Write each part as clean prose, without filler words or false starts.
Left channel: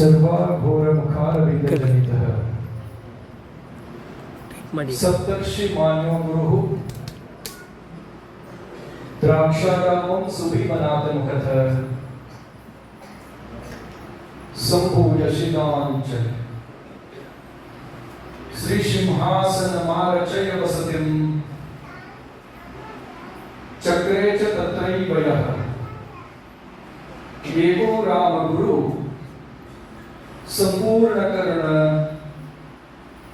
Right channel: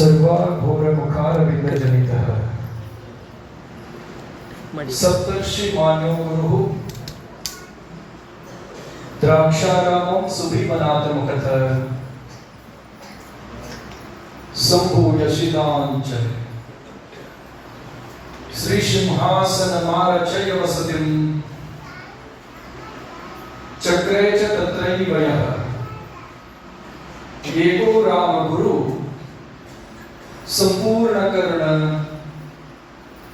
सर्वाघोरमुखारविन्दजनितः सप्तर्षि मान्यो गुरुः द्राक्षारामं सुभीमनाथमुखतः सम्भूयशिलाञ्च श्रीसिंहासनमारचय वसतिं चक्रे च तत्रैव यः एको रामगुरु संपूर्णकर्ण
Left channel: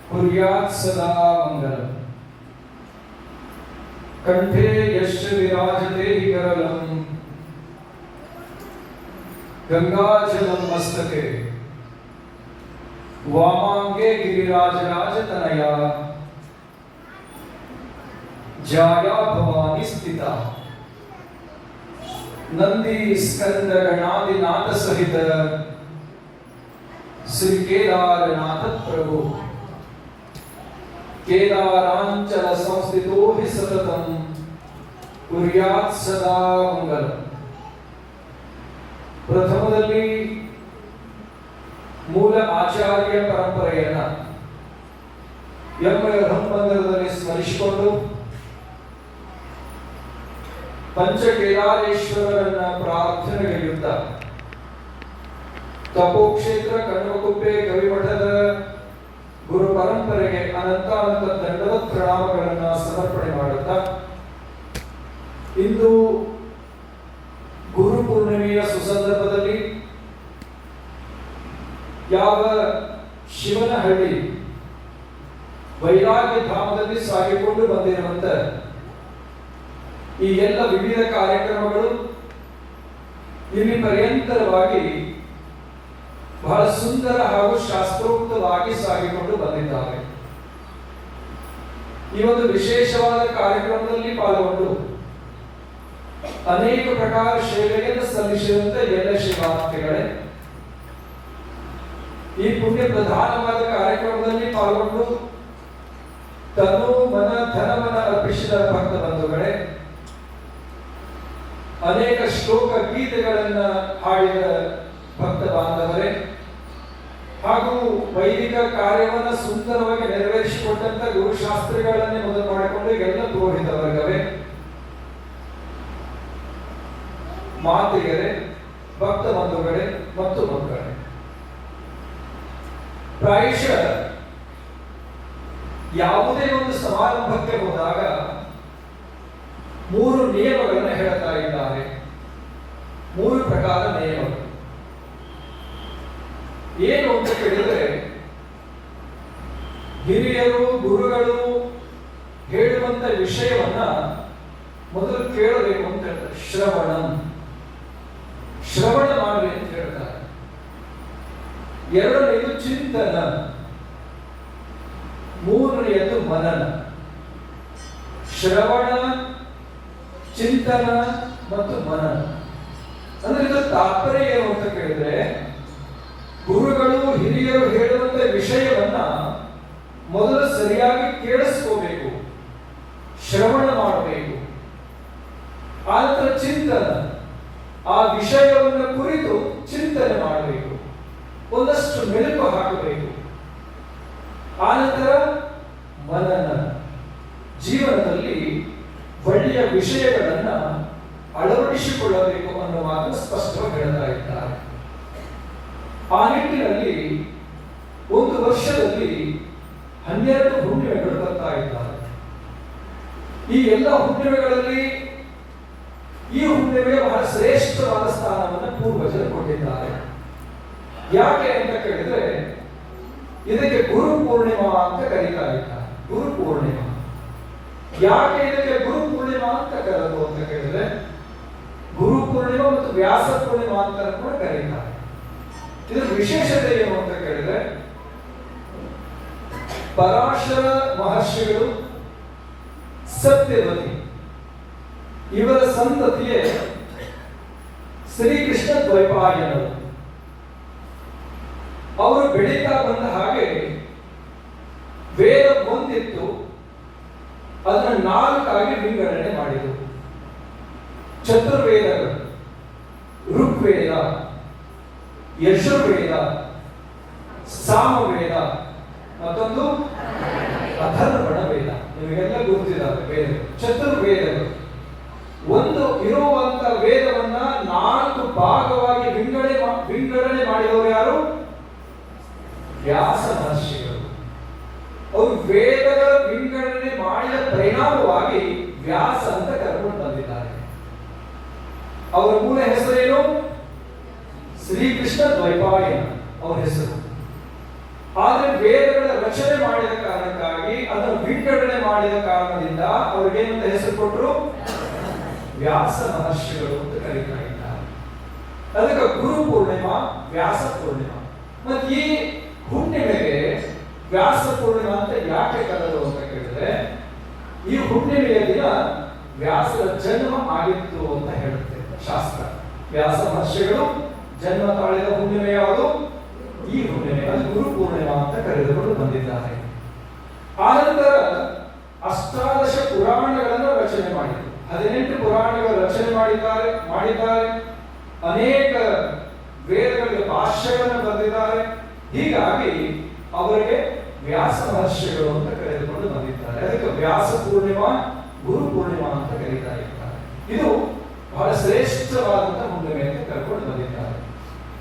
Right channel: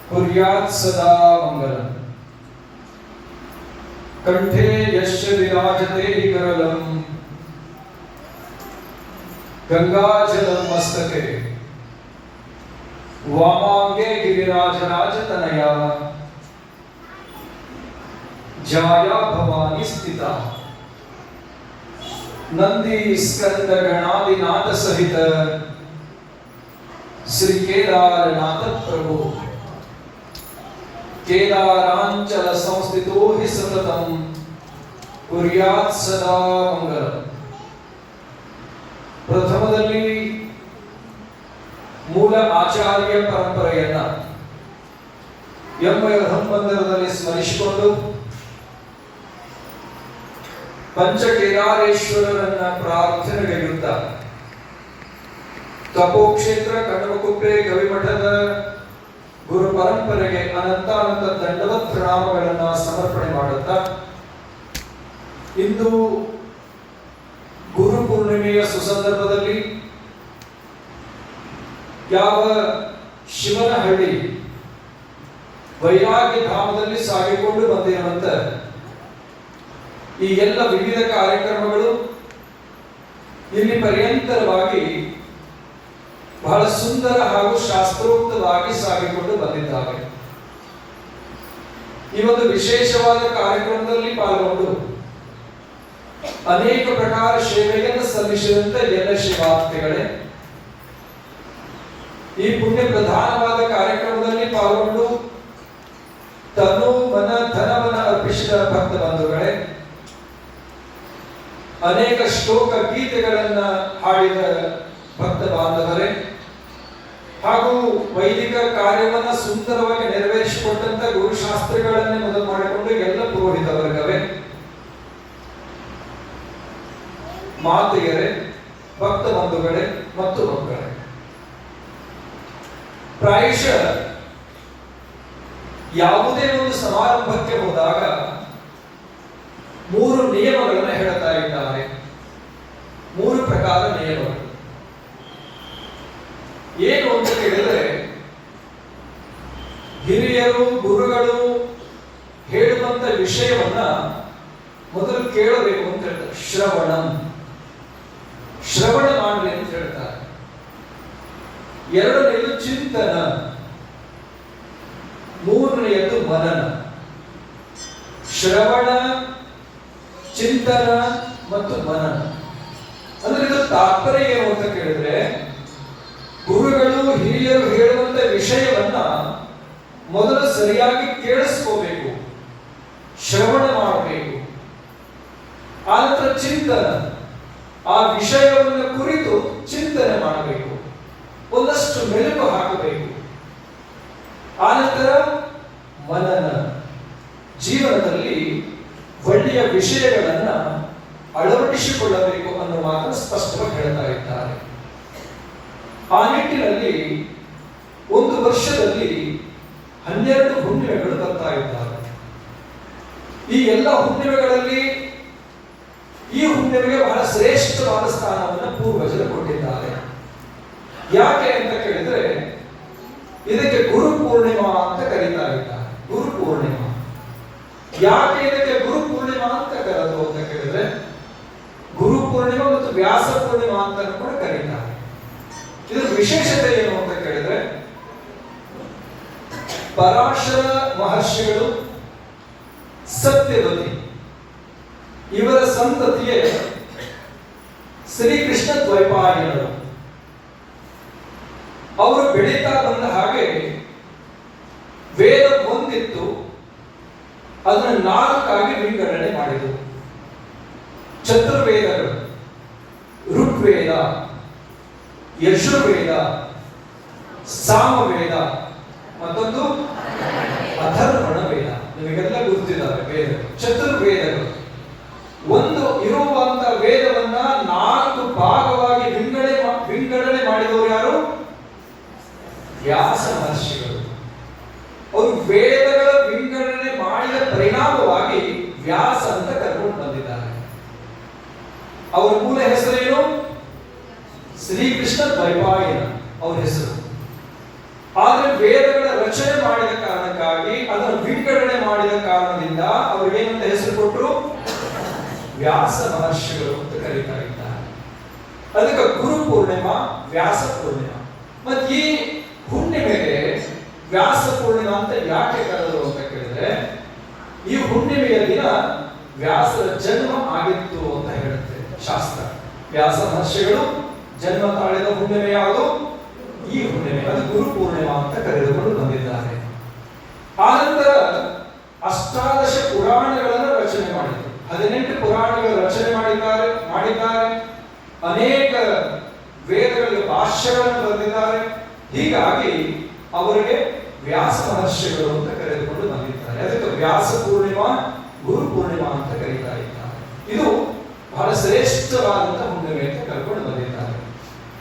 कुर्यात् सदा मंगलम्। कंठे यस्य विराजते करलं गंगाजलं मस्तके वामांगे गिरिराजराजतनया जाया भवानी स्थिता नंदी स्कंद गणादिनाथ सहित श्री केदारनाथ प्रभु केदारांचल संस्थितो हि सततं कुर्यात् सदा मंगलम्। ಪ್ರಥಮದಲ್ಲಿ ಮೂಲ ಆಚಾರ್ಯ ಪರಂಪರೆಯನ್ನ ಹಂಬಂದರದಲ್ಲಿ ಸ್ಮರಿಸಿಕೊಂಡು ಪಂಚಕೇದಾರೇಶ್ವರರನ್ನ ಪ್ರಾರ್ಥನೆಗೈಯುತ್ತಾ ತಪೋಕ್ಷೇತ್ರ ಕಣ್ಣಮುಕುಪ್ಪೆ ಗವಿಮಠದ ಗುರು ಪರಂಪರೆಗೆ ಅನಂತಾನಂತ ದಂಡವತ್ ಪ್ರಣಾಮಗಳನ್ನು ಸಮರ್ಪಣೆ ಮಾಡುತ್ತಾ ಇಂದು ಗುರು ಪೂರ್ಣಿಮೆಯ ಸುಸಂದರ್ಭದಲ್ಲಿ ಯಾವ ಶಿವನಹಳ್ಳಿ ವೈರಾಗ್ಯ ಧಾಮದಲ್ಲಿ ಸಾಗಿಕೊಂಡು ಬಂದಿರುವಂತ ಈ ಎಲ್ಲ ವಿವಿಧ ಕಾರ್ಯಕ್ರಮಗಳು ಇಲ್ಲಿ ಪರ್ಯಂತರವಾಗಿ ಬಹಳ ಸುಂದರ ಹಾಗೂ ಶಾಸ್ತ್ರೋಕ್ತವಾಗಿ ಸಾಗಿಕೊಂಡು ಬಂದಿದ್ದಾವೆ. ಈ ಒಂದು ವಿಶೇಷವಾದ ಕಾರ್ಯಕ್ರಮದಲ್ಲಿ ಪಾಲ್ಗೊಂಡು ಅನೇಕ ಪ್ರಕಾರ ಸೇವೆಯನ್ನು ಸಲ್ಲಿಸಿದಂತೆ ಎಲ್ಲ ಶಿವಾರ್ಥಿಗಳೇ, ಈ ಪುಣ್ಯ ಪ್ರಧಾನವಾದ ಕಾರ್ಯಕ್ರಮದಲ್ಲಿ ಪಾಲ್ಗೊಂಡು ತನು ಮನ ಧನವನ್ನ ಅರ್ಪಿಸಿದ ಭಕ್ತ ಬಂಧುಗಳೇ, ಅನೇಕ ಶ್ಲೋಕ ಗೀತೆಗಳನ್ನ ಹಾಡಿದ ಭಕ್ತ ಬಾಂಧವರೇ, ಹಾಗೂ ವೈದಿಕ ಕಾರ್ಯವನ್ನ ಸುಂದರವಾಗಿ ನೆರವೇರಿಸಿಕೊಟ್ಟಂತ ಗುರುಶಾಸ್ತ್ರಿಗಳನ್ನೇ ಮೊದಲು ಮಾಡಿಕೊಂಡು ಎಲ್ಲ ಪುರೋಹಿತ ವರ್ಗವೇ, ಮಾತೆಯರೇ, ಭಕ್ತ ಬಂಧುಗಳೇ ಮತ್ತು ಮಕ್ಕಳೇ, ಪ್ರಾಯಶಃ ಯಾವುದೇ ಒಂದು ಸಮಾರಂಭಕ್ಕೆ ಹೋದಾಗ 3 ನಿಯಮಗಳನ್ನು ಹೇಳ್ತಾ ಇದ್ದಾರೆ. 3 ಪ್ರಕಾರ ನಿಯಮಗಳು ಏನು ಅಂತ ಕೇಳಿದ್ರೆ, ಹಿರಿಯರು ಗುರುಗಳು ಹೇಳುವಂತ ವಿಷಯವನ್ನ ಮೊದಲು ಕೇಳಬೇಕು ಅಂತ ಹೇಳ್ತಾರೆ. ಶ್ರವಣ ಮಾಡಿ ಅಂತ ಹೇಳ್ತಾರೆ. ಎರಡನೆಯದು ಚಿಂತನ, ಮೂರನೆಯದು ಮನನ. ಶ್ರವಣ, ಚಿಂತನ ಮತ್ತು ಮನನ ಅಂದ್ರೆ ಇದು ತಾತ್ಪರ್ಯ ಏನು ಅಂತ ಕೇಳಿದ್ರೆ, ಗುರುಗಳು ಹಿರಿಯರು ಹೇಳುವಂತ ವಿಷಯವನ್ನ ಮೊದಲು ಸರಿಯಾಗಿ ಕೇಳಿಸ್ಕೋಬೇಕು, ಶ್ರವಣ ಮಾಡಬೇಕು. ಆನಂತರ ಚಿಂತನ, ಆ ವಿಷಯವನ್ನು ಕುರಿತು ಚಿಂತನೆ ಮಾಡಬೇಕು, ಒಂದಷ್ಟು ಮೆಲುಕು ಹಾಕಬೇಕು. ಆನಂತರ ಮನನ, ಜೀವನದಲ್ಲಿ ಒಳ್ಳೆಯ ವಿಷಯಗಳನ್ನ ಅಳವಡಿಸಿಕೊಳ್ಳಬೇಕು ಅನ್ನೋ ಮಾತು ಸ್ಪಷ್ಟವಾಗಿ ಹೇಳ್ತಾ ಇದ್ದಾರೆ. ಆ ನಿಟ್ಟಿನಲ್ಲಿ ಒಂದು ವರ್ಷದಲ್ಲಿ 12 ಹುಣ್ಣಿಮೆಗಳು ಬರ್ತಾ ಇದ್ದಾರೆ. ಈ ಎಲ್ಲ ಹುಣ್ಣಿಮೆಗಳಲ್ಲಿ ಈ ಹುಣ್ಣಿಮೆಗೆ ಬಹಳ ಶ್ರೇಷ್ಠವಾದ ಸ್ಥಾನವನ್ನು ಪೂರ್ವಜರು ಕೊಟ್ಟಿದ್ದಾರೆ. ಯಾಕೆ ಅಂತ ಕೇಳಿದ್ರೆ, ಇದಕ್ಕೆ ಗುರು ಪೂರ್ಣಿಮಾ ಅಂತ ಕರೀತಾ ಇದ್ದಾರೆ. ಗುರು ಪೂರ್ಣಿಮಾ ಯಾಕೆ ಇದಕ್ಕೆ ಗುರು ಪೂರ್ಣಿಮಾ ಅಂತ ಕರೆದು ಅಂತ ಕೇಳಿದ್ರೆ, ಗುರು ಪೂರ್ಣಿಮಾ ಮತ್ತು ವ್ಯಾಸ ಪೂರ್ಣಿಮಾ ಅಂತ ಕೂಡ ಕರೀತಾರೆ. ಇದರ ವಿಶೇಷತೆ ಏನು ಅಂತ ಕೇಳಿದ್ರೆ, ಪರಾಶರ ಮಹರ್ಷಿಗಳು, ಸತ್ಯವತಿ ಇವರ ಸಂತತಿಯೇ ಶ್ರೀಕೃಷ್ಣ ದ್ವೈಪಾಯನರು. ಅವರು ಬೆಳೀತಾ ಬಂದ ಹಾಗೆ ವೇದ ಒಂದಿತ್ತು, ಅದನ್ನು 4 ವಿಂಗಡಣೆ ಮಾಡಿದರು. ಚತುರ್ವೇದಗಳು, ಋಗ್ವೇದ, ಯಜುರ್ವೇದ, ಸಾಮವೇದ, ಮತ್ತೊಂದು ಅಥರ್ವಣ ವೇದ. ನಿಮಗೆಲ್ಲ ಗೊತ್ತಿದ್ದಾವೆ ವೇದಗಳು, ಚತುರ್ವೇದಗಳು. ಒಂದು ಇರುವಂತ ವೇದವನ್ನ 4 ಭಾಗವಾಗಿ ವಿಂಗಡಣೆ ಮಾಡಿದವರು ಯಾರು? ವ್ಯಾಸ ಮಹರ್ಷಿಗಳು. ಅವರು ವೇದಗಳ ವಿಂಗಡಣೆ ಮಾಡಿದ ಪರಿಣಾಮವಾಗಿ ವ್ಯಾಸ ಅಂತ ಕರ್ಕೊಂಡು ಬಂದಿದ್ದಾರೆ. ಅವರ ಮೂಲ ಹೆಸರೇನು? ಶ್ರೀಕೃಷ್ಣ ದ್ವೈಪಾಯನ ಅವರ ಹೆಸರು. ಆದ್ರೆ ವೇದಗಳ ರಚನೆ ಮಾಡಿದ ಕಾರಣಕ್ಕಾಗಿ, ಅದನ್ನು ವಿಂಗಡಣೆ ಮಾಡಿದ ಕಾರಣದಿಂದ ಅವರಿಗೇನಂತ ಹೆಸರು ಕೊಟ್ಟರು? ವ್ಯಾಸ ಮಹರ್ಷಿಗಳು ಅಂತ ಕರೀತಾ ಇದ್ದಾರೆ. ಅದಕ್ಕೆ ಗುರು ಪೂರ್ಣಿಮಾ, ವ್ಯಾಸ ಪೂರ್ಣಿಮಾ. ಮತ್ತೆ ಈ ಹುಣ್ಣಿಮೆಗೆ ವ್ಯಾಸ ಪೂರ್ಣಿಮಾ ಅಂತ ಯಾಕೆ ಕರೆದರು ಅಂತ ಕೇಳಿದ್ರೆ, ಈ ಹುಣ್ಣಿಮೆಯ ದಿನ ವ್ಯಾಸರ ಜನ್ಮ ಆಗಿತ್ತು ಅಂತ ಹೇಳುತ್ತೆ ಶಾಸ್ತ್ರ. ವ್ಯಾಸ ಮಹರ್ಷಿಗಳು ಜನ್ಮ ತಾಳಿದ ಹುಣ್ಣಿಮೆ ಯಾವುದು? ಈ ಹುಣ್ಣಿಮೆ. ಅದು ಗುರು ಪೂರ್ಣಿಮಾ ಅಂತ ಕರೆದುಕೊಂಡು ಬಂದಿದ್ದಾರೆ. ಆನಂತರ ಅಷ್ಟಾದಶ ಪುರಾಣಗಳನ್ನು ರಚನೆ ಮಾಡಿದರು. 18 ಪುರಾಣಗಳ ರಚನೆ ಮಾಡಿದ್ದಾರೆ. ಅನೇಕ ವೇದಗಳಿಗೆ ಭಾಷ್ಯಗಳನ್ನು ಬರೆದಿದ್ದಾರೆ. ಹೀಗಾಗಿ ಅವರಿಗೆ ವ್ಯಾಸ ಮಹರ್ಷಿಗಳು ಅಂತ ಕರೆದುಕೊಂಡು ಬಂದಿದ್ದಾರೆ. ಅದಕ್ಕೆ ವ್ಯಾಸ ಪೂರ್ಣಿಮಾ, ಗುರು ಪೂರ್ಣಿಮಾ ಅಂತ ಕರೀತಾ ಇದ್ದಾರೆ. ಇದು ಬಹಳ ಶ್ರೇಷ್ಠವಾದಂತಹ ಹುಣ್ಣಿಮೆ ಅಂತ ಕರ್ಕೊಂಡು ಬಂದಿದ್ದಾರೆ.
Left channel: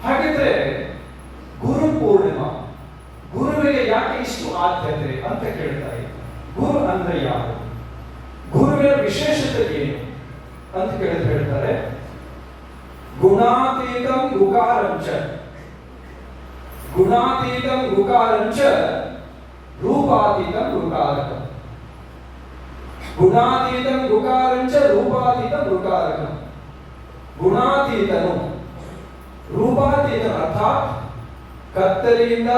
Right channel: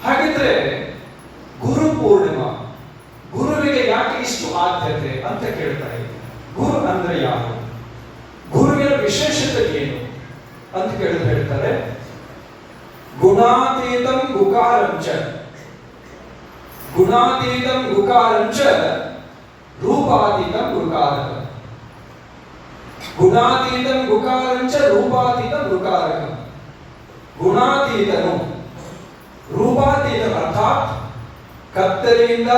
ಹಾಗಿದ್ರೆ ಗುರು ಪೂರ್ಣಿಮಾ, ಗುರುವಿಗೆ ಯಾಕೆ ಇಷ್ಟು ಆದ್ಯತೆ ಅಂತ ಕೇಳ್ತಾ ಇದ್ದಾರೆ. ಗುರು ಅಂದ್ರೆ ಯಾವ? ಗುರುವಿನ ವಿಶೇಷತೆ ಏನು ಅಂತ ಹೇಳ್ತಾರೆ. ಗುಣಾತೀತಂ ಗುಕಾರಂಚ, ಗುಣಾತೀತಂ ಗುಕಾರಂಚ ರೂಪಾತೀತಂ ಗುಕಾರಕಂ. ಗುಣಾತೀತಂ ಗುಕಾರಂಚ ರೂಪಾತೀತಂ ಗುಕಾರಕಂ. ಗುಣಾತೀತನು, ರೂಪಾತೀತ ಅರ್ಥಾತ್ ಕತ್ತಲೆಯಿಂದ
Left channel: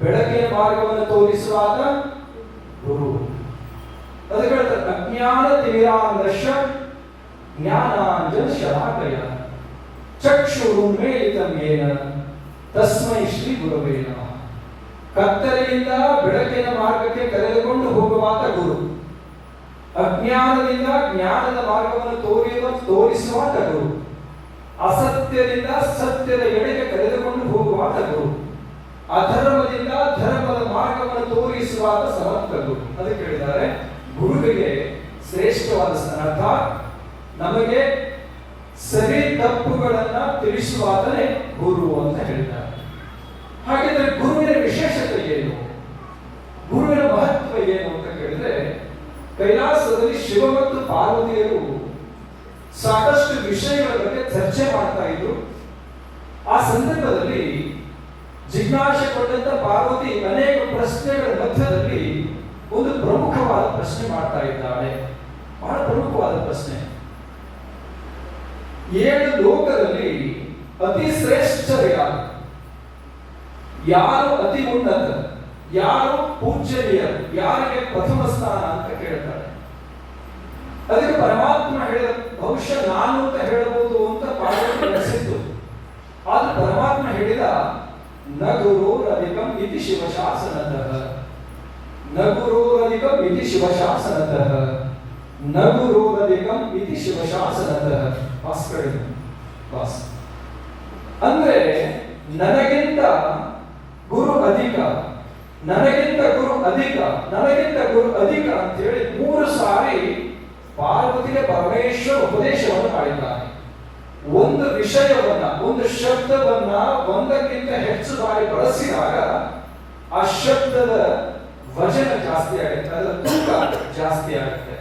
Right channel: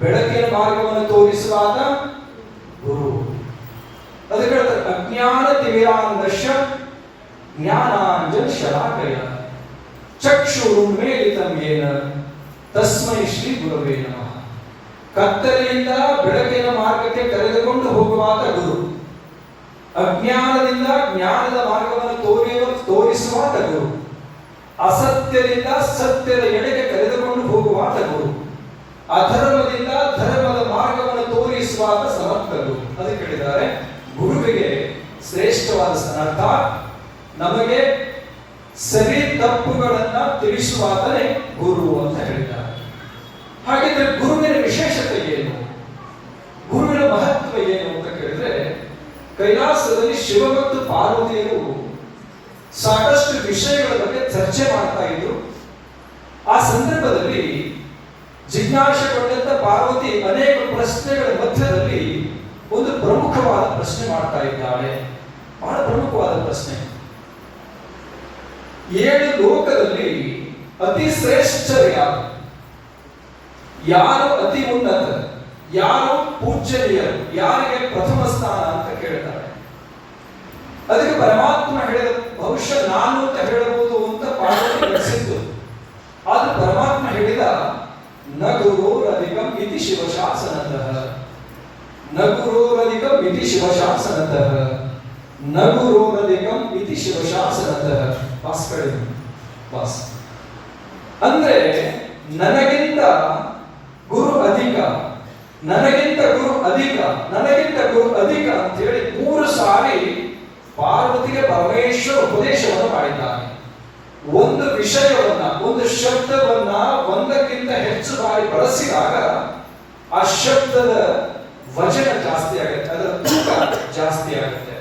ಬೆಳಕಿನ ಮಾರ್ಗವನ್ನು ತೋರಿಸುವಾದ ಗುರು. ಅದಕ್ಕೆ ಹೇಳ್ತಾರೆ ಅಜ್ಞಾನ ತಿಮಿರಾಂಧಶ್ಯ ಜ್ಞಾನಾಂಜನ ಶಲಾಕಯ ಚಕ್ಷುರುನ್ಮೇಲಿತಂ ಯೇನ ತಸ್ಮೈ ಶ್ರೀ ಗುರವೇ ನಮಃ. ಕತ್ತಲೆಯಿಂದ ಬೆಳಕಿನ ಮಾರ್ಗಕ್ಕೆ ಕರೆದುಕೊಂಡು ಹೋಗುವಾತ ಗುರು, ಅಜ್ಞಾನದಿಂದ ಜ್ಞಾನದ ಮಾರ್ಗವನ್ನು ತೋರಿಸುವಾತ ಗುರು, ಅಸತ್ಯದಿಂದ ಸತ್ಯದ ಎಡೆಗೆ ಕರೆದುಕೊಂಡು ಹೋಗುವಾತ ಗುರು, ಅಧರ್ಮದಿಂದ ಧರ್ಮದ ಮಾರ್ಗವನ್ನು ತೋರಿಸುವಾತ ಸಮರ್ಥ ಗುರು. ಅದಕ್ಕೆ ಹೇಳಿದ್ದಾರೆ ಗುರುವಿಗೆ ಶ್ರೇಷ್ಠವಾದ ಅರ್ಥ ನಮಗೆ ಸರಿ ತಪ್ಪುಗಳನ್ನ ತಿಳಿಸುವಾತನೇ ಗುರು ಅಂತ ಹೇಳಿದ್ದಾರೆ. ಹಾಗಿದ್ರೆ ಗುರುವಿನ ವಿಶೇಷತೆ ಏನು, ಗುರುವಿನ ಮಹತ್ವ ಏನು ಅಂತ ಕೇಳಿದ್ರೆ, ಕೈಲಾಸದಲ್ಲಿ ಶಿವ ಮತ್ತು ಪಾರ್ವತಿಯರು ಸಾಕಷ್ಟು ವಿಷಯಗಳ ಬಗ್ಗೆ ಚರ್ಚೆ ಮಾಡ್ತಾ ಇದ್ರು. ಆ ಸಂದರ್ಭದಲ್ಲಿ ಜಿಜ್ಞಾಸೆಗೊಂಡಂತ ಪಾರ್ವತಿ ಅನೇಕ ಪ್ರಶ್ನೆಗಳ ಮಧ್ಯದಲ್ಲಿ ಒಂದು ಪ್ರಮುಖವಾದ ಪ್ರಶ್ನೆ ಮಾಡ್ತಾ ಇದ್ದಾಳೆ. ಬಹಳ ಪ್ರಮುಖವಾದ ಪ್ರಶ್ನೆ. 7 ಲೋಕದಲ್ಲಿ ಅತಿ ಶ್ರೇಷ್ಠರು ಯಾರು? ಯಾರು ಅತಿ ಉನ್ನತ? ಯಾರು ಪೂಜ್ಯನೀಯರು? ಯಾರಿಗೆ ಪ್ರಥಮ ಸ್ಥಾನ ಅಂತ ಕೇಳ್ತಾರೆ. ಅದಕ್ಕೆ ಪರಮಾತ್ಮ ಹೇಳಿದ ಬಹುಶಃ ನಾನು ಅಂತ ಹೇಳಬಹುದು ಅಂತ ಪಾರ್ವತಿ ನಡೆಸಿದ್ದು. ಆದ್ರೆ ಪರಮಾತ್ಮ ಹೇಳಿದ ನ ಗುರೋರಧಿಕಂ ಇತಿ ಶಿವಶಾಸನತಃ, ನ ಗುರೋರಧಿಕಂ ಇತಿ ಶಿವಶಾಸನತಃ, ನ ಗುರೋರಧಿಕಂ ಇತಿ ಶಿವಶಾಸನತಃ. ಬಾಸ್ ಅಂದ್ರೆ ನನಗಿಂತ ಗುರು ಅಧಿಕ, ನನಗಿಂತ ಗುರು ಅಧಿಕ, ನನಗಿಂತ ಗುರು ಅಧಿಕ ಅಂತ ಹೇಳಿ 3 ಸಾರಿ ಪಾರ್ವತಿಗೆ ಪರಮೇಶ್ವರ ಉಪದೇಶವನ್ನು ಮಾಡಿದ್ದಾನೆ. ಒಂದು ವಿಷಯವನ್ನ, ಒಂದು ಶಬ್ದವನ್ನ ಒಂದಕ್ಕಿಂತ ಹೆಚ್ಚು ಬಾರಿ ಬಳಸಿದಾಗ ಆ ಶಬ್ದದ ವಚನ ಜಾಸ್ತಿ ಆಗುತ್ತೆ, ಅದರ ತೂಕ ಜಾಸ್ತಿ ಆಗುತ್ತೆ.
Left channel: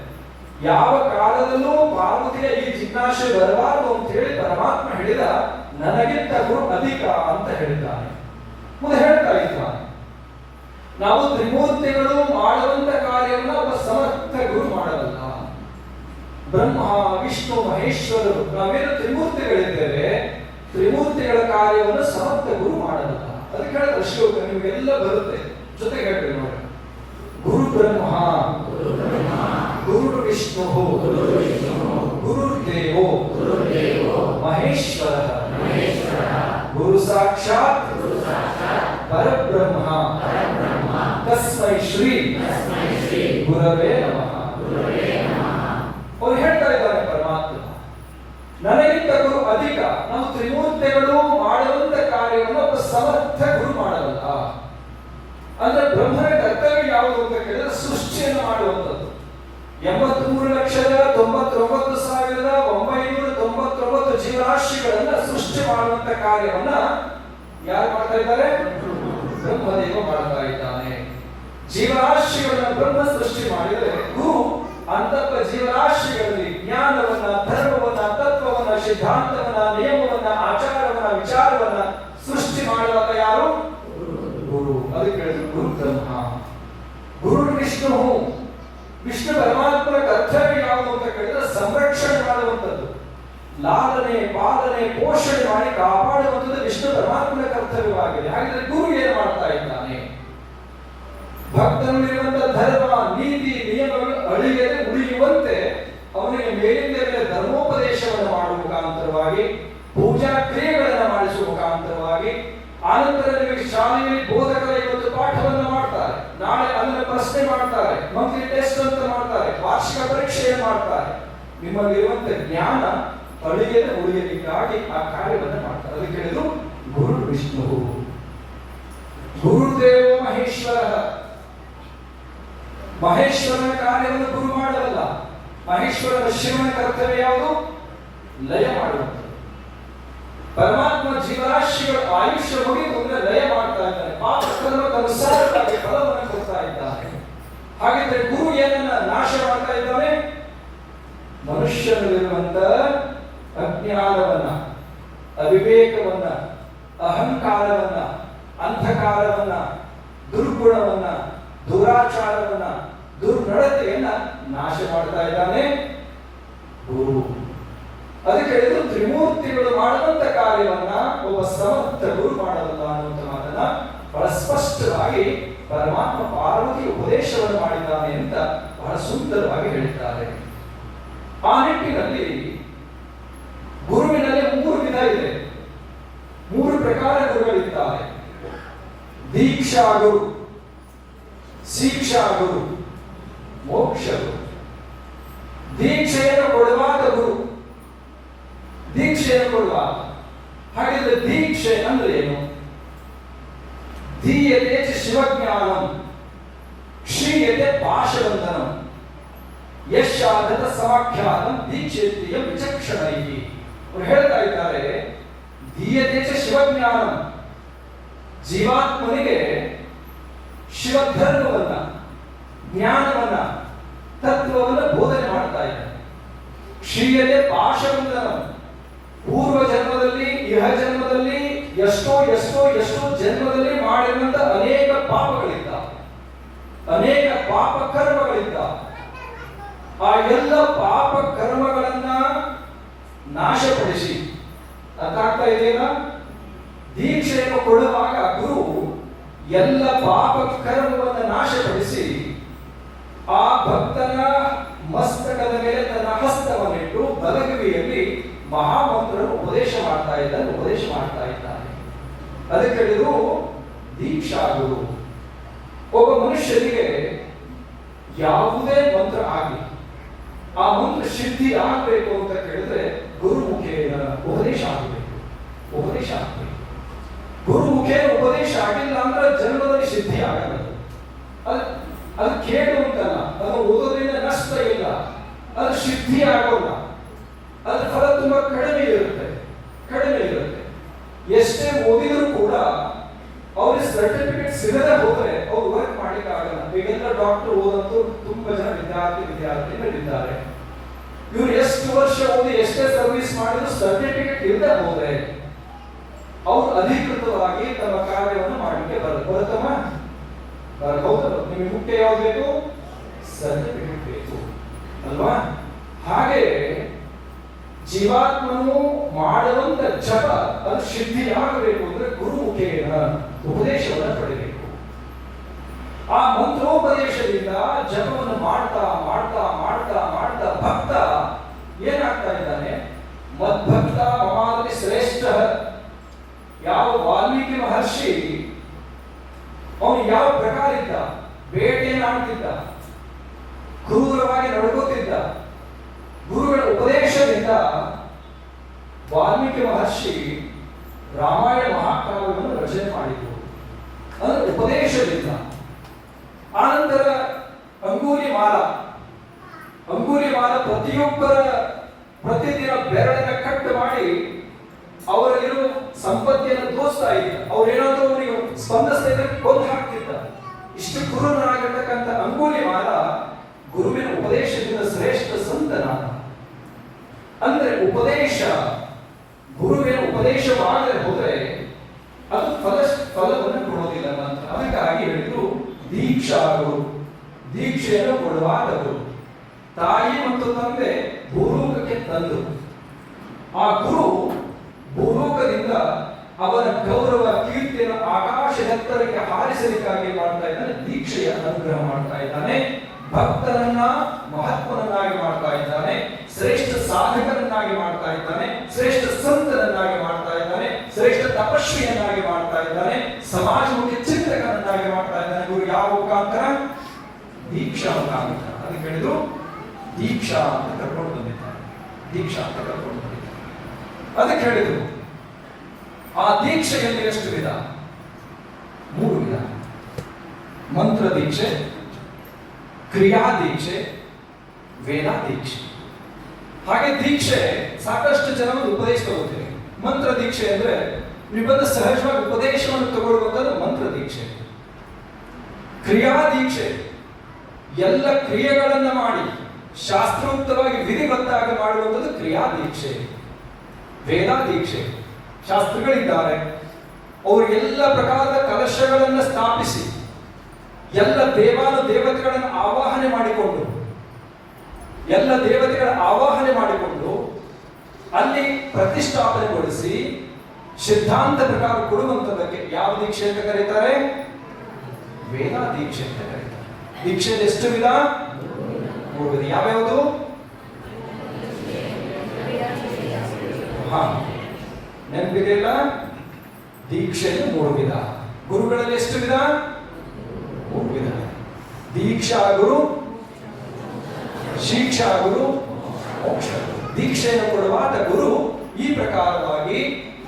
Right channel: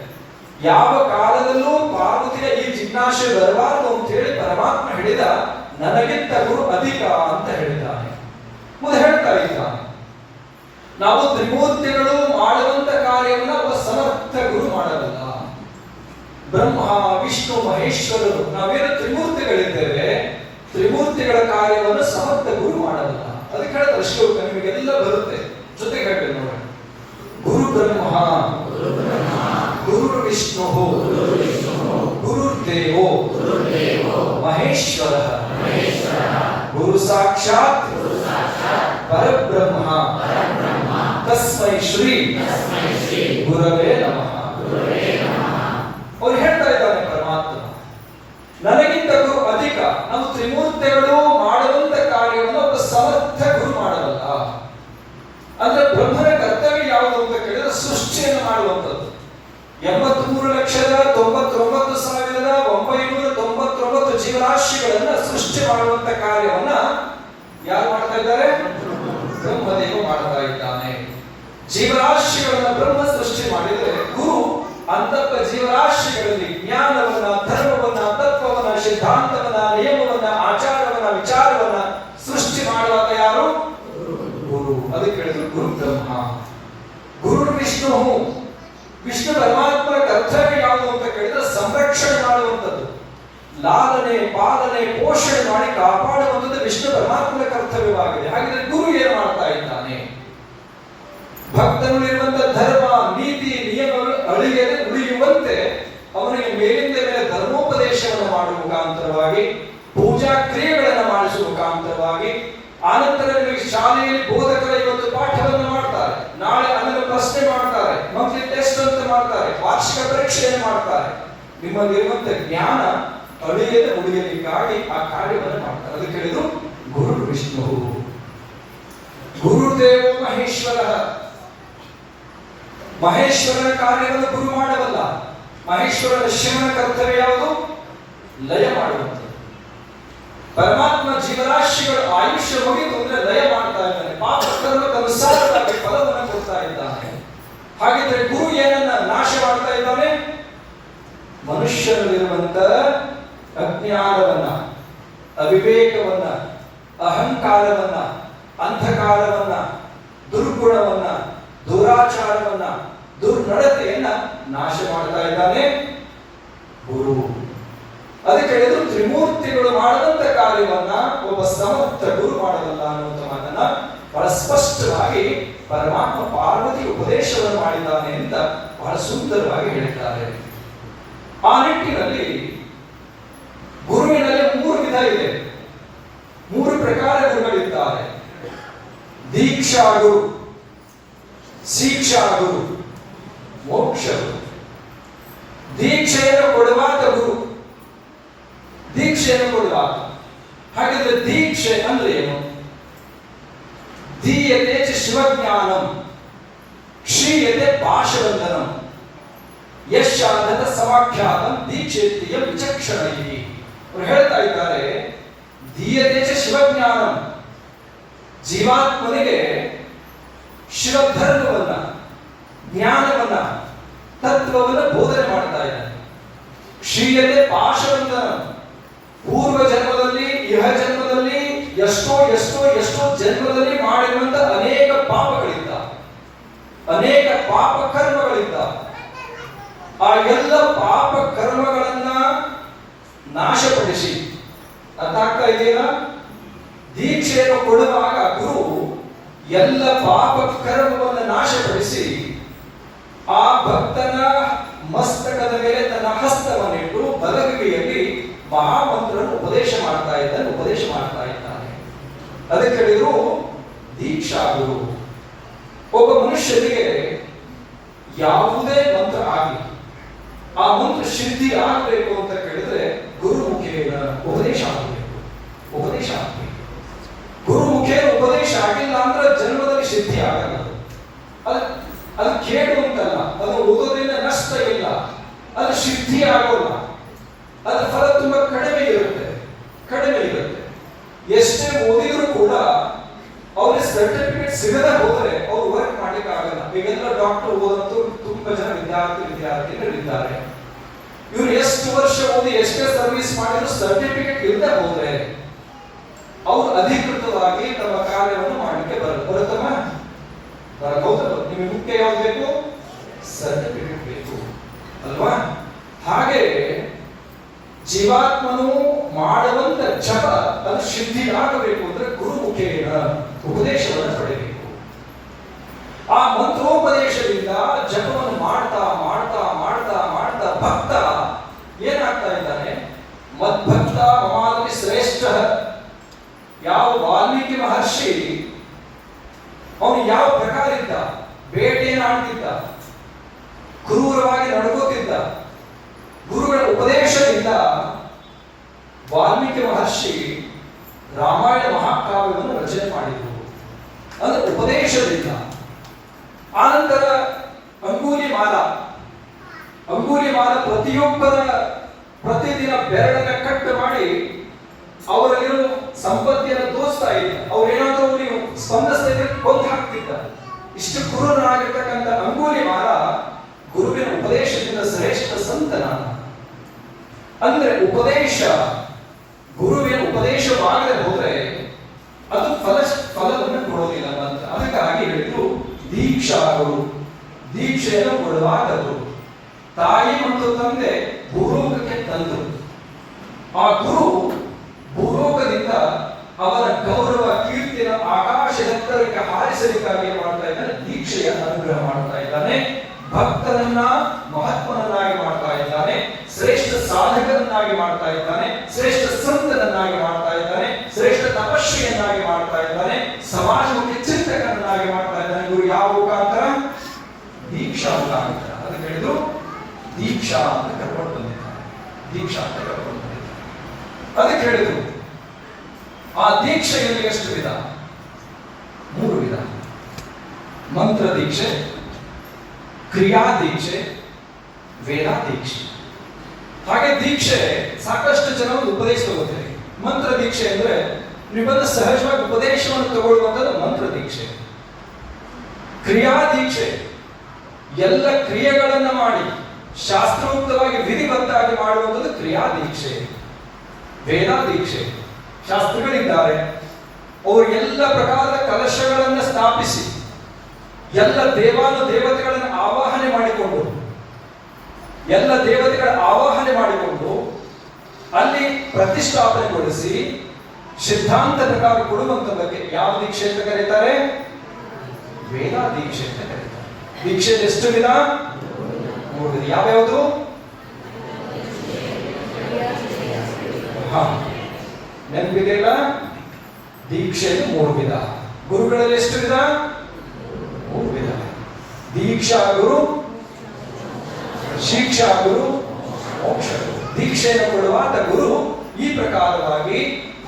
ಯಾವ ಕಾಲದಲ್ಲೂ ಪಾರ್ವತಿಯ ಈ ಜಿಜ್ಞಾಸೆ ಬರಬಾರದು ಅಂತ ಹೇಳಿ ಪರಮಾತ್ಮ ಹೇಳಿದ ನನಗಿಂತ ಗುರು ಅಧಿಕ ಅಂತ ಹೇಳಿದ್ದಾನೆ. ಮುಂದೆ ಹೇಳ್ತಾ ಇದ್ದಾನೆ, ನಾವು ತ್ರಿಮೂರ್ತಿಗಳು ಮಾಡುವಂತ ಕಾರ್ಯವನ್ನು ಒಬ್ಬ ಸಮರ್ಥ ಗುರು ಮಾಡಲ್ಲ. ಬ್ರಹ್ಮ ವಿಷ್ಣು ಮಹೇಶ್ವರರು ನಾವೇನು ತ್ರಿಮೂರ್ತಿಗಳಿದ್ದೇವೆ, ತ್ರಿಮೂರ್ತಿಗಳ ಕಾರ್ಯವನ್ನು ಸಮರ್ಥ ಗುರು ಮಾಡಲ್ಲ. ಅದಕ್ಕೆ ಹೇಳ್ತಾರೆ ಶ್ಲೋಕ ನಿಮಗೆಲ್ಲ ಬರುತ್ತೆ, ಜೊತೆಗೆ ಹೇಳ್ತೇವೆ ನೋಡಿ. ಗುರು ಬ್ರಹ್ಮ ಗುರು ವಿಷ್ಣು ಗುರುರ್ದೇವೋ ಮಹೇಶ್ವರ ಗುರು ಸಾಕ್ಷಾತ್ ಪರಬ್ರಹ್ಮ ತಸ್ಮೈ ಶ್ರೀ ಗುರವೇ ನಮಃ. ಅವ್ರು ಹೇಳ್ತಾ ಇದ್ದಾರೆ ಪರಮಾತ್ಮ ನನಗಿಂತ ಗುರು ಅಧಿಕ. ನಾವು ತ್ರಿಮೂರ್ತಿಗಳು ಮಾಡುವಂತ ಕಾರ್ಯವನ್ನು ಒಬ್ಬ ಸಮರ್ಥ ಗುರು ಮಾಡಲ್ಲ. ಮಾಡುವಂಥದ್ದು. 83,99,999 ಜೀವರಾಶಿಗಳನ್ನ ಸೃಷ್ಟಿ ಮಾಡುವಂತ ಕಾರ್ಯವನ್ನ ಯಾರು ಮಾಡ್ತಾ ಇದ್ದಾರೆ? ಬ್ರಹ್ಮದೇವ ಮಾಡ್ತಾ ಇದ್ದಾನೆ. ಜೀವರಾಶಿಗಳನ್ನ ಬ್ರಹ್ಮ ಸೃಷ್ಟಿ ಮಾಡಿದರೆ ಗುರು ಅಂತಪ್ಪ ಜೀವರಾಶಿಗಳಲ್ಲಿ ಜ್ಞಾನವನ್ನ, ಧರ್ಮವನ್ನ, ತತ್ವವನ್ನ, ಸಿದ್ಧಾಂತವನ್ನ, ನಿಯಮವನ್ನ, ಆಚಾರವನ್ನ, ವಿಚಾರವನ್ನ ಸೃಷ್ಟಿ ಮಾಡುವಾಗ ಯಾರು? ಗುರು. ಅದಕ್ಕೆ ಹೇಳಿದ್ರು ಗುರು ಬ್ರಹ್ಮ, ಗುರು ವಿಷ್ಣು. ವಿಷ್ಣು ಪರಮಾತ್ಮನ ಕರ್ತವ್ಯ ಯಾವುದು ಅಂತ ಕೇಳಿದ್ರೆ ಸಂರಕ್ಷಣೆ ಮಾಡುವಂಥದ್ದು, ಲಾಲನೆ, ಪಾಲನೆ, ಪೋಷಣೆ ಮಾಡಿ ಕಾಪಾಡುವಂಥದ್ದು ವಿಷ್ಣು ಪರಮಾತ್ಮನ ಕರ್ತವ್ಯವಾಗಿದೆ. ಹಾಗಿದ್ರೆ ಗುರು ಏನು ಮಾಡ್ತಾ ಇದ್ದಾನೆ? ಭಕ್ತನಲ್ಲಿರುವಂತಹ ಧರ್ಮ, ನೀತಿ, ನಿಯಮಗಳು ಉಳಿಯುವಂತೆ ಅವನಿಗೆ ಮೇಲಿಂದ ಮೇಲೆ ಧರ್ಮೋಪದೇಶವನ್ನು ಮಾಡುವ ಮುಖಾಂತರವಾಗಿ, ಪೂಜಾ ಕ್ರಿಯೆಗಳನ್ನು ಮಾಡಿಸುವ ಮುಖಾಂತರವಾಗಿ, ಆನಂತರ ನಿಮಗೆ ಶಾಲೆಯಲ್ಲಿ ಬೋಧಕರ ಇವತ್ತು ಪಾಠವನ್ನು ಮಾಡ್ತಾರೆ, ನಾಳೆ ಅದನ್ನು ಪ್ರಶ್ನೆ ಮಾಡ್ತಾರೆ, ಮಂತ್ಲಿ ಟೆಸ್ಟ್ ಅಂತ ಮಾಡ್ತಾರೆ, ವಾರ್ಷಿಕ ಪರೀಕ್ಷೆಯನ್ನು ಮಾಡ್ತಾರೆ. ನಿಮ್ಮಲ್ಲಿರುವಂತಹ ಜ್ಞಾನ ಉಳಿಯಲಿಕ್ಕಾಗಿ ಆ ಕಾರ್ಯವನ್ನು ಮಾಡ್ತಾರೆ. ಅದಕ್ಕೆ ಹೇಳಿದ್ರು ಗುರು ವಿಷ್ಣು, ಗುರುದೇವ ಮಹೇಶ್ವರ. ಮಹೇಶ್ವರನ ಕಾರ್ಯವನ್ನು ಗುರು ಮಾಡವಲ್ಲ. ಮಹೇಶ್ವರನ ಶಿವನ ಕರ್ತವ್ಯ ಯಾವುದು? ಲಯ ಮಾಡುವಂಥದ್ದು. ಪರಮಾತ್ಮ ಜೀವರಾಶಿಗಳ ಆಯುಷ್ಯ ಮುಗಿದು ಅಂದ್ರೆ ಲಯ ಮಾಡ್ತಾ ಇದ್ದಾನೆ, ಪಾಪ ಕರ್ಮಕ್ಕನುಸಾರವಾಗಿ ಫಲವನ್ನು ಕೊಡ್ತಾ ಇದ್ದಾನೆ. ಹಾಗಿದ್ರೆ ಗುರು ಏನನ್ನ ನಾಶ ಮಾಡ್ತಾ ಇದ್ದಾನೆ? ಮನುಷ್ಯನಲ್ಲಿರುವಂತ ಅಜ್ಞಾನವನ್ನ, ಅವಿವೇಕವನ್ನ, ಅಹಂಕಾರವನ್ನ, ಅಂಧಕಾರವನ್ನ, ದುರ್ಗುಣವನ್ನ, ದುರಾಚಾರವನ್ನ, ದುರ್ನಡತೆಯನ್ನ ನಾಶ ಮಾಡ್ತಾ ಇದ್ದಾನೆ ಗುರು. ಅದಕ್ಕೆ ಹೇಳಿದ್ರು ತ್ರಿಮೂರ್ತಿಗಳು ಮಾಡದಂತ ಕಾರ್ಯವನ್ನ ಒಬ್ಬ ಸಮರ್ಥ ಗುರು ಮಾಡಬಲ್ಲ ಅನ್ನುವಂಥ ಮಾತನ್ನ ಬಹಳ ಸ್ಪಷ್ಟವಾಗಿ ಪರಮಾತ್ಮ ಪಾರ್ವತಿ ಉಪದೇಶವನ್ನು ಮಾಡಿದ್ದಾನೆ ಅಂತ ಬಹಳ ಸುಂದರವಾಗಿ ಹೇಳಿದ್ದಾರೆ. ಆ ನಿಟ್ಟಿನಲ್ಲಿ ಗುರುವಿನಲ್ಲಿ 3 ವಿಧ ಇದೆ, 3 ಪ್ರಕಾರ ಗುರುಗಳಿದ್ದಾರೆ. ದೀಕ್ಷಾ ಗುರು, ಶಿಕ್ಷಾ ಗುರು, ಮೋಕ್ಷ ಗುರು. ದೀಕ್ಷೆಯನ್ನು ಕೊಡುವಾತ ಗುರು, ದೀಕ್ಷೆಯನ್ನು ಕೊಡುವಾಗ. ಹಾಗಿದ್ರೆ ದೀಕ್ಷೆ ಅಂದ್ರೆ ಏನು? ದೀಯತೆ ಚ ಶಿವಜ್ಞಾನಂ, ಕ್ಷೀಯತೆ ಭಾಷವಂದನಂ, ಯಶಾಧತ ಸಮಾಖ್ಯಾತಂ ದೀಕ್ಷೇತ್ರಿಯ ವಿಚಕ್ಷಣೈಹಿ. ಅವರು ಹೇಳ್ತಾ ಇದ್ದಾರೆ, ದೀಯತೆ ಚ ಶಿವಜ್ಞಾನಂ, ಜೀವಾತ್ಮನಿಗೆ ಶಿವಧರ್ಮವನ್ನ, ಜ್ಞಾನವನ್ನ, ತತ್ವವನ್ನ ಬೋಧನೆ ಮಾಡ್ತಾ ಇದ್ದಾನೆ. ಕ್ಷೀಯತೆ ಭಾಷವಂದನಂ, ಪೂರ್ವ ಜನ್ಮದಲ್ಲಿ, ಇಹ ಜನ್ಮದಲ್ಲಿ ಎಷ್ಟೋ ಜನ್ಮದಲ್ಲಿ ಮಾಡಿರುವಂತ ಅನೇಕ ಪಾಪಗಳಿದ್ದ, ಅನೇಕ ಪಾಪ ಕರ್ಮಗಳಿದ್ದ. ಆ ಎಲ್ಲ ಪಾಪ ಕರ್ಮಗಳನ್ನ ನಾಶಪಡಿಸಿ, ಅರ್ಥ ಆಗ್ತಾ ಇದೆಯಾ? ದೀಕ್ಷೆಯನ್ನು ಕೊಡುವಾಗ ಗುರು ಎಲ್ಲ ಪಾಪ ಕರ್ಮವನ್ನು ನಾಶಪಡಿಸಿ ಆ ಭಕ್ತನ ಮಸ್ತಕದ ಮೇಲೆ ತನ್ನ ಹಸ್ತವನ್ನಿಟ್ಟು ಬಲಗೈಯಲ್ಲಿ ಮಹಾಮಂತ್ರವನ್ನು ಉಪದೇಶ ಮಾಡ್ತಾ ಇದ್ದಾನೆ. ಅದಕ್ಕೆ ಹೇಳಿದ್ರು ದೀಕ್ಷಾ ಗುರು. ಒಬ್ಬ ಮನುಷ್ಯನಿಗೆ ಯಾವುದೇ ಮಂತ್ರ ಆಗಲಿ, ಆ ಮಂತ್ರ ಸಿದ್ಧಿ ಆಗಬೇಕು ಅಂತ ಕೇಳಿದ್ರೆ ಗುರು ಮುಖೇನ ಉಪದೇಶ ಆಗಬೇಕು. ಗುರು ಮುಖೇನ ಉಪದೇಶ ಆಗಿಲ್ಲ ಅಂದ್ರೆ ಜನ್ಮದಲ್ಲಿ ಸಿದ್ಧಿ ಆಗಲ್ಲ. ಅದು ಕೇಳು ಅಂತಲ್ಲ, ಅದು ಓದೋದ್ರಿಂದ ನಷ್ಟ ಇಲ್ಲ, ಅದು ಸಿದ್ಧಿ ಆಗೋಲ್ಲ. ಅದರ ಫಲ ತುಂಬಾ ಕಡಿಮೆ ಇರುತ್ತೆ. ಎಷ್ಟೇ ಓದಿದ್ರು ಕೂಡ ಅವ್ರಿಗೆ ಸರ್ಟಿಫಿಕೇಟ್ ಸಿಗದೆ ಹೋದ್ರೆ ಅವ್ರು ವರ್ಕ್ ಮಾಡ್ಲಿಕ್ಕೆ ಆಗಲ್ಲ. ಈಗೆಲ್ಲ ಡಾಕ್ಟರ್ ಓದಂತೂ ತುಂಬಾ ಜನ ವಿದ್ಯಾರ್ಥಿಗಳಿದ್ದಾರೆ. ಇವ್ರು ಎಷ್ಟು ವರ್ಷ ಓದಿ ಎಷ್ಟೇ ಸರ್ವಿಸ್ ಮಾಡಿದ್ರು ಸರ್ಟಿಫಿಕೇಟ್ ಇಲ್ಲದೆ ಹೋದ್ರೆ ಅವ್ರು ಅಧಿಕೃತವಾಗಿ ತಮ್ಮ ಕಾರ್ಯವನ್ನು ಮಾಡಲಿಕ್ಕೆ ಬರುತ್ತಮ್ಮ. ನಿಮಗೆ ಮುಖ್ಯ ಯಾವ್ದು ಬೇಕು? ಸರ್ಟಿಫಿಕೇಟ್ ಬೇಕು ಅಲ್ವಾ? ಹಾಗೆ ಜೀವಾತ್ಮನು ಮಾಡುವಂತ ಜಪ ಅದು ಸಿದ್ಧಿಯಾಗಬೇಕು ಅಂದ್ರೆ ಗುರು ಮುಖೇನ ಉಪದೇಶವನ್ನು ಪಡೆಯಬೇಕು. ಆ ಮಂತ್ರೋಪದೇಶದಿಂದ ಜಪವನ್ನು ಮಾಡ್ತಾ ಮಾಡ್ತಾ ಮಾಡ್ತಾ ಮಾಡ್ತಾ ಭಕ್ತ ಏನಾಗ್ತಾ ಇದ್ದಾನೆ? ಮದ್ಭಕ್ತ ಮಮಾತಿ ಶ್ರೇಷ್ಠ. ಯಾವ ವಾಲ್ಮೀಕಿ ಮಹರ್ಷಿ ಅವನು ಯಾವ ಪ್ರಕಾರ ಇದ್ದ? ಬೇಟೆಯನ್ನು ಆಡ್ತಿದ್ದ, ಕ್ರೂರವಾಗಿ ನಡ್ಕೋತಿದ್ದ. ಗುರುಗಳ ಉಪದೇಶದಿಂದ ವಾಲ್ಮೀಕಿ ಮಹರ್ಷಿ ರಾಮಾಯಣ ಮಹಾಕಾವ್ಯವನ್ನು ರಚನೆ ಮಾಡಿದ್ರು. ಅಂದ್ರೆ ಉಪದೇಶದಿಂದ. ಆನಂತರ ಅಂಗೂಲಿ ಮಾಲ ಅಂಗುಲಿಮಾಲ ಪ್ರತಿಯೊಬ್ಬರ ಪ್ರತಿದಿನ ಬೆರಳನ್ನ ಕಟ್ ಮಾಡಿ ಅವರಲ್ಲಿರೋ ಸಂಪತ್ತಿಯನ್ನು ದೋಸ್ತಾ ಇದ್ದ. ಅವ್ರೇನಾದ್ರೂ ಅವರಿಗೆ ಸ್ಪಂದಿಸ್ತಾ ಇದ್ರೆ ಕೊಂದು ಹಾಕ್ತಿದ್ದ. ಇಷ್ಟು ಕ್ರೂರನಾಗಿರ್ತಕ್ಕಂಥ ಅಂಗುಲಿಮಾಲ ಗುರುವಿನ ಉಪದೇಶದಿಂದ ಶ್ರೇಷ್ಠ ಸಂತನಾದ. ಅಂದ್ರೆ ಉಪದೇಶ, ಗುರುವಿನ ಉಪದೇಶವಾಗದೆ ಹೋದ್ರೆ ಅದು ಫಲವನ್ನು ಕೊಡೋದಿಲ್ಲ ಅಂತ. ಅದಕ್ಕಾಗಿ ಹೇಳಿದ್ರು ದೀಕ್ಷಾ ಗುರು, ದೀಕ್ಷೆಯನ್ನು ಕೊಡುವಾಗದು. ತಾಯಿ ಮತ್ತು ತಂದೆ ಭೂಲೋಕಕ್ಕೆ ತಂದು ಆ ಗುರು ಭೂಲೋಕದಿಂದ ಅವರ ಗೌರವ ಕೀರ್ತಿಯ ಆಕಾಶದೆತ್ತರಕ್ಕೆ ಹಾರಿಸಲಿಕ್ಕಾಗಿ ಮಾಡ್ತಾ ಇದ್ದಾನೆ. ದೀಕ್ಷೆಯ ಅನುಗ್ರಹ ಮಾಡ್ತಾ ಇದ್ದಾನೆ. ಭಕ್ತರನ್ನ ಮಹತ್ವನನ್ನಾಗಿ ಮಾಡ್ತಾ ಇದ್ದಾನೆ. ಶ್ರೇಷ್ಠ ಸಾಧಕರನ್ನಾಗಿ ಮಾಡ್ತಾ ಇದ್ದಾನೆ. ಶ್ರೇಷ್ಠ ಸಂತನನ್ನಾಗಿ ಮಾಡ್ತಾ ಇದ್ದಾನೆ. ಶ್ರೇಷ್ಠ ತಪಸ್ವಿಯನ್ನಾಗಿ ಮಾಡ್ತಾ ಇದ್ದಾನೆ. ಸಮಾಜಮುಖಿ ಚಿಂತಕರನ್ನಾಗಿ ಮಾಡ್ತಾ ಇದ್ದಾನೆ. ಗುರು ಯಾವ ಮುಖಾಂತರ? ದೀಕ್ಷಾ ಮುಖಾಂತರ. ಅದಕ್ಕೆ ಹೇಳಿದ್ರು ದೀಕ್ಷಾ ಅಂತ ಕರ್ಕೊಂಡು ಬಂದಿದ್ದಾರೆ. ದೀಕ್ಷಾ ಅಂತ ಕರ್ಕೊಂಡು ಬಂದಿದ್ದಾರೆ. ಅದಕ್ಕೆ ಹೇಳಿದ್ರು ಆ ದೀಕ್ಷೆಯಲ್ಲಿ ಎಷ್ಟು ವಿಧ? 3 ವಿಧ. ಮಂತ್ರ ದೀಕ್ಷೆ, ಕ್ರಿಯಾ ದೀಕ್ಷೆ, ವೇದ ದೀಕ್ಷೆ. ಹಾಗೆ ದೀಕ್ಷೆ ಸಾಕಷ್ಟು ಜನ ಉಪದೇಶ ತಗೋತಾರೆ. ಮಂತ್ರ ದೀಕ್ಷೆ ಅಂದ್ರೆ ನೀವು ಬಂದು ಸಹಜವಾಗಿ ಉಪದೇಶವನ್ನು ತಗೊಳ್ಳುವಂಥದ್ದು ಮಂತ್ರ ದೀಕ್ಷೆ. ಕ್ರಿಯಾ ದೀಕ್ಷೆ ಎಲ್ಲ ಕ್ರಿಯೆಗಳನ್ನ ಮಾಡಿ ಶಾಸ್ತ್ರೋಕ್ತವಾಗಿ ವಿಧಿಬದ್ಧವಾಗಿ ಮಾಡುವಂಥದ್ದು ಕ್ರಿಯಾ ದೀಕ್ಷೆ. ವೇದ ದೀಕ್ಷೆ, ಶಾಸ್ತ್ರಗಳಿದ್ದಾರೆ, ಅವರು ಎಲ್ಲ ಪ್ರಕಾರದ ಕಲಶಗಳನ್ನು ಸ್ಥಾಪಿಸಿ ಎಲ್ಲ ದೇವತೆಗಳನ್ನು ಆವಾಹನೆ ಮಾಡಿಕೊಂಡು ಅಲ್ಲಿ ಪ್ರತಿಷ್ಠಾಪನೆಗೊಳಿಸಿ ಸಿದ್ಧಾಂತ ಪ್ರಕಾರ ಕೊಡುವಂತದಕ್ಕೆ ಯಾವ ದೀಕ್ಷೆ ಅಂತ ಕರೀತಾರೆ? ವೇದ ದೀಕ್ಷೆ ಅಂತ ಕರೀತಾರೆ. ದೀಕ್ಷೆ ಎಷ್ಟು ವಿಧ? 3 ವಿಧ. ಯಾವ್ಯಾವುದು? ನೆನಪಿದೆಯಲ್ಲ? ದೀಕ್ಷೆಯಲ್ಲಿ 3 ವಿಧ. ಗುರುಗಳಲ್ಲಿ ಎಷ್ಟು ವಿಧ? 3 ವಿಧ. ದೀಕ್ಷಾ ಗುರು, ಶಿಕ್ಷಾ ಗುರು, ಮೋಕ್ಷ ಗುರು. ದೀಕ್ಷೆಯನ್ನು ಕೊಡುವಾದ ಗುರು ಈ ಪ್ರಕಾರವಾಗಿ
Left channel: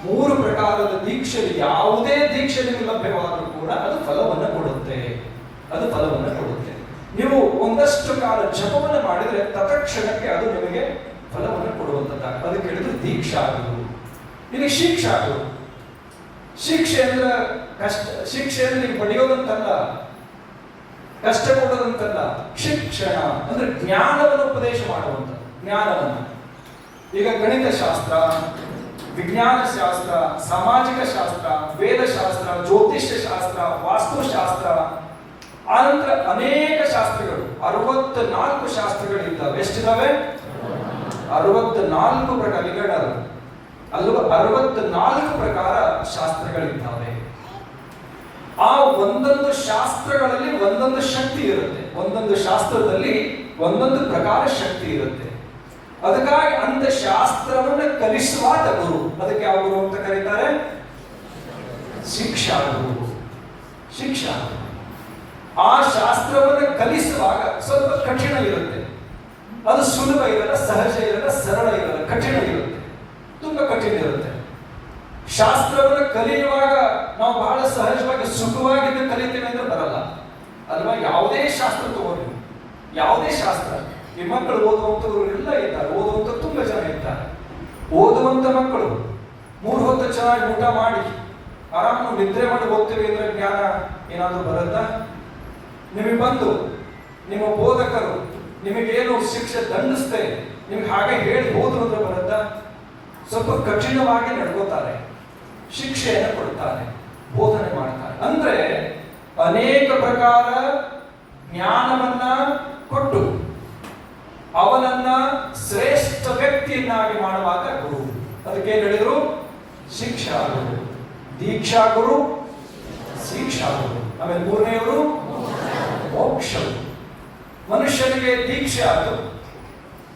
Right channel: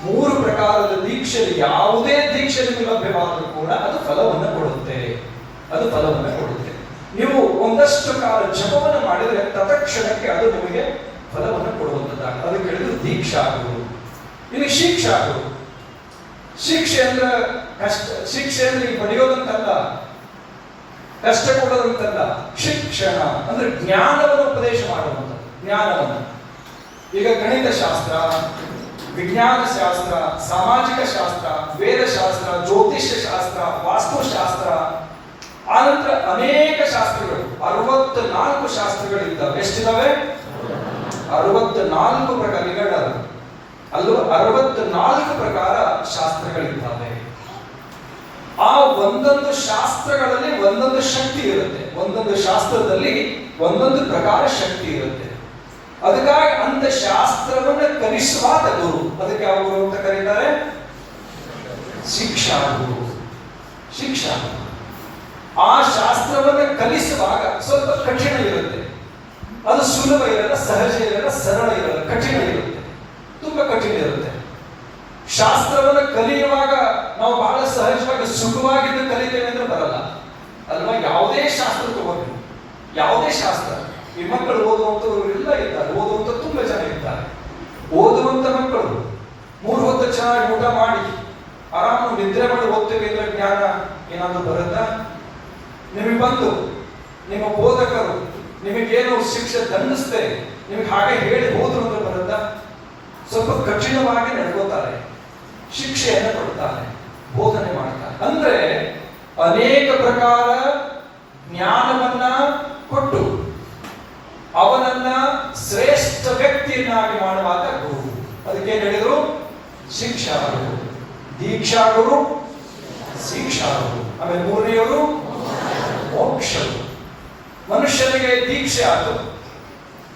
3 ಪ್ರಕಾರದ ದೀಕ್ಷೆಯಲ್ಲಿ ಯಾವುದೇ ದೀಕ್ಷೆ ನಿಮಗೆ ಲಭ್ಯವಾದರೂ ಕೂಡ ಅದು ಫಲವನ್ನು ಕೊಡುತ್ತೆ. ಅದು ಫಲವನ್ನು ಕೊಡುತ್ತೆ. ನೀವು ಒಂದಷ್ಟು ಕಾಲ ಜಪವನ್ನು ಮಾಡಿದರೆ ತತ್ಕ್ಷಣಕ್ಕೆ ಅದು ನಿಮಗೆ ಫಲವನ್ನು ಕೊಡುವಂತದ್ದಾಗ. ಅದಕ್ಕೆ ಹೇಳಿದ್ರು ದೀಕ್ಷಾ ಗುರು. ಇನ್ನು ಶಿಕ್ಷಾ ಗುರು. ಶಿಕ್ಷೆ ಅಂದ್ರೆ ಕಷ್ಟ, ಶಿಕ್ಷೆ ಅಂದ್ರೆ ಈಗ ಪಡೆಯೋದಂತಲ್ಲ, ಕಷ್ಟ ಕೊಡೋದಂತಲ್ಲ. ಶಿಕ್ಷಣ ಅಂದ್ರೆ ಜ್ಞಾನವನ್ನು ಉಪದೇಶ ಮಾಡುವಂತ. ಜ್ಞಾನವನ್ನು ಈಗ ಗಣಿತ ಶಾಸ್ತ್ರ, ವಿಜ್ಞಾನ ಶಾಸ್ತ್ರ, ಸಾಮಾಜಿಕ ಶಾಸ್ತ್ರ, ವೇದಶಾಸ್ತ್ರ, ಜ್ಯೋತಿಷ್ಯ ಶಾಸ್ತ್ರ, ವಾಸ್ತುಶಾಸ್ತ್ರ, ಆನಂತರ ಅನೇಕ ಶಾಸ್ತ್ರಗಳು 64 ಶಾಸ್ತ್ರಗಳಿದ್ದಾವೆ. ಎಷ್ಟಿದಾವೆ? 64 ಪ್ರಕಾರ ಅಲ್ವಾ? 64 ಪ್ರಕಾರ ಶಾಸ್ತ್ರಗಳಿದ್ದಾವೆ. ಆ ಒಂದೊಂದು ಶಾಸ್ತ್ರಗಳಲ್ಲಿ ಒಂದೊಂದು ಶಕ್ತಿ ಇರುತ್ತೆ. ಒಂದೊಂದು ಶಾಸ್ತ್ರದಲ್ಲಿ ಒಂದೊಂದು ಪ್ರಕಾರ ಶಕ್ತಿ ಇರುತ್ತೆ. ಅದಕ್ಕಾಗಿ ಅಂತ ಶಾಸ್ತ್ರವನ್ನು ಕಲಿಸುವಾದ ಗುರು, ಅದಕ್ಕೆ ಯಾವ ಗುರು ಅಂತ ಕರೀತಾರೆ? ಶಿಕ್ಷಾ ಗುರು. ಶಿಕ್ಷಾ ಆ ಶಾಸ್ತ್ರವನ್ನು ಕಲಿಸುವಾಗ ಸ್ವಲ್ಪ ಕಠಿಣ ಇರುತ್ತೆ. ಅದು ಸುಲಭ ಇರಲ್ಲ, ಸಹಜ ಇರಲ್ಲ, ಸರಳ ಇರಲ್ಲ, ಕಠಿಣ ಇರುತ್ತೆ, ತುಂಬಾ ಕಠಿಣ ಇರುತ್ತೆ. ಶಾಸ್ತ್ರವನ್ನು ಕಲಿಯುವಾಗ ನಾವು ಬಹಳ ಸಹಜವಾಗಿ ಸುಖವಾಗಿದ್ದು ಕಲಿತೇವೆ ಅಂದ್ರೆ ಬರಲ್ಲ ಅಲ್ವಾ? ಯಾವುದೇ ಶಾಸ್ತ್ರ ತಗೊಂಡು, ಯಾವುದೇ ಶಾಸ್ತ್ರ, ಈ ಮಕ್ಕಳು ಓದುವಂತವ್ರು ಎಲ್ಲ ಇದ್ದಾರೆ, ಓದುವಂತ ತುಂಬಾ ಜನ ಇದ್ದಾರೆ. ಓದುವಂತ ಮಕ್ಕಳು 3 ಹೊತ್ತು ಚೆನ್ನಾಗಿ ಊಟ ಮಾಡಿ ಆರಾಮಾಗಿ ನಿದ್ರೆ ಮಾಡಿ ಓದ್ತೇವೆ ಅಂದ್ರೆ ಜ್ಞಾನ ಏನಾದ್ರೂ ಬರುತ್ತಾ? ನಿಮಗೆ ಬಂದು ನಿಮ್ಮ ಬೋಧಕರು ನಿಮಗೇನು ಶಿಕ್ಷೆ ದಂಡಿಸ್ತೇವೆ ನಿಮಗೆ ಹಾಗೆ ಹೇಳಿ ಹೋದ್ರು ಅಂದ್ರೆ ಬರುತ್ತಾ? ಸ್ವಲ್ಪ ಕಠಿಣವಾಗಿ ನಡ್ಕೋತಾರೆ, ಶಿಕ್ಷೆಯನ್ನು ಕೊಡ್ತಾರೆ, ಬೋಧನೆ ಮಾಡ್ತಾರೆ. ಅಂದ್ರೆ ಅನೇಕ ಪ್ರಕಾರ ಜ್ಞಾನವನ್ನ ಕೊಟ್ಟು ಅವನನ್ನ ಶ್ರೇಷ್ಠ ವ್ಯಕ್ತಿಯನ್ನಾಗಿ ಮಾಡುವಾಗ ಗುರು. ಅದಕ್ಕೆ ಹೇಳಿದ್ರು ಶಿಕ್ಷಾ ಗುರು, ದೀಕ್ಷಾ ಗುರು, ಶಿಕ್ಷಾ ಗುರು. ಆಮೇಲೆ 3ನೇವರು ಮೋಕ್ಷ. ಮನುಷ್ಯನಿಗೆ ದೀಕ್ಷೆ ಆಯಿತು,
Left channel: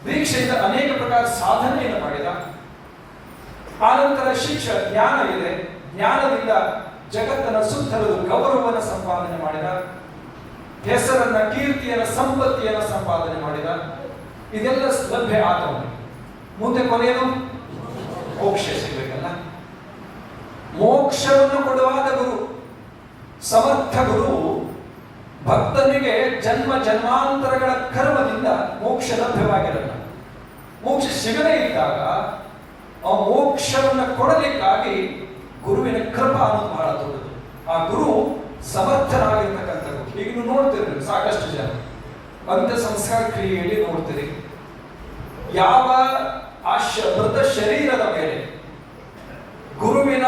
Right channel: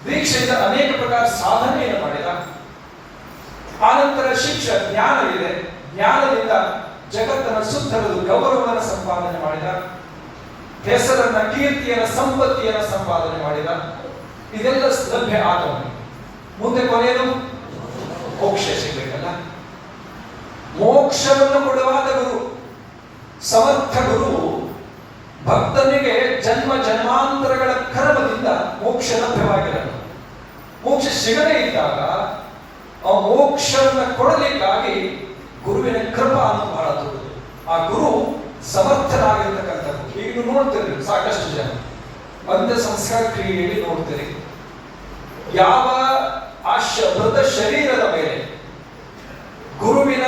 ದೀಕ್ಷೆಯಿಂದ ಅನೇಕ ಪ್ರಕಾರ ಸಾಧನೆಯನ್ನು ಮಾಡಿದ. ಆನಂತರ ಶಿಕ್ಷೆ, ಜ್ಞಾನ ಇದೆ, ಜ್ಞಾನದಿಂದ ಜಗತ್ತನ್ನು ಸುತ್ತರಲು ಗೌರವವನ್ನು ಸಂಪಾದನೆ ಮಾಡಿದ, ಹೆಸರನ್ನ, ಕೀರ್ತಿಯನ್ನ, ಸಂಪತ್ತಿಯನ್ನು ಸಂಪಾದನೆ ಮಾಡಿದ. ಇದೆಲ್ಲ ಲಭ್ಯ ಆದವನು. ಮುಂದೆ ಕೊನೆಯದು ಮೋಕ್ಷ ಸಿಗಬೇಕಲ್ಲ. ಮೋಕ್ಷವನ್ನು ಕೊಡುವಾದ ಗುರು, ಸಮರ್ಥ ಗುರು ಭಕ್ತನಿಗೆ ಜನ್ಮ ಜನ್ಮಾಂತರಗಳ ಕರ್ಮದಿಂದ ಮೋಕ್ಷ ಮೋಕ್ಷ ಲಭ್ಯವಾಗಿರಲ್ಲ. ಮೋಕ್ಷ ಸಿಗದೇ ಇದ್ದಾಗ ಆ ಮೋಕ್ಷವನ್ನು ಕೊಡಲಿಕ್ಕಾಗಿ ಗುರುವಿನ ಕೃಪಾ ಅನ್ನೋದು ಬಹಳ ದೊಡ್ಡದು. ಆ ಗುರು ಸಮರ್ಥನಾಗಿರ್ತಕ್ಕಂಥದ್ದು. ಈಗ ನೀವು ನೋಡ್ತೀರಿ ಸಾಕಷ್ಟು ಜನ ಅಂತ್ಯ ಸಂಸ್ಕಾರ ಕ್ರಿಯೆಯಲ್ಲಿ ನೋಡ್ತೀರಿ, ಯಾವ ಆ ಮೃತ ಶರೀರದ ಮೇಲೆ ಗುರುವಿನ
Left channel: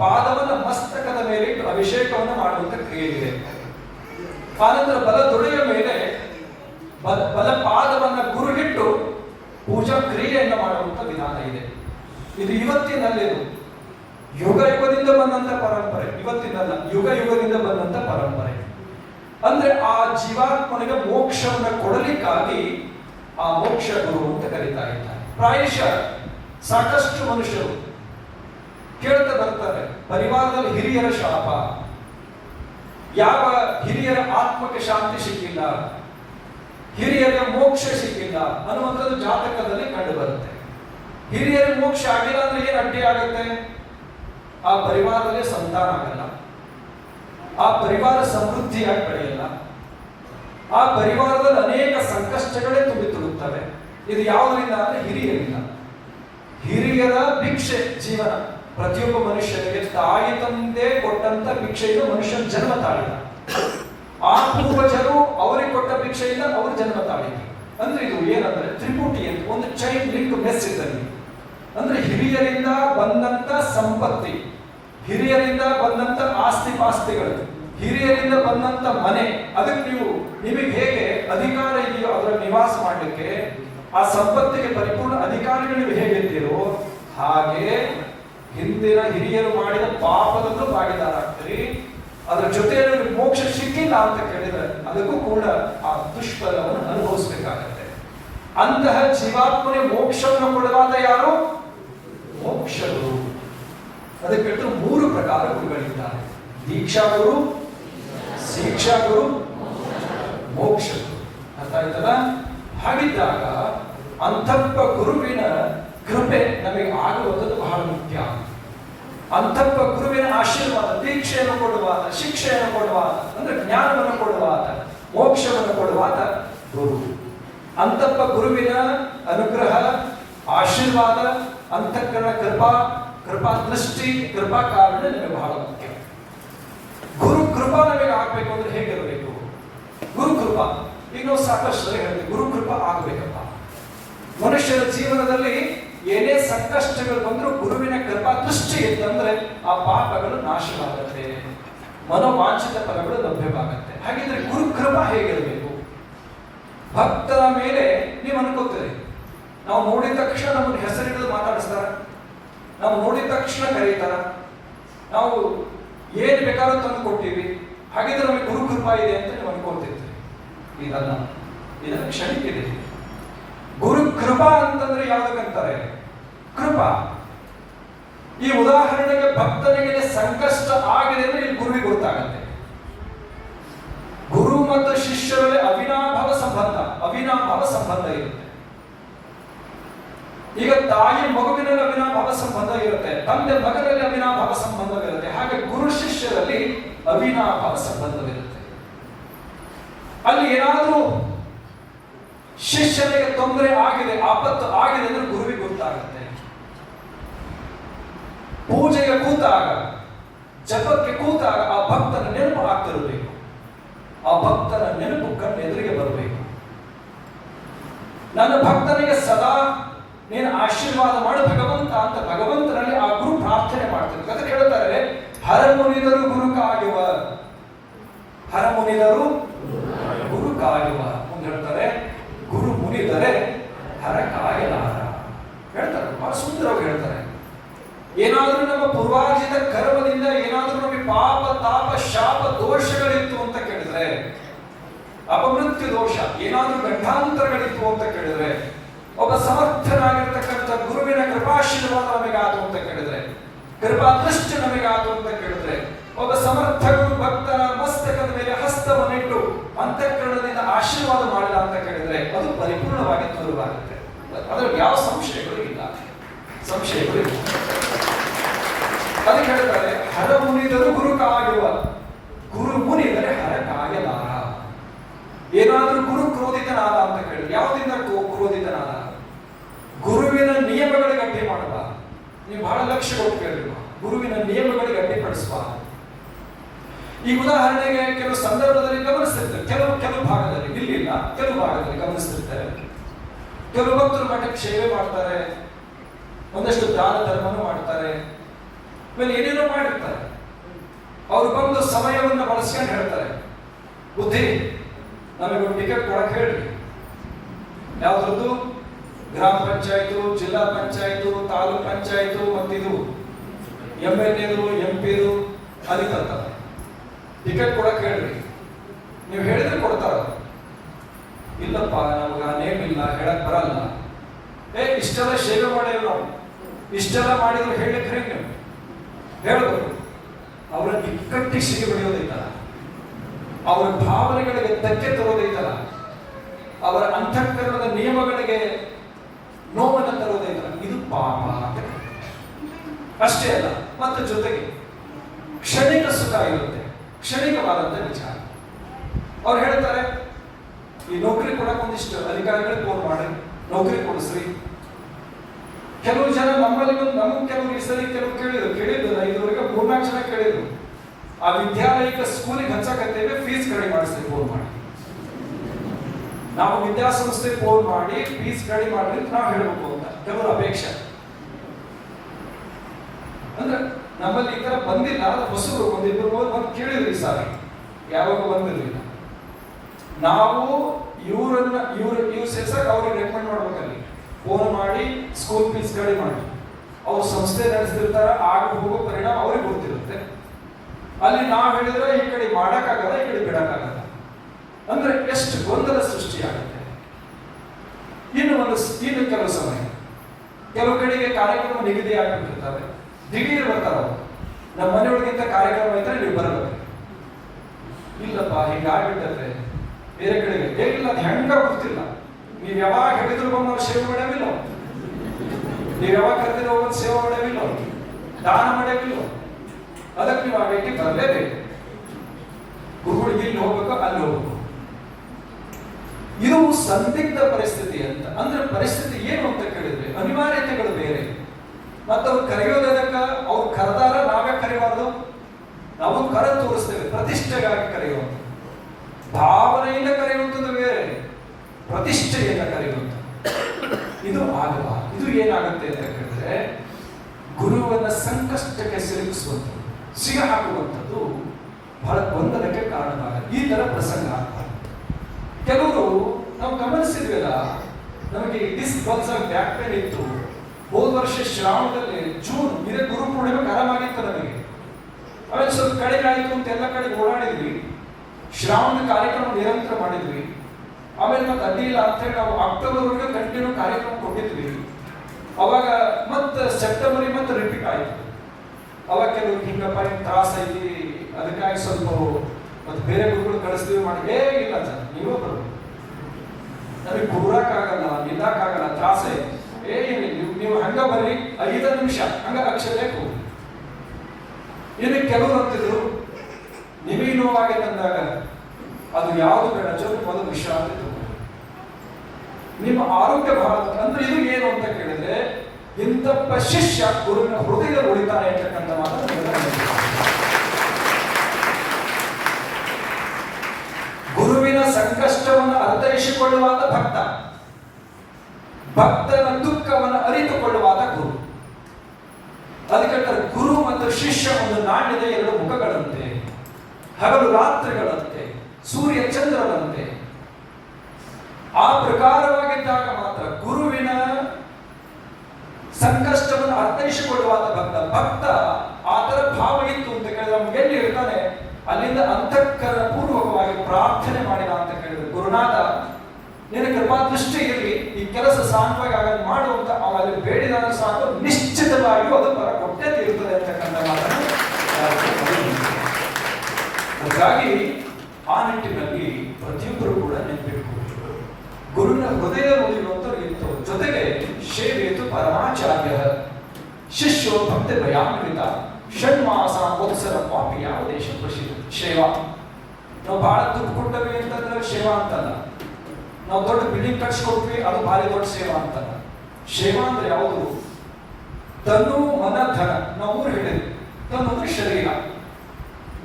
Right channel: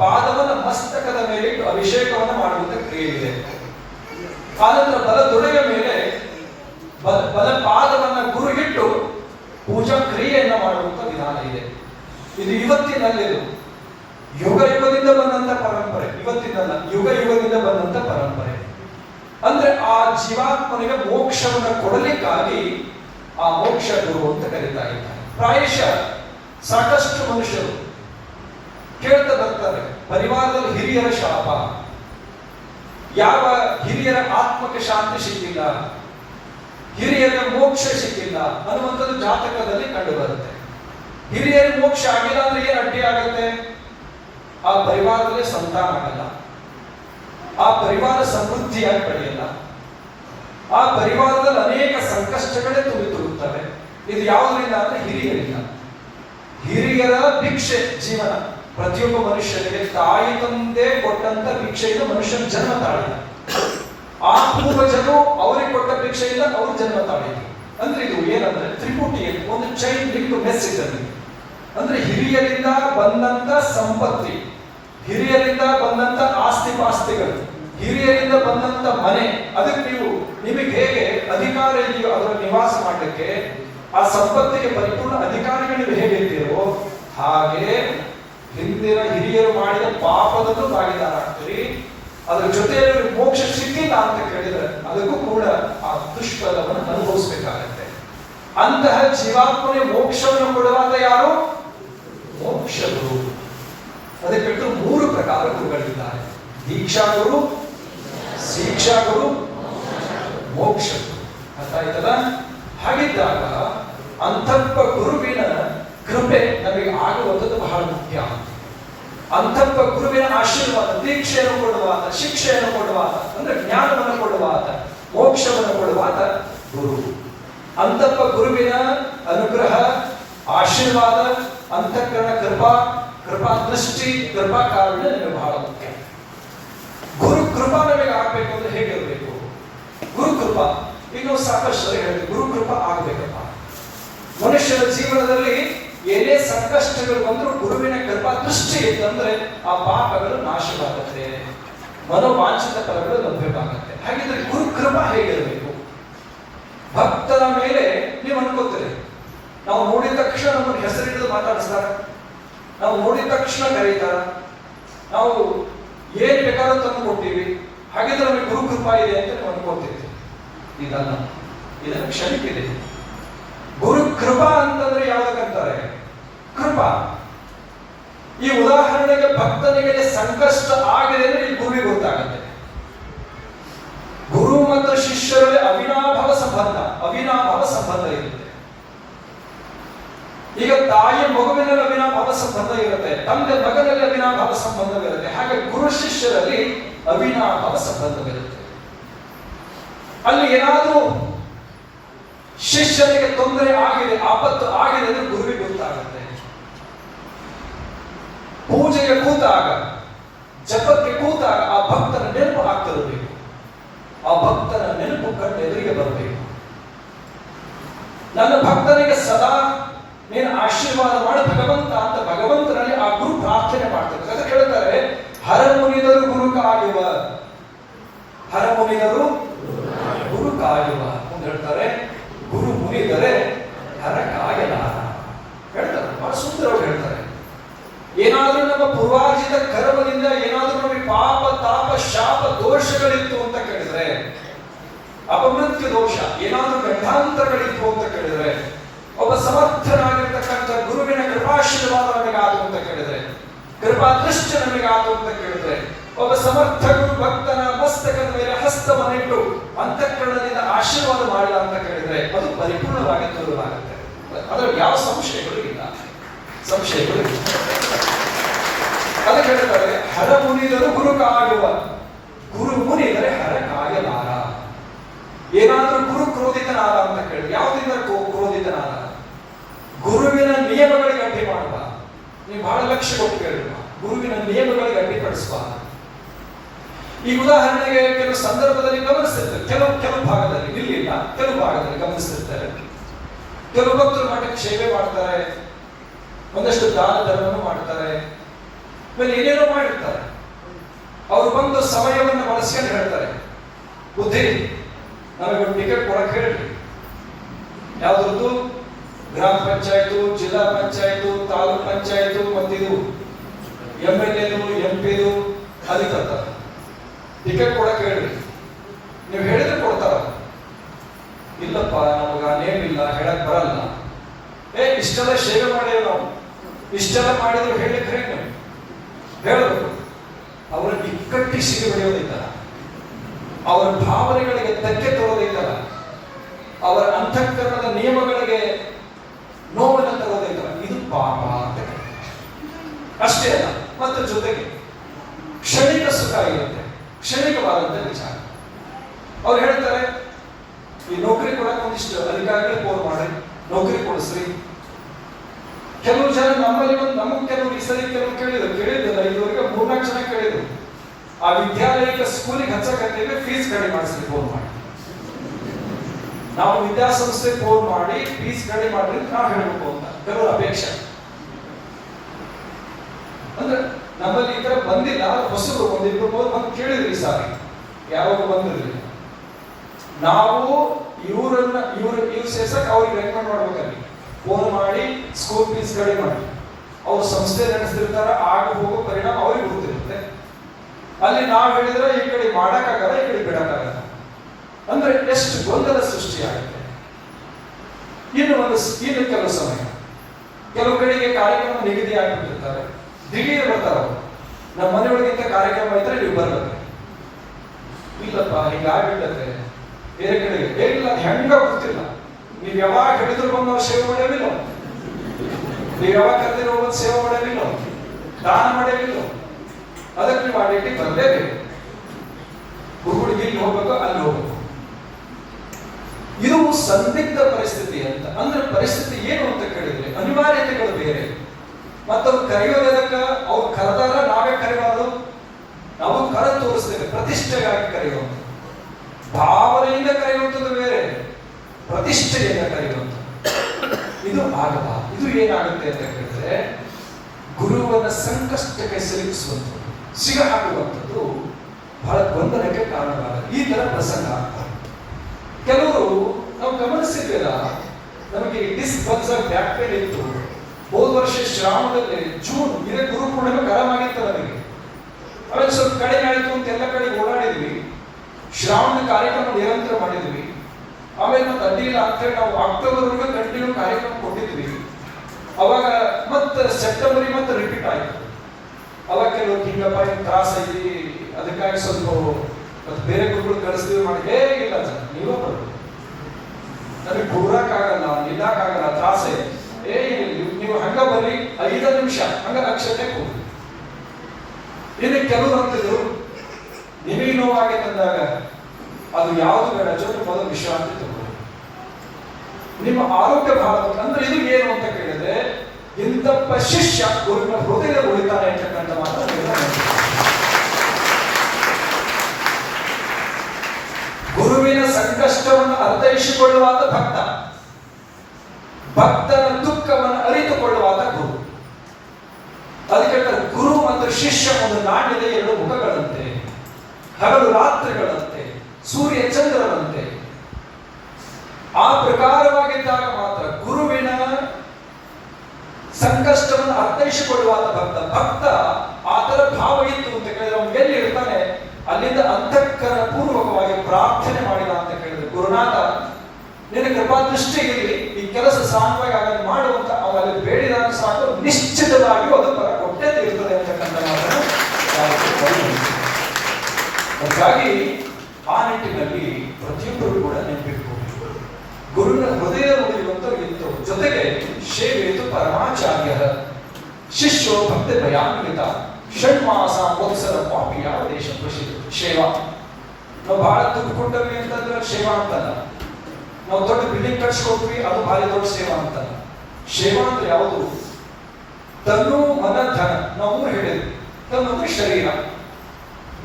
ಪಾದವನ್ನ ಮಸ್ತಕದ ಮೇಲೆ ಇಟ್ಟು ಅಭಿಷೇಕವನ್ನು ಮಾಡುವಂತ ಕ್ರಿಯೆ ಇದೆ. ಆನಂತರ ಬಲದೊಡೆಯ ಮೇಲೆ ಬಲ ಪಾದವನ್ನ ಗುರುಗಿಟ್ಟು ಪೂಜಾ ಕ್ರಿಯೆಯನ್ನ ಮಾಡುವಂತ ವಿಧಾನ ಇದೆ. ಇದು ಇವತ್ತಿನಲ್ಲಿದು ಯುಗ ಯುಗದಿಂದ ಬಂದಂತ ಪರಂಪರೆ, ಇವತ್ತಿನಲ್ಲ ಯುಗ ಯುಗದಿಂದ ಬಂದಂತ ಪರಂಪರೆ. ಅಂದ್ರೆ ಆ ಜೀವಾತ್ಮನಿಗೆ ಮೋಕ್ಷವನ್ನು ಕೊಡಲಿಕ್ಕಾಗಿ ಆ ಮೋಕ್ಷ ಗುರು ಅಂತ ಕರೀತಾ ಇದ್ದಾರೆ. ಪ್ರಾಯಶಃ ಸಾಕಷ್ಟು ಮನುಷ್ಯರು ಕೇಳ್ತಾ ಬರ್ತಾರೆ, ಪರಿವಾರದಲ್ಲಿ ಹಿರಿಯರ ಶಾಪ, ಯಾವ ಹಿರಿಯರ ಆತ್ಮಕ್ಕೆ ಶಾಂತಿ ಸಿಕ್ಕಿಲ್ಲ, ಹಿರಿಯರ ಮೋಕ್ಷ ಸಿಕ್ಕಿಲ್ಲ ಅನ್ನುವಂಥದ್ದು ಜಾತಕದಲ್ಲಿ ಕಂಡು ಬರುತ್ತೆ. ಹಿರಿಯರ ಮೋಕ್ಷ ಆಗಿಲ್ಲ ಅಂದ್ರೆ ಏನು ಅಡ್ಡಿ ಆಗುತ್ತೆ? ಆ ಪರಿವಾರದಲ್ಲಿ ಸಂತಾನ ಆಗಲ್ಲ, ಆ ಪರಿವಾರ ಸಮೃದ್ಧಿಯಾಗಿ ಬೆಳೆಯಲ್ಲ, ಆ ಪರಿವಾರದಲ್ಲಿ ಅನೇಕ ಸಂಕಷ್ಟಗಳೇ ತುಳುತ್ತವೆ. ಇದು ಯಾವುದರಿಂದ ಅಂದ್ರೆ ಹಿರಿಯರಿಂದ. ಹಿರಿಯರ ಭಿಕ್ಷೆ ಜೀವನ. ಪ್ರತಿಯೊಬ್ಬ ಮನುಷ್ಯನಿಗೆ ತಾಯಿ ತಂದೆ ಕೊಟ್ಟಂತ ಭಿಕ್ಷೆಯಿಂದ ಮನುಷ್ಯನ ಜನ್ಮ ತಾಳಿದ. ಆ ಪೂರ್ವಜರು ಅವರಿಗೆ ಕೊಟ್ಟ ಭಿಕ್ಷೆಯಿಂದ ಅವರು ಜನ್ಮ ತಾಳಿದ್ರು. ಅಂದ್ರೆ ಇದು ಏನಂದ್ರೆ ತ್ರಿಪುಟಿ ಅಂತ ಒಂದು ಚೈನ್ ಲಿಂಕ್ ಮೆಸ್ ಇದ್ದಲ್ಲಿ. ಅಂದ್ರೆ ಹಿರಿಯರಿಂದ ಬಂದಂತ ಸಂಪತ್ತಿ, ಹಿರಿಯರಿಂದ ಬಂದಂತ ಆಸ್ತಿ ಪಾಸ್ತಿಗಳು, ಹಿರಿಯರಿಂದ ಬಂದಂತ ಮನೆ, ಅದಕ್ಕೆ ನೀವು ನಿಮಗೆ ಹೇಗೆ ಅಧಿಕಾರ ಇದೆಯೋ ಅದರ ನಿವಾಸ ಮಾಡಲಿಕ್ಕೆ, ಆ ಸಂಪತ್ತಿಗೆ ಪರಿಪೂರ್ಣ ಅಧಿಕಾರಿಗಳು ನೀವು ಹೇಗಿದ್ದೀರೋ ಹಾಗೆ ಹಿಂದಿನ ಹಿರಿಯರು ಮಾಡಿದ ಪಾಪದಲ್ಲೂ ಭಾಗಿದಾರಾಗ್ತೀರಿ. ಅದರ ಜೊತೆಯಲ್ಲಿ ಮೋಕ್ಷ ಸಿಕ್ಕಿಲ್ಲ ಅಂತ ಕೇಳಿದ್ರೆ ಅದಕ್ಕೂ ಕೂಡ ಆ ದುಷ್ಫಲವನ್ನು ಅನುಭವಿಸಬೇಕಾಗತ್ತೆ. ಅಂತಹ ಜೀವಾತ್ಮನೆ ಮೋಕ್ಷವನ್ನು ಕೊಡುವಾದ ಯಾರು? ಮೋಕ್ಷ ಗುರು. ಅದಕ್ಕೆ ಬಿಟ್ಟು 3 ಪ್ರಕಾರ ಗುರುಗಳಿದ್ದಾರೆ: ದೀಕ್ಷಾ ಗುರು, ಶಿಕ್ಷಾ ಗುರು, ಮೋಕ್ಷ ಗುರು. ಅರ್ಥ ಆಯ್ತಲ್ಲ? ಹಾಗಿದ್ದಾಗ ಅಂತರ್ಪ ಗುರುವಿನ ಕೃಪೆ ನಮಗೆ ಆಗುವಂಥದ್ದು ಬಹಳ ಮುಖ್ಯ. ಅಂತರ್ಪ ಗುರುವಿನ ಆಶೀರ್ವಾದ, ದೀಕ್ಷೆಯನ್ನು ಕೊಡುವಾತ, ಶಿಕ್ಷೆಯನ್ನು ಕೊಡುವಾತ, ಅಂದ್ರೆ ಜ್ಞಾನವನ್ನು ಕೊಡುವಾತ, ಮೋಕ್ಷವನ್ನು ಕೊಡುವಾತ ಗುರು. ಅಂತರ್ಪ ಗುರುವಿನ ಅನುಗ್ರಹ, ಆಶೀರ್ವಾದ, ಅಂತಃಕರಣ ಕೃಪಾ ದೃಷ್ಟಿ, ಕೃಪಾ ಕಾರಣ ನಮಗೆ ಬಹಳ ಮುಖ್ಯ. ಗುರು ಕೃಪಾ ನಮಗೆ ಆಗಬೇಕು ಅಂದ್ರೆ ಹೇಗಿರಬೇಕು? ಗುರು ಕೃಪಾ ಈಗ ನಾವು ಸಾಕಷ್ಟು ಹೇಳಿದೆ, ಗುರು ಕೃಪಾ ಆಗಬೇಕಪ್ಪ. ಮನುಷ್ಯರ ಜೀವನದಲ್ಲಿ ಏನೇ ಸಂಕಷ್ಟಗಳು ಬಂದರೂ ಗುರುವಿನ ಕೃಪಾ ದೃಷ್ಟಿ ಇತ್ತಂದ್ರೆ ಆ ಪಾಪಗಳು ನಾಶವಾಗುತ್ತೆ, ಮನೋವಾಂಛಿತ ಫಲಗಳು ಲಭ್ಯವಾಗುತ್ತೆ. ಹಾಗಿದ್ರೆ ಗುರು ಕೃಪಾ ಹೇಗಿರಬೇಕು? ಭಕ್ತರ ಮೇಲೆ ನೀವು ಅನ್ಕೋತೀರಿ, ನಾವು ನೋಡಿದ ತಕ್ಷಣ ನಮ್ಮನ್ನು ಹೆಸರಿಡಿದು ಮಾತಾಡಿಸ್ತಾರ, ನಾವು ನೋಡಿದ ತಕ್ಷಣ ಕರೀತಾರ, ನಾವು ಏನ್ ಬೇಕಾದ್ರೂ ತಂದು ಕೊಟ್ಟಿವಿ, ಹಾಗಿದ್ರೆ ನಮಗೆ ಗುರು ಕೃಪಾ ಇದೆ ಅಂತ ನೀವು ಅನ್ಕೋತೀರಿ. ಇದನ್ನು ಕ್ಷಣಿಕಿದೆ. ಗುರು ಕೃಪಾ ಅಂತಂದ್ರೆ ಯಾವುದಕ್ಕಂತಾರೆ? ಕೃಪಾ. ಈ ಉದಾಹರಣೆಗೆ ಭಕ್ತನಿಗೆ ಸಂಕಷ್ಟ ಆಗಿದೆ ಅಂದ್ರೆ ಈ ಗುರುವಿಗೆ ಗೊತ್ತಾಗುತ್ತೆ. ಗುರು ಮತ್ತು ಶಿಷ್ಯರಲ್ಲಿ ಅವಿನಾಭಾವ ಸಂಬಂಧ ಇರುತ್ತೆ. ಈಗ ತಾಯಿ ಮಗುವಿನಲ್ಲಿ ಅವಿನಾಭಾವ ಸಂಬಂಧ ಇರುತ್ತೆ, ತಂದೆ ಮಗನಲ್ಲಿ ಅವಿನಾಭಾವ ಸಂಬಂಧವಿರುತ್ತೆ. ಹಾಗೆ ಗುರು ಶಿಷ್ಯರಲ್ಲಿ ಅವಿನಾಭಾವ ಸಂಬಂಧವಿರುತ್ತೆ. ಅಲ್ಲಿ ಏನಾದರೂ ಶಿಷ್ಯನಿಗೆ ತೊಂದರೆ ಆಗಿದೆ, ಆಪತ್ತು ಆಗಿದೆ ಅಂದ್ರೆ ಗುರುವಿಗೆ ಗೊತ್ತಾಗುತ್ತೆ. ಪೂಜೆಗೆ ಕೂತಾಗ, ಜಪಕ್ಕೆ ಕೂತಾಗ ಆ ಭಕ್ತನ ನೆನಪು ಆಗ್ತಿರಬೇಕು. ಆ ಭಕ್ತನ ನೆನಪು ಎದುರಿಗೆ ಬರಬೇಕು. ನನ್ನ ಭಕ್ತನಿಗೆ ಸದಾ ನೀನು ಆಶೀರ್ವಾದ ಮಾಡು ಭಗವಂತ ಅಂತ ಭಗವಂತನಲ್ಲಿ ಆ ಗುರು ಪ್ರಾರ್ಥನೆ ಮಾಡ್ತಾರೆ. ಅದಕ್ಕೆ ಹೇಳ್ತಾರೆ, ಹರಮುನಿದರು ಗುರು ಕಾಯುವ, ಹರಮುನಿದರು ಗುರು ಕಾಯುವ ಅಂತ ಹೇಳ್ತಾರೆ. ಗುರು ಮುನಿದರೆ ಹರ ಕಾಯಲಾರ ಹೇಳ್ತಾರೆ. ಬಹಳ ಸುಂದರವಾಗಿ ಹೇಳ್ತಾರೆ. ಏನಾದ್ರೂ ನಮ್ಮ ಪೂರ್ವಾರ್ಜಿತ ಕರ್ಮದಿಂದ ಏನಾದ್ರೂ ನಮಗೆ ಪಾಪ ತಾಪ ಶಾಪ ದೋಷಗಳಿತ್ತು ಅಂತ ಕೇಳಿದ್ರೆ, ಅಪಮೃತ್ಯು ದೋಷ ಏನಾದ್ರೂ ಗಂಡಾಂತರಗಳಿತ್ತು ಅಂತ ಕೇಳಿದ್ರೆ, ಒಬ್ಬ ಸಮರ್ಥನಾಗಿರ್ತಕ್ಕಂಥ ಗುರುವಿನ ಕೃಪಾಶೀರ್ವಾದ ನಮಗೆ ಆತು ಅಂತ ಕೇಳಿದ್ರೆ, ಕೃಪಾ ದೃಷ್ಟಿ ನಮಗೆ ಆತು ಅಂತ ಕೇಳಿದ್ರೆ, ಒಬ್ಬ ಸಮರ್ಥ ಗುರು ಭಕ್ತನ ಮಸ್ತಕದ ಮೇಲೆ ಹಸ್ತವನ್ನಿಟ್ಟು ಅಂತಃಕರಣದಿಂದ ಆಶೀರ್ವಾದ ಮಾಡಿದ ಅಂತ ಕೇಳಿದ್ರೆ ಅದು ಪರಿಪೂರ್ಣವಾಗಿ ದೂರವಾಗುತ್ತೆ. ಅದರಲ್ಲಿ ಯಾವ ಸಂಶಯಗಳು ಇಲ್ಲ. ಅದಕ್ಕೆ ಹೇಳ್ತಾರೆ, ಹರ ಮುನಿದರು ಗುರು ಕಾಯುವ, ಗುರು ಮುನಿದರೆ ಹರ ಕಾಯಲಾರ. ಏನಾದ್ರೂ ಗುರು ಕ್ರೋಧಿತನಾದ ಅಂತ ಕೇಳಿದ್ರೆ, ಯಾವುದರಿಂದ ಕೋಪ? ನೀವು ಬಹಳ ಲಕ್ಷ್ಯ ಕೊಟ್ಟು ಕೇಳಿ. ಗುರುವಿನ ನಿಯಮಗಳಿಗೆ ಅಡ್ಡಿಪಡಿಸಬಾರದು. ಈ ಉದಾಹರಣೆಗೆ ಕೆಲವು ಸಂದರ್ಭದಲ್ಲಿ ಗಮನಿಸ್ತಿರ್ತಾರೆ, ಕೆಲವು ಭಾಗದಲ್ಲಿ ಇಲ್ಲಿಲ್ಲ, ಕೆಲವು ಭಾಗದಲ್ಲಿ ಗಮನಿಸ್ತಿರ್ತಾರೆ. ಕೆಲವು ಭಕ್ತರು ಮಠಕ್ಕೆ ಸೇವೆ ಮಾಡ್ತಾರೆ, ಒಂದಷ್ಟು ದಾನ ಧರ್ಮವನ್ನು ಮಾಡ್ತಾರೆ, ಆಮೇಲೆ ಏನೇನೋ ಮಾಡಿರ್ತಾರೆ. ಅವ್ರು ಬಂದು ಸಮಯವನ್ನು ಬಳಸ್ಕೊಂಡು ಹೇಳ್ತಾರೆ, ಬುದ್ಧಿ ನಮಗೊಂದು ಟಿಕೆಟ್ ಕೊಡಕ್ಕೆ ಹೇಳ್ರಿ. ಯಾವ್ದ್ರದ್ದು? ಗ್ರಾಮ ಪಂಚಾಯತು, ಜಿಲ್ಲಾ ಪಂಚಾಯತು, ತಾಲೂಕ್ ಪಂಚಾಯತು, ಮತ್ತಿದು MLA MP ಅಧಿಕರ್ತ ಟಿಕೆಟ್ ಕೊಡಕ್ಕೆ ಹೇಳ್ರಿ. ನೀವು ಹೇಳಿದ್ರೆ ಕೊಡ್ತಾರ. ಇಲ್ಲಪ್ಪ ನಮಗ ನೇಮ್ ಇಲ್ಲ, ಹೇಳಕ್ ಬರಲ್ಲ. ಇಷ್ಟೆಲ್ಲ ಸೇವೆ ಮಾಡಿದ್ರೆ ನಾವು ಇಷ್ಟೆಲ್ಲ ಮಾಡಿದ್ರು ಹೇಳಿಕ್ ಹೇಗೆ ಹೇಳಬೇಕು? ಅವರ ಇಕ್ಕಟ್ಟಿ ಸಿಗಿ ಬೆಳೆಯೋದೈತಲ್ಲ, ಅವರ ಭಾವನೆಗಳಿಗೆ ಧಕ್ಕೆ ತರೋದೈತಲ್ಲ, ಅವರ ಅಂತಃಕರಣದ ನಿಯಮಗಳಿಗೆ ನೋವನ್ನು ತರೋದೈತಲ್ಲ, ಇದು ಪಾಪ ಅಂತ. ಅಷ್ಟೇ ಅಲ್ಲ, ಮತ್ತೆ ಜೊತೆಗೆ ಕ್ಷಣಿಕ ಸುಖ ಇರುತ್ತೆ, ಕ್ಷಣಿಕವಾದಂತ ವಿಚಾರ. ಅವ್ರು ಹೇಳ್ತಾರೆ, ಈ ನೌಕರಿ ಕೊಡಕ್ಕೆ ಒಂದಿಷ್ಟು ಅಧಿಕಾರಿಗಳಿಗೆ ಫೋನ್ ಮಾಡಿ ನೌಕರಿ ಕೊಡಿಸ್ರಿ. ಕೆಲವು ಜನ ನಮ್ಮಲ್ಲಿ ಬಂದು ನಮಗೆ ಕೆಲವು ಈ ಸರಿ ಕೆಲವು ಕೇಳಿದ್ರು ಇದುವರೆಗೆ 3-4 ಜನ ಕೇಳಿದ್ರು, ಆ ವಿದ್ಯಾಲಯಕ್ಕೆ ಸ್ಕೂಲಿಗೆ ಹಚ್ಚಕತ್ತೇವೆ, ಫೀಸ್ ಕಡಿಮೆ ಮಾಡಿಸ್ರಿ ಫೋನ್ ಮಾಡಿ. ನಾವು ವಿದ್ಯಾಸಂಸ್ಥೆಗೆ ಫೋನ್ ಮಾಡಿ ಫೀಸ್ ಕಡಿಮೆ ಮಾಡ್ರಿ ನಾವು ಹೇಳಬೇಕು ಅಂತ ಕೆಲವರು ಅಪೇಕ್ಷೆ. ಅಂದ್ರೆ ನಮ್ಮಲ್ಲಿ ಈ ತರ ಬಂದಿಲ್ಲ, ಹೊಸರು ಒಂದಿಬ್ರು ಬಂದು ಕೇಳಿದ್ರಿ ಸಾರಿ, ಯಾವಾಗ ಬಂದಿರಲಿಲ್ಲ. ನಾವು ಇವ್ರ ಸೇರ್ಸಕ್ ಅವ್ರಿಗೆ ರೆಕಮೆಂಡ್ ಮಾಡ್ಬೇಕಲ್ಲಿ, ಫೋನ್ ಮಾಡಿ ಸ್ಕೂಲ್ ಫೀಸ್ ಕಡಿಮೆ ಮಾಡಿ. ಅವ್ರು ಸಂಸ್ಥೆ ನಡೆಸ್ತಿರ್ತಾರ, ಆಗ ಹೋಗೋ ಪರಿಣಾಮ ಅವ್ರಿಗೆ ಗೊತ್ತಿರುತ್ತೆ. ಅಲ್ಲಿ ನಾವು ಹೇಳಿದ್ರೆ ಈ ಕಡೆ ಮಾಡಕ್ಕಾಗಲ್ಲ, ಈ ಕಡೆ ಬಿಡಕ್ಕಾಗಲ್ಲ. ಅಂದ್ರೆ ಎಷ್ಟು ಗೊಂದಲ ಸೃಷ್ಟಿಯಾಗುತ್ತೆ. ಇನ್ನು ಕೆಲವು ಸಮಯ ಕೆಲವು ಕಡೆಗೆ ಕಾರ್ಯಕ್ರಮ ನಿಗದಿ ಆಗಿಬಿಟ್ಟಿರ್ತಾರೆ, ದಿಢೀರ್ ಬರ್ತಾರ ಅವರು, ನಮ್ಮ ಮನೆಯೊಳಗಿಂತ ಕಾರ್ಯಕ್ರಮ ಇದ್ರೆ ನೀವು ಬರ್ಬೇಕು. ಇಲ್ಲಪ್ಪ ಹಿಂಗಾಗ್ಬಿಟ್ಟತೆ, ಬೇರೆ ಕಡೆಗೆ ಹೇಗಿಲ್ಲ, ಅದು ಹೆಂಗ ಗೊತ್ತಿಲ್ಲ. ನೀವು ಯಾವಾಗ ಹೇಳಿದ್ರು ಬಂದು ನಾವು ಸೇವೆ ಮಾಡೋದಿಲ್ಲ, ನೀವು ಯಾವಾಗ ಕರೆದಿರೋ ಬಂದು ಸೇವೆ ಮಾಡೋದಿಲ್ಲ, ದಾನ ಮಾಡೋದಿಲ್ಲ. ಅದಕ್ಕೆ ನೀವು ಆ ಡೇಟಿಗೆ ಬರಲೇಬೇಕು. ಗುರುಗಳಿಗೆ ಇಲ್ಲಿ ಹೋಗ್ಬೇಕು, ಅಲ್ಲಿ ಹೋಗ್ಬೇಕು. ಇದು ಸಂದಿಗ್ಧ ಪರಿಸ್ಥಿತಿ ಅಂತ. ಅಂದ್ರೆ ಪರಿಸ್ಥಿತಿ ಏನು ಅಂತ ಕೇಳಿದ್ರೆ ಅನಿವಾರ್ಯತೆಗಳು ಬೇರೆ. ಮತ್ತವ್ರು ಕರೆಯೋದಕ್ಕ ಅವ್ರು ಕರೆದಾಗ ನಾವೇ ಕರೆಯೋದು, ನಾವು ಕರ ತೋರಿಸ್ತೇವೆ, ಪ್ರತಿಷ್ಠೆಗಾಗಿ ಕರೆಯುವಂಥದ್ದು. ಭಾವನೆಯಿಂದ ಕರೆಯುವಂಥದ್ದು ಬೇರೆ, ಪ್ರತಿಷ್ಠೆಯಿಂದ ಕರೆಯುವಂಥದ್ದು. ಇದು ಆಗಲ್ಲ. ಇದು ಏನಾಗುತ್ತೆ ಅಂತ ಕೇಳಿದ್ರೆ ಗುರುವನ್ನ ಸಂಕಷ್ಟಕ್ಕೆ ಸಿಲುಕಿಸುವಂಥದ್ದು, ಸಿಗ ಹಾಕುವಂಥದ್ದು ಬಹಳ ಗೊಂದಲಕ್ಕೆ ಕಾರಣವಾಗುತ್ತೆ. ಈ ತರ ಪ್ರಸಂಗ ಆಗ್ತದೆ. ಕೆಲವರು ನಾವು ಗಮನಿಸಿದ್ರಲ್ಲ, ನಮಗೆ ಡಿಸ್ಬಲ್ಸರ್ ಬ್ಯಾಕ್ ಪೇನ್ ಇತ್ತು. ಹೋದ ವರ್ಷ ಶ್ರಾವಣದಲ್ಲಿ ಜೂನ್ ಇದೇ ಗುರುಪೂರ್ಣಿಮೆ ಆರಾಮಾಗಿತ್ತು ನಮಗೆ. ಆಮೇಲೆ ಸ್ವಲ್ಪ ಕಡಿಮೆ ಆಯಿತು ಅಂತ ಎಲ್ಲ ಕಡೆ ಓಡಾಡಿದ್ವಿ. ಶ್ರಾವಣದ ಕಾರ್ಯಕ್ರಮ ನಿರಂತರ ಮಾಡಿದ್ವಿ. ಆಮೇಲೆ ಮತ್ತೆ ಅಡ್ಡಿಲ್ಲ ಅಂತೇಳಿ ನಾವು ಅಕ್ಟೋಬರ್ವರೆಗೆ ಕಂಟಿನ್ಯೂ ಕಾರ್ಯಕ್ರಮ ಕೊಟ್ಟಿದ್ವಿ. ಅವಾಗ ಮತ್ತೆ ಸೆಪ್ಟೆಂಬರ್ಗೆ ಮತ್ತೆ ರಿಪೀಟ್ ಆಯಿತು. ಅವಾಗ ಕೆಲವರು ಹಿಂಗಪ್ಪ ಹಿಂಗೆ ತ್ರಾಸ ಐತಿ, ಅದಕ್ಕಾಗಿ ಸ್ವಲ್ಪ ಮತ್ತೆ ಬೇರೆ ಗುರುಗಳು ಕಳಿಸ್ತೀವಿ ಮಾಡಿ. ಹೇಗಿಲ್ಲ ಸರ್, ನೀವೂ ಬರೋದು, ನಮಗೆ ಕೂರಕ್ಕಾಗಲ್ಲ, ನಿಲ್ಲಕ್ಕಾಗಲ್ಲ, ತ್ರಾಸ ನೀವು ಹಂಗ ಬರ್ರಿ, 5 ನಿಮಿಷ ಹಂಗ ಅಕ್ಷತೆ ಕೂಡಿ. ಇನ್ನು ಕೆಲವರು ಅಂತಿದ್ರು, ನಿಮಗೆ ನೋವಾಗಿದೆ ಅಂದಾಗ ಅದು ಯಾವುದು ಬೇಡ, ಜೊತೆ ಮೊದಲು ವಿಶ್ರಾಂತಿ ತಗೊಳ್ಳಿ, ನಿಮ್ಮ ಆರೋಗ್ಯ ಬಹಳ. ಅಂದ್ರೆ ಇದು ಏನು ಅಂತ ಕೇಳಿದ್ರೆ, ಇಂತಪ್ಪ ಶಿಷ್ಯ ಗುರುವಿನ ಹೃದಯ ಉಳಿತಾನೆ ಅಂತಕ್ಕಂಥ ಮಾತ್ರ. ಗುರುವಿನ ಸಂಕಷ್ಟವನ್ನು ಅರ್ಥೈಸಿಕೊಳ್ಳುವಾತ ಭಕ್ತ, ಭಕ್ತನ ದುಃಖವನ್ನು ಅರಿತುಕೊಳ್ಳುವಾತ ಗುರು. ಅದಕ್ಕೆ ಗುರು ಮತ್ತು ಶಿಷ್ಯ ಒಂದು ನಾಣ್ಯದ 2 ಮುಖಗಳಂತೆ, ಹಗಲು ರಾತ್ರಿಗಳಂತೆ, ಸೂರ್ಯ ಚಂದ್ರರಂತೆ. ಆ ಪ್ರಕಾರವಾಗಿದ್ದಾಗ ಮಾತ್ರ ಗುರುವಿನ ಸಂಕಷ್ಟವನ್ನು ಅರ್ಥೈಸಿಕೊಳ್ಳುವಾತ ಭಕ್ತ ಆ ತರ ಭಾವ ಇತ್ತು ಅಂತ ಕೇಳಿದ್ರೆ ಅವನು ಎಲ್ಲಿ ಇರ್ತಾನೆ, ಅಲ್ಲಿಂದ ಅಂತಃಕರಣ ಪೂರ್ವಕವಾಗಿ ಪ್ರಾರ್ಥನೆ ಮಾಡಿದ ಅಂತ ಕೇಳಿದ್ರು, ಗುರುನಾಥ ನಿನ್ನ ಕೃಪಾ ದೃಷ್ಟಿ ಇರಲಿ, ಈ ಕೆಲಸ ಸಾಂಗವಾಗಿ ಅದನ್ನು ಮಾಡುವಂತ ಅವಲ್ಲಿ ಬೇಡಿದಾಗ ಸಾಕು, ನಿಶ್ಚಿತವಾಗಿಯೂ ಅದು ಬರ ಕೊಟ್ಟೇ ತೀರ್ತದೆ ಅಂತಕ್ಕಂಥ ಮಾತನ್ನು. ಹಾಗಾಗಿ ಆ ನಿಟ್ಟಿನಲ್ಲಿ ಪ್ರತಿಯೊಬ್ಬರು ಕೂಡ ನೆನಪಿಟ್ಕೊಂಡು ಗುರುವಿನ ಹೃದಯ ಉಳಿಯುವಂತ ಇತ್ತು. ಜೊತೆಗೆ ಸೇವೆಯಿತು ಪರಮಾಚಾರ್ಯ ಶಿಷ್ಯೋ ಭಕ್ತಿ ಭಯಾನ್ವಿತ ಷಣ್ಮಾಸ ಮೋತ್ಸರ ಪಾಪಿ ಯಾವ ದೇಶ ಪ್ರಸಿದ್ಧ ಸೇವಾ. ನಾವು ಬಹಳ ದುಡ್ಡು ಕೊಟ್ಟವಿ ಅಂತಂದ್ರೆ ಸೇವಾ ಅಂತಲ್ಲ, ನಾವು ದೊಡ್ಡ ಬಿಲ್ಡಿಂಗ್ ಕಟ್ಸ್ಕೊಟ್ವಿ ಅದು ಭಾರಿ ದೊಡ್ಡ ಸೇವಾ ಅಂತಲ್ಲ. ಸೇವಾ ಅಂದ್ರೆ ಯಾವುದು? ತನು ಮನ ಧನ ನಾವು ಹೇಳಿದ್ವಿ. ತನು ಅಂದ್ರೆ ಶರೀರ.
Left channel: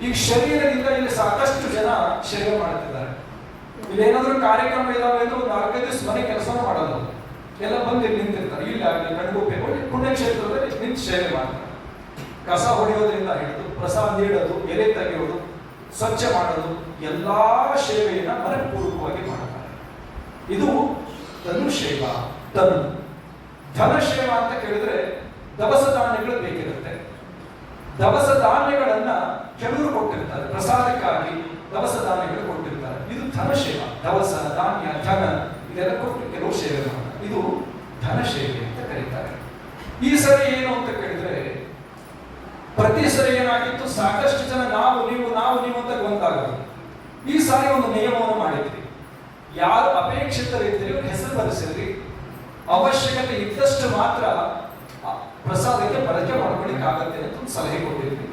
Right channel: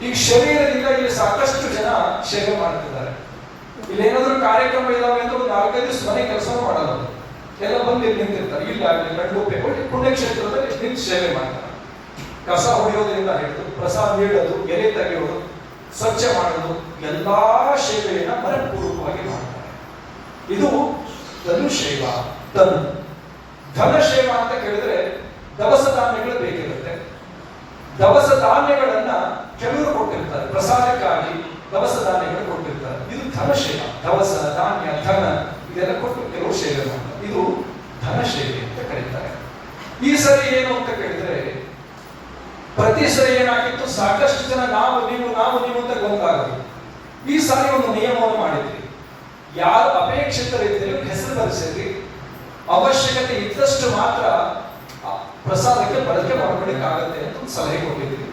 ಈಗ ಶರೀರದಿಂದ ಇಲ್ಲಿ ಸಾಕಷ್ಟು ಜನ ಸೇವೆ ಮಾಡ್ತಿದ್ದಾರೆ. ಇಲ್ಲಿ ಏನಾದ್ರೂ ಕಾರ್ಯಕ್ರಮ ಇದಾವೆ ಅಂತ ಒಂದು 4-5 ದಿವಸ ಮನೆ ಕೆಲಸ ಮಾಡಲ್ಲ, ಎಲ್ಲ ಬಂದು ಇಲ್ಲಿ ನಿಂತಿರ್ತಾರೆ. ಇಲ್ಲಿ ಆಗಲಿ ನಡುಗುಪ್ಪೆ ಪುಣ್ಯಕ್ಷೇತ್ರದಲ್ಲಿ ನಿಂತು ಸೇವೆ ಮಾಡ್ತಾರೆ. ಕಸ ಹೊಡೆಯೋದ್ರಿಂದ ಹಿಡಿದು ಪ್ರಸಾದ ನೀಡೋದು, ಎಲೆ ತೆಗೆಯೋದು, ಸ್ವಚ್ಛ ಮಾಡೋದು, ಎಲ್ಲಾ ಸೇವೆಯನ್ನ ಮನಪೂರ್ವಕವಾಗಿ ಮಾಡ್ತಾರೆ. ಇದು ತನು ಸೇವಾ. ತನು ಧನ ಸೇವಾ ಅಂತ ಕೇಳಿದ್ರೆ ದವಸ ಧಾನ್ಯಗಳು ಬೇಕಿರುತ್ತೆ. ದವಸ ಧಾನ್ಯಗಳನ್ನ ಕೆಲವರು ಕೊಟ್ಟಿರ್ತಾರೆ, ಪ್ರಸಾದಕ್ಕಾಗಿ ದವಸ ಧಾನ್ಯಗಳು ಕೊಟ್ಟಿರ್ತಾರೆ. ಇದು ಧನ ಸೇವಾ. ದವಸ ಧಾನ್ಯ ಧನ ಇದೆಲ್ಲ ಕೊಟ್ಟು ಕೆಲವು ಸೇವೆ ಮಾಡ್ತಾರೆ. ಇದು ಧನ ಸೇವೆ ಅಂತ ಕರೀತಾರೆ. ಈ ಸರಿ ಏನು ಅಂತ ಕೇಳಿದ್ರೆ, ಪ್ರತಿ ಸರಿ ಏನಾಗಿತ್ತು, ಸಾಕಷ್ಟು ಜನ ನಾವು ನೀವು ಅಂತ ಗೊಂದಲಾಗೋದು. ಈ ಸಾರಿ ಒಂದು ನಿಯಮವನ್ನು ಮಾಡಿದ್ರಿ. ಯಾರು ಅಪೇಕ್ಷಿತರಿದ್ದರೆ ಹೆಸರು ಬರೆಸಿದ್ರಿ. ಅವಶ್ಯಕತೆ ಇದ್ದಷ್ಟು ಮಾತ್ರ ಪ್ರಸಾದಕ್ಕೆ ಬಳಕೆ ಮಾಡ್ಕೊಳ್ಳಿಕ್ಕಾಗತ್ತೆ ಅಂತ ಒಂದು ಸಲಹೆ ಕೊಟ್ಟಿದ್ವಿ.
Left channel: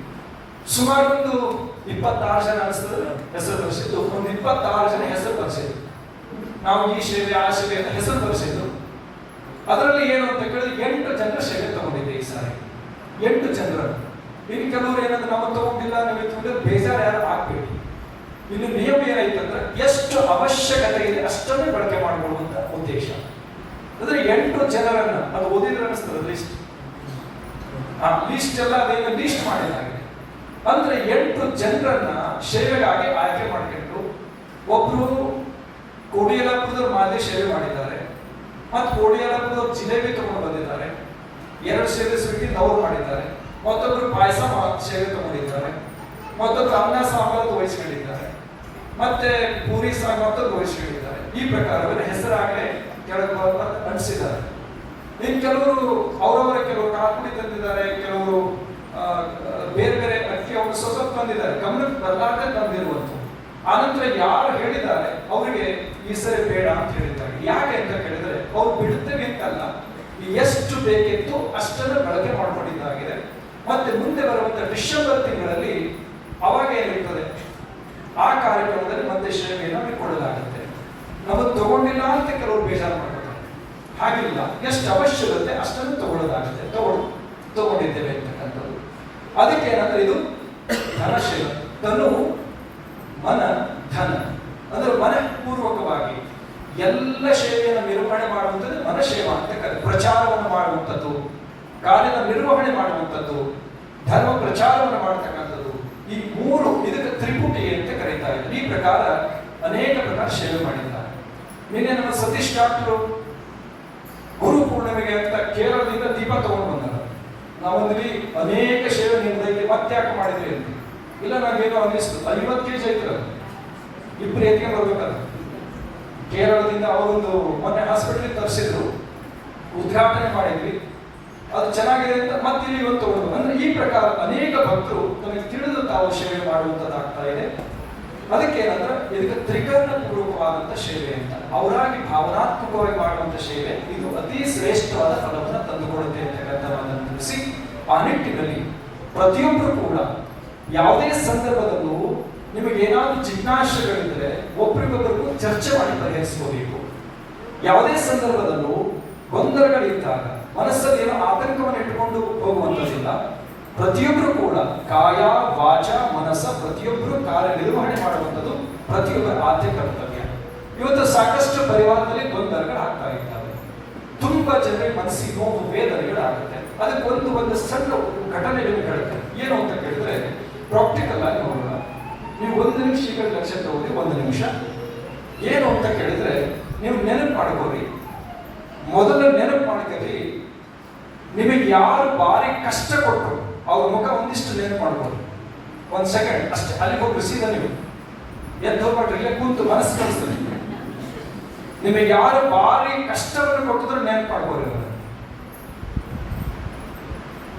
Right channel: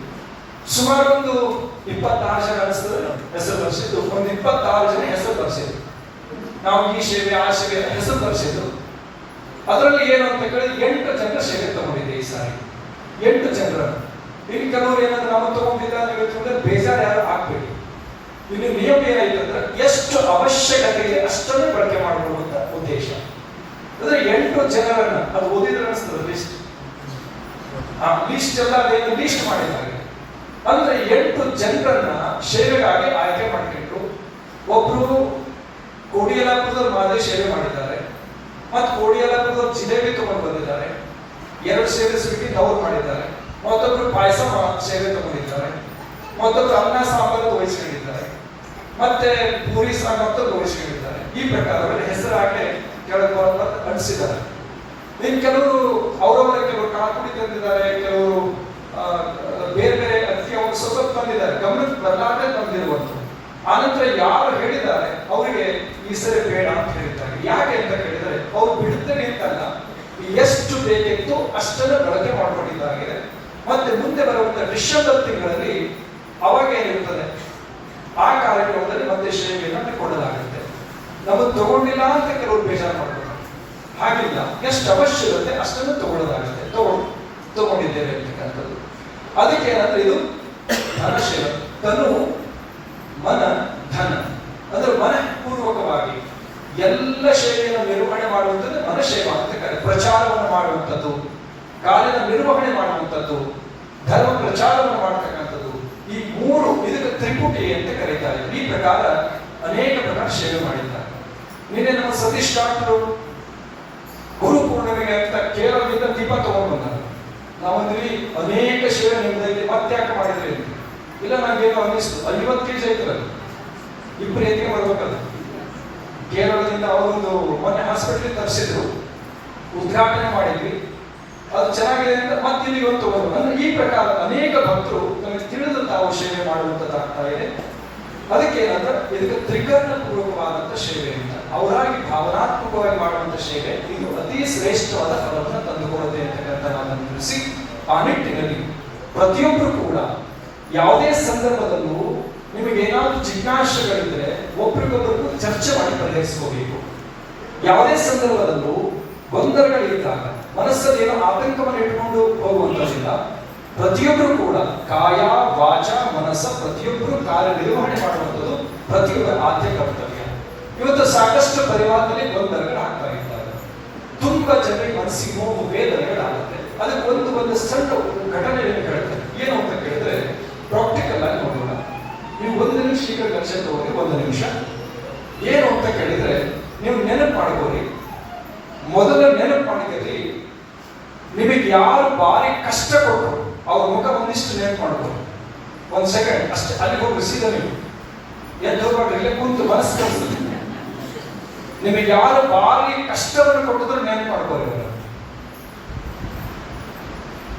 ಸುಮಾರು ಒಂದು 26 ಜನ ಹೆಸರು ಬರೆಸಿದ್ದು. ಒಂದು 26 ಜನ ಹೆಸರು ಬರೆಸಿದ್ರು. ನಾವು ಈ ಸೇವೆ ಆ ಸೇವೆ ಹೆಸರು ಬರೆಸಿದ್ರು. ಅದರಲ್ಲಿ ಏನು ಅಂತ ಕೇಳಿದ್ರೆ 8 ಜನರ ಸೇವೆ ತಗೊಂಡಿದ್ದೆ ಈ ಸಾರಿ. 8 ಜನರು. ಇಲ್ಲಿ ಕೆಲವರು ಏನಾದ್ರು ನಾವು ತಗೊಂಡಿಲ್ಲ, ನೀವು ತಗೊಂಡ್ರೆ ಬೇಜಾರು ಯಾರು ಆಗ್ಬೇಡಿ. ಇಲ್ಲಿ ನಿಯಮ ಏನಾಯ್ತು ಅಂದ್ರೆ, ಎಷ್ಟು ಅವಶ್ಯಕತೆ ಇದೆ ಅಷ್ಟನ್ನೇ ಬಳಕೆ ಮಾಡುವಂತ ಉದ್ದೇಶ. ಅಂದ್ರೆ 8 ಜನರನ್ನ ಅದು ಓದಿದ್ರೆ ಅನಿಸ್ತದೆ ಲಿಸ್ಟ್. ಲಿಸ್ಟ್ ಎಲ್ಲ ಅದೇನು ಲಿಸ್ಟ್ ಮಾಡಿದ್ದಾರೆ. ಅಂದ್ರೆ 8 ಜನರನ್ನ ಸೇವೆಗಾಗಿ ಆಯ್ಕೆ ಮಾಡಿಕೊಂಡು, ಒಬ್ರು ಕೋಡಿಯಲಾಪುರದವ್ರು ಮಾದೇ ಸೇವೆ ಮಾಡಿದ್ದಾರೆ, ಮತ್ತು ಕೋಡಿಯಲಾಪುರದವ್ರು ಜಿಲೇಬಿ ತಗೊಂಡು ಬಂದಿದ್ದಾರೆ. 2 ಸೇವೆ ಸ್ವೀಟಿಂಗ್ ಅವ್ರು ಮಾಡಿದ್ದಾರೆ. ಮತ್ತೊಬ್ರು ಪಾಯಸ ಸೇವೆ ತಗೊಂಡಿದ್ದಾರೆ. ಮತ್ತೊಬ್ರು ಅನ್ನ ಸಾಂಬಾರು ತೋರಿಸ್ಕೊಂಡಿದ್ದಾರೆ. ಮತ್ತೆ ಪೂರಿ ಸಾಂಬಾರು ತೋರಿಸ್ಕೊಂಡಿದ್ದಾರೆ. ಈ ಪ್ರಕಾರ ಹೆಸರಾಗಲೇ ಕೆಳಗೆ ಅನಿಸಿದ್ದಾರೆ. ಇನ್ನು ಕೆಲವರು ಅವರವರ ಕೆಲವರು ಕಾಪುಡಿ ತಂದಿದ್ದಾರೆ, ಕೆಲವರು ಬೇರೆ ಬೇರೆ ಅಕ್ಕಿ ಅವರು ಸ್ವಲ್ಪ ತಂದಿದ್ದಾರೆ, ಗಮನಕ್ಕೆ ಬರಲಾರದೆ ತಂದಿರುವಂಥದ್ದು. ಆನಂತರ ಯಾರು ಹೇಳಿದ್ದಾರೆ ಅವರಿಗೆ ಈ ಸರಿ ಬೇಡ ಅಂತ ಹೇಳಿದ್ದಾರೆ. ಯಾಕೆ ಅಂತ ಕೇಳಿದರೆ, ಅವ್ರು ಬಿಡುತ್ತೇನೆ ಅಂತಲ್ಲ, ಎಷ್ಟು ಬೇಕಿತ್ತು ಅಷ್ಟನ್ನು ಬಳಕೆ ಮಾಡಿಕೊಂಡಿದ್ದಾಗಿದೆ. ಮತ್ತೆ ಮುಂದೆ ಬರುವಂತ ಡಿಸೆಂಬರ್ ತಿಂಗಳಲ್ಲಿ ಅವಾಗ ಏನಿರ್ತದೆ, ಆ ಕಾರ್ಯಕ್ರಮದಲ್ಲಿ ಮತ್ತೆ ಸೇವೆಯನ್ನು ಕೊಡಲಾಗುತ್ತೆ. ನಮಗೆ ತಗೊಂಡಿಲ್ಲ ಅಂತ ಕೆಲವರು ಬೇಜಾರು ಮಾಡ್ತಾರೆ. ಹಾಗಿಲ್ಲ, ಎಷ್ಟು ಅವಶ್ಯಕತೆ ಅಷ್ಟನ್ನು ತಗೊಳ್ಳೋದಾಗುತ್ತೆ. ತಗೊಂಡಿದ್ದೇವೆ ಅಂತಕ್ಕಂಥದ್ದು. ಅದಕ್ಕೆ ಏನಂದ್ರೆ ಇದು ಧನ ಸೇವೆ. ತನು ಮನ ಧನ ಅಂದ್ರೆ ಮನಪೂರ್ವಕವಾಗಿ ಎಲ್ಲ ಸೇವೆಯನ್ನು ನಿರ್ವಹಣೆ ಮಾಡುವಂಥದ್ದು ಮನಸೇವಾ ಅಂತ ಕರೆ. ಪ್ರಚಾರವನ್ನು ಮಾಡುವಂಥದ್ದು, ಕಾಲಿನ ನಿರ್ವಹಣೆ ಮಾಡುವಂಥದ್ದು, ಧರ್ಮ ಪ್ರಚಾರವನ್ನು ಮಾಡತಕ್ಕಂಥದ್ದು, ಈ 3 ಇದಕ್ಕೆ ತ್ರಿಪುಟಿ ಅಂತ ಕರೀತಾರೆ. ಈ ಪ್ರಕಾರ ಅನೇಕ ಪ್ರಕಾರ ಸೇವೆ ಮಾಡಿದ್ದಾರೆ. ನಿನ್ನೆ ನಮ್ಮ ಸತೀಶ್ ಡಾಕ್ಟರು ಗುರು ಪೂರ್ಣಿಮೆಗೆ ಅಂತ ಕೇರಳದಿಂದ ದೀಪ ತಗೊಂಡು ಬಂದಾರೆ. ನಾವಂದ್ರಿ ಅನೇಕ ಸೇವೆ ನಿಮ್ದಲ್ಲಿ ಮತ್ತೆ ಯಾಕೆ ಮಾಡಿದ್ರಿ ಅಂತ. ಇಲ್ಲ, ನಂಗೇನೋ ಅನ್ನಿಸ್ತು, 50 kg ಐತಲ್ಲ, 2 ಎತ್ತಿಗೆ ಬರ್ಬೇಕಲ್ಲ. ಕೇರಳದಿಂದ ಅವರೊಂದು ಮೊನ್ನೆ ಹಾಸ್ಪಿಟಲ್ ತರಿಸಿದ್ರು, ಉದ್ಘಾಟನೆ ಮಾಡಿದ್ವಿ. ಅದು ಚೆನ್ನಾಗಿದೆ ಅಂತ ಮತ್ತೆ ಇಲ್ಲಿ ಒಂದು ತಗೊಂಡು. ಅಂದ್ರೆ ಈ ಪ್ರಕಾರ ಅನೇಕ ಭಕ್ತರು ನಮಗೆ ತಿಳಿದು ತಾವು ಸೇವೆ ಮಾಡುವಂತದ್ದಾಗ್ತಾ ಇದೆ. ಅದಕ್ಕೆ ಏನಂದ್ರೆ ಇದಕ್ಕೆ ತ್ರಿಕರಣ ಪೂರ್ವಕವಾದಂತ ಸೇವೆ ಅಂತ, ಅವರಾಗಿ ಭಾವನಾತ್ಮಕವಾಗಿ ಮಾಡುವಂತ ಸೇವೆ. ಇದು ಅತಿ ಶ್ರೇಷ್ಠವಾದ ಫಲವನ್ನು ತಂದುಕೊಡುತ್ತೆ ಅಂತಕ್ಕಂಥದ್ದನ್ನು ತಿಳಿಸಿ, ಆ ನಿಟ್ಟಿನಲ್ಲಿ ಪ್ರತಿಯೊಬ್ಬರು ಕೂಡ ಯಾವುದೇ ಸಂದರ್ಭದಲ್ಲೂ ನಿಮಗೆ ಏನಾದರೂ ಜಿಜ್ಞಾಸೆಗಳಿದ್ರೆ ಒಬ್ಬರಿಗೊಬ್ಬರಿಗೂ ಚರ್ಚೆ ಮಾಡಿ ಪರಿಹರಿಸಿಕೋಬೇಕು. ಯಾವುದೇ ಸಂದರ್ಭದಲ್ಲೂ ಗೊಂದಲಗಳಿದ್ದಾಗ ಮನಸ್ಸಲ್ಲಿ ಏನೋ ಆತಂಕವನ್ನು ಇಟ್ಟುಕೊಂಡು ಹೋಗುವಂಥದ್ದಿಲ್ಲ. ಪ್ರತಿಯೊಬ್ಬರು ಕೂಡ ಕಾಯ ವಾಚ ಮನಸ್ಸ ಪ್ರತಿಯೊಬ್ಬರು ಕಾರ್ಯನಿರ್ವಹಣೆ ಮಾಡುವಂಥದ್ದು ಪ್ರತಿಯೊಬ್ಬರ ಆದ್ಯ ಕರ್ತವ್ಯ. ಇವತ್ತು ಸಾಕಷ್ಟು ಪರಿವಾರದಲ್ಲಿ ಗೊಂದಲಗಳು ಆಗ್ತಾ ಇದ್ದಾರೆ. ತುಂಬಾ ಜನರಿಗೆ ಮನಸ್ಸಿಗೆ ನೋವು ವೇದನೆಗಳಾಗುತ್ತೆ. ಅದಕ್ಕೆ ಒಂದು ಸಣ್ಣ ಘಟನೆಯನ್ನು ಹೇಳುತ್ತೆ. ಏನು ಅಂತ ಕೇಳಿದ್ರೆ, ಪ್ರಾಕ್ಟಿಕಲ್ ಆಗಿ ನೋಡೋಣ. ನೀವು 1 ನಿಮಿಷ ಈಗ ಲಕ್ಷ್ಯ ತಗೋರಿ. 1 ನಿಮಿಷ ಏನು ಅಂತ ಕೇಳಿದ್ರೆ, ನೀವು ನೆನಪು ಮಾಡ್ಕೋರಿ. ಮೊದಲ ನೆನಪು ಮಾಡಿದ್ರಿ, ನಿಮಗೆ ಯಾರು ಭಾರಿ ಕಷ್ಟ ಕೊಟ್ಟರು ಅವ್ರ ಮುಖ ಒಂದಿಷ್ಟು ನೆನಪು ಮಾಡ್ಕೊಳ್ಳಿ. 1 ಸೆಕೆಂಡ್ ಅಷ್ಟೇ. ಅಲ್ಲಿ ಹೋಗಿ ಸೀದಾ ನೀವು ಎದ್ದು ಹೋಗ್ಬಿಟ್ರಿ, ಇಲ್ಲೇ ಕುಂತು ಮನಸ್ಸು ಕಳಿಸ್ತೀನಿ. ನಿಮಗೆ ಯಾರು ಭಾರಿ ಕಷ್ಟವನ್ನು ಕೊಟ್ಟಿದ್ರು ನೆನಪು ಮಾಡ್ಕೊಳ್ಳಿ.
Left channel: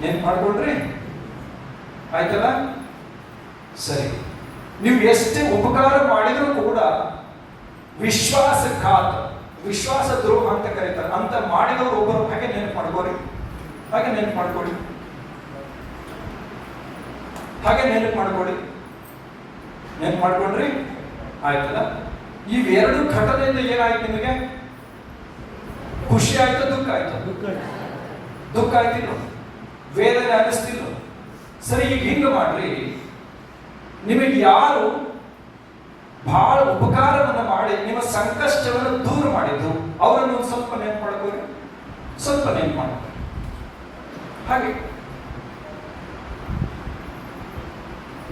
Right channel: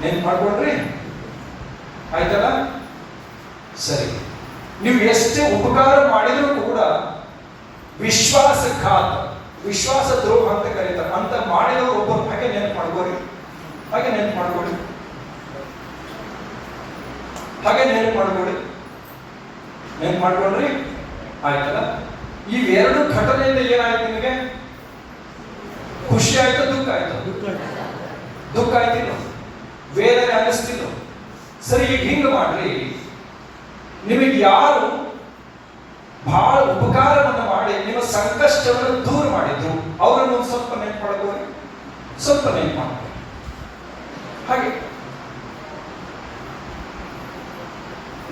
ನೆನಪು ಮಾಡ್ಕೊಳ್ರಿ, ಆಯ್ತಲ್ಲ? ಸರಿ. ನೀವು ಎಷ್ಟೇ ಉಪಕಾರ ಮಾಡಿದ್ರು ಕೂಡ ವಿಶ್ವಾಸಘಾತ, ವಿಶ್ವಾಸ ದ್ರೋಹ ಅಂತ ಕರೀತಾರೆ ಅಂತ ಮಾಡಿದವರು ಒಬ್ಬರು ಹಾಗೆ ನೆನಪು ಮಾಡ್ಕೋರಿ. ಹಾಗೆ ನೆನಪು ಮಾಡ್ಕೊಳ್ಳಿ. ಹಾಗೆ ನೆನಪು ಮಾಡ್ಕೊಳ್ಳಿ. ನೆನಪು ಮಾಡ್ಕೊಂಡ್ರಿ, ಆಯ್ತಲ್ಲ? ಈ 2 ಘಟನೆಯಿಂದ ಏನಾಯ್ತು ನಿಮಗೆ? ಖುಷಿ ಆಯ್ತು, ದುಃಖ ಆಯ್ತು? ದುಃಖ ಆಯ್ತಿಲ್ಲ. ವೇದನೆ ಅನಿಸ್ತಿಲ್ಲ. ಸರಿ, ಈಗ ಹಿಂಗೆ ಮಾಡ್ರಿ, ನಿಮಗೆ ಯಾರು ಬಹಳ ಉಪಕಾರವನ್ನು ಮಾಡಿ ನಿಮ್ಮ ಸಂಕಷ್ಟವನ್ನು ದೂರ ಮಾಡಿದ್ದು ಅವರನ್ನು ಸ್ವಲ್ಪ ನೆನ್ಪು ಮಾಡ್ಕೊಳ್ಳಿ, ಸ್ವಲ್ಪ ನೆನ್ಪು ಮಾಡ್ಕೊಳ್ಳಿ. ಹಾಗೆ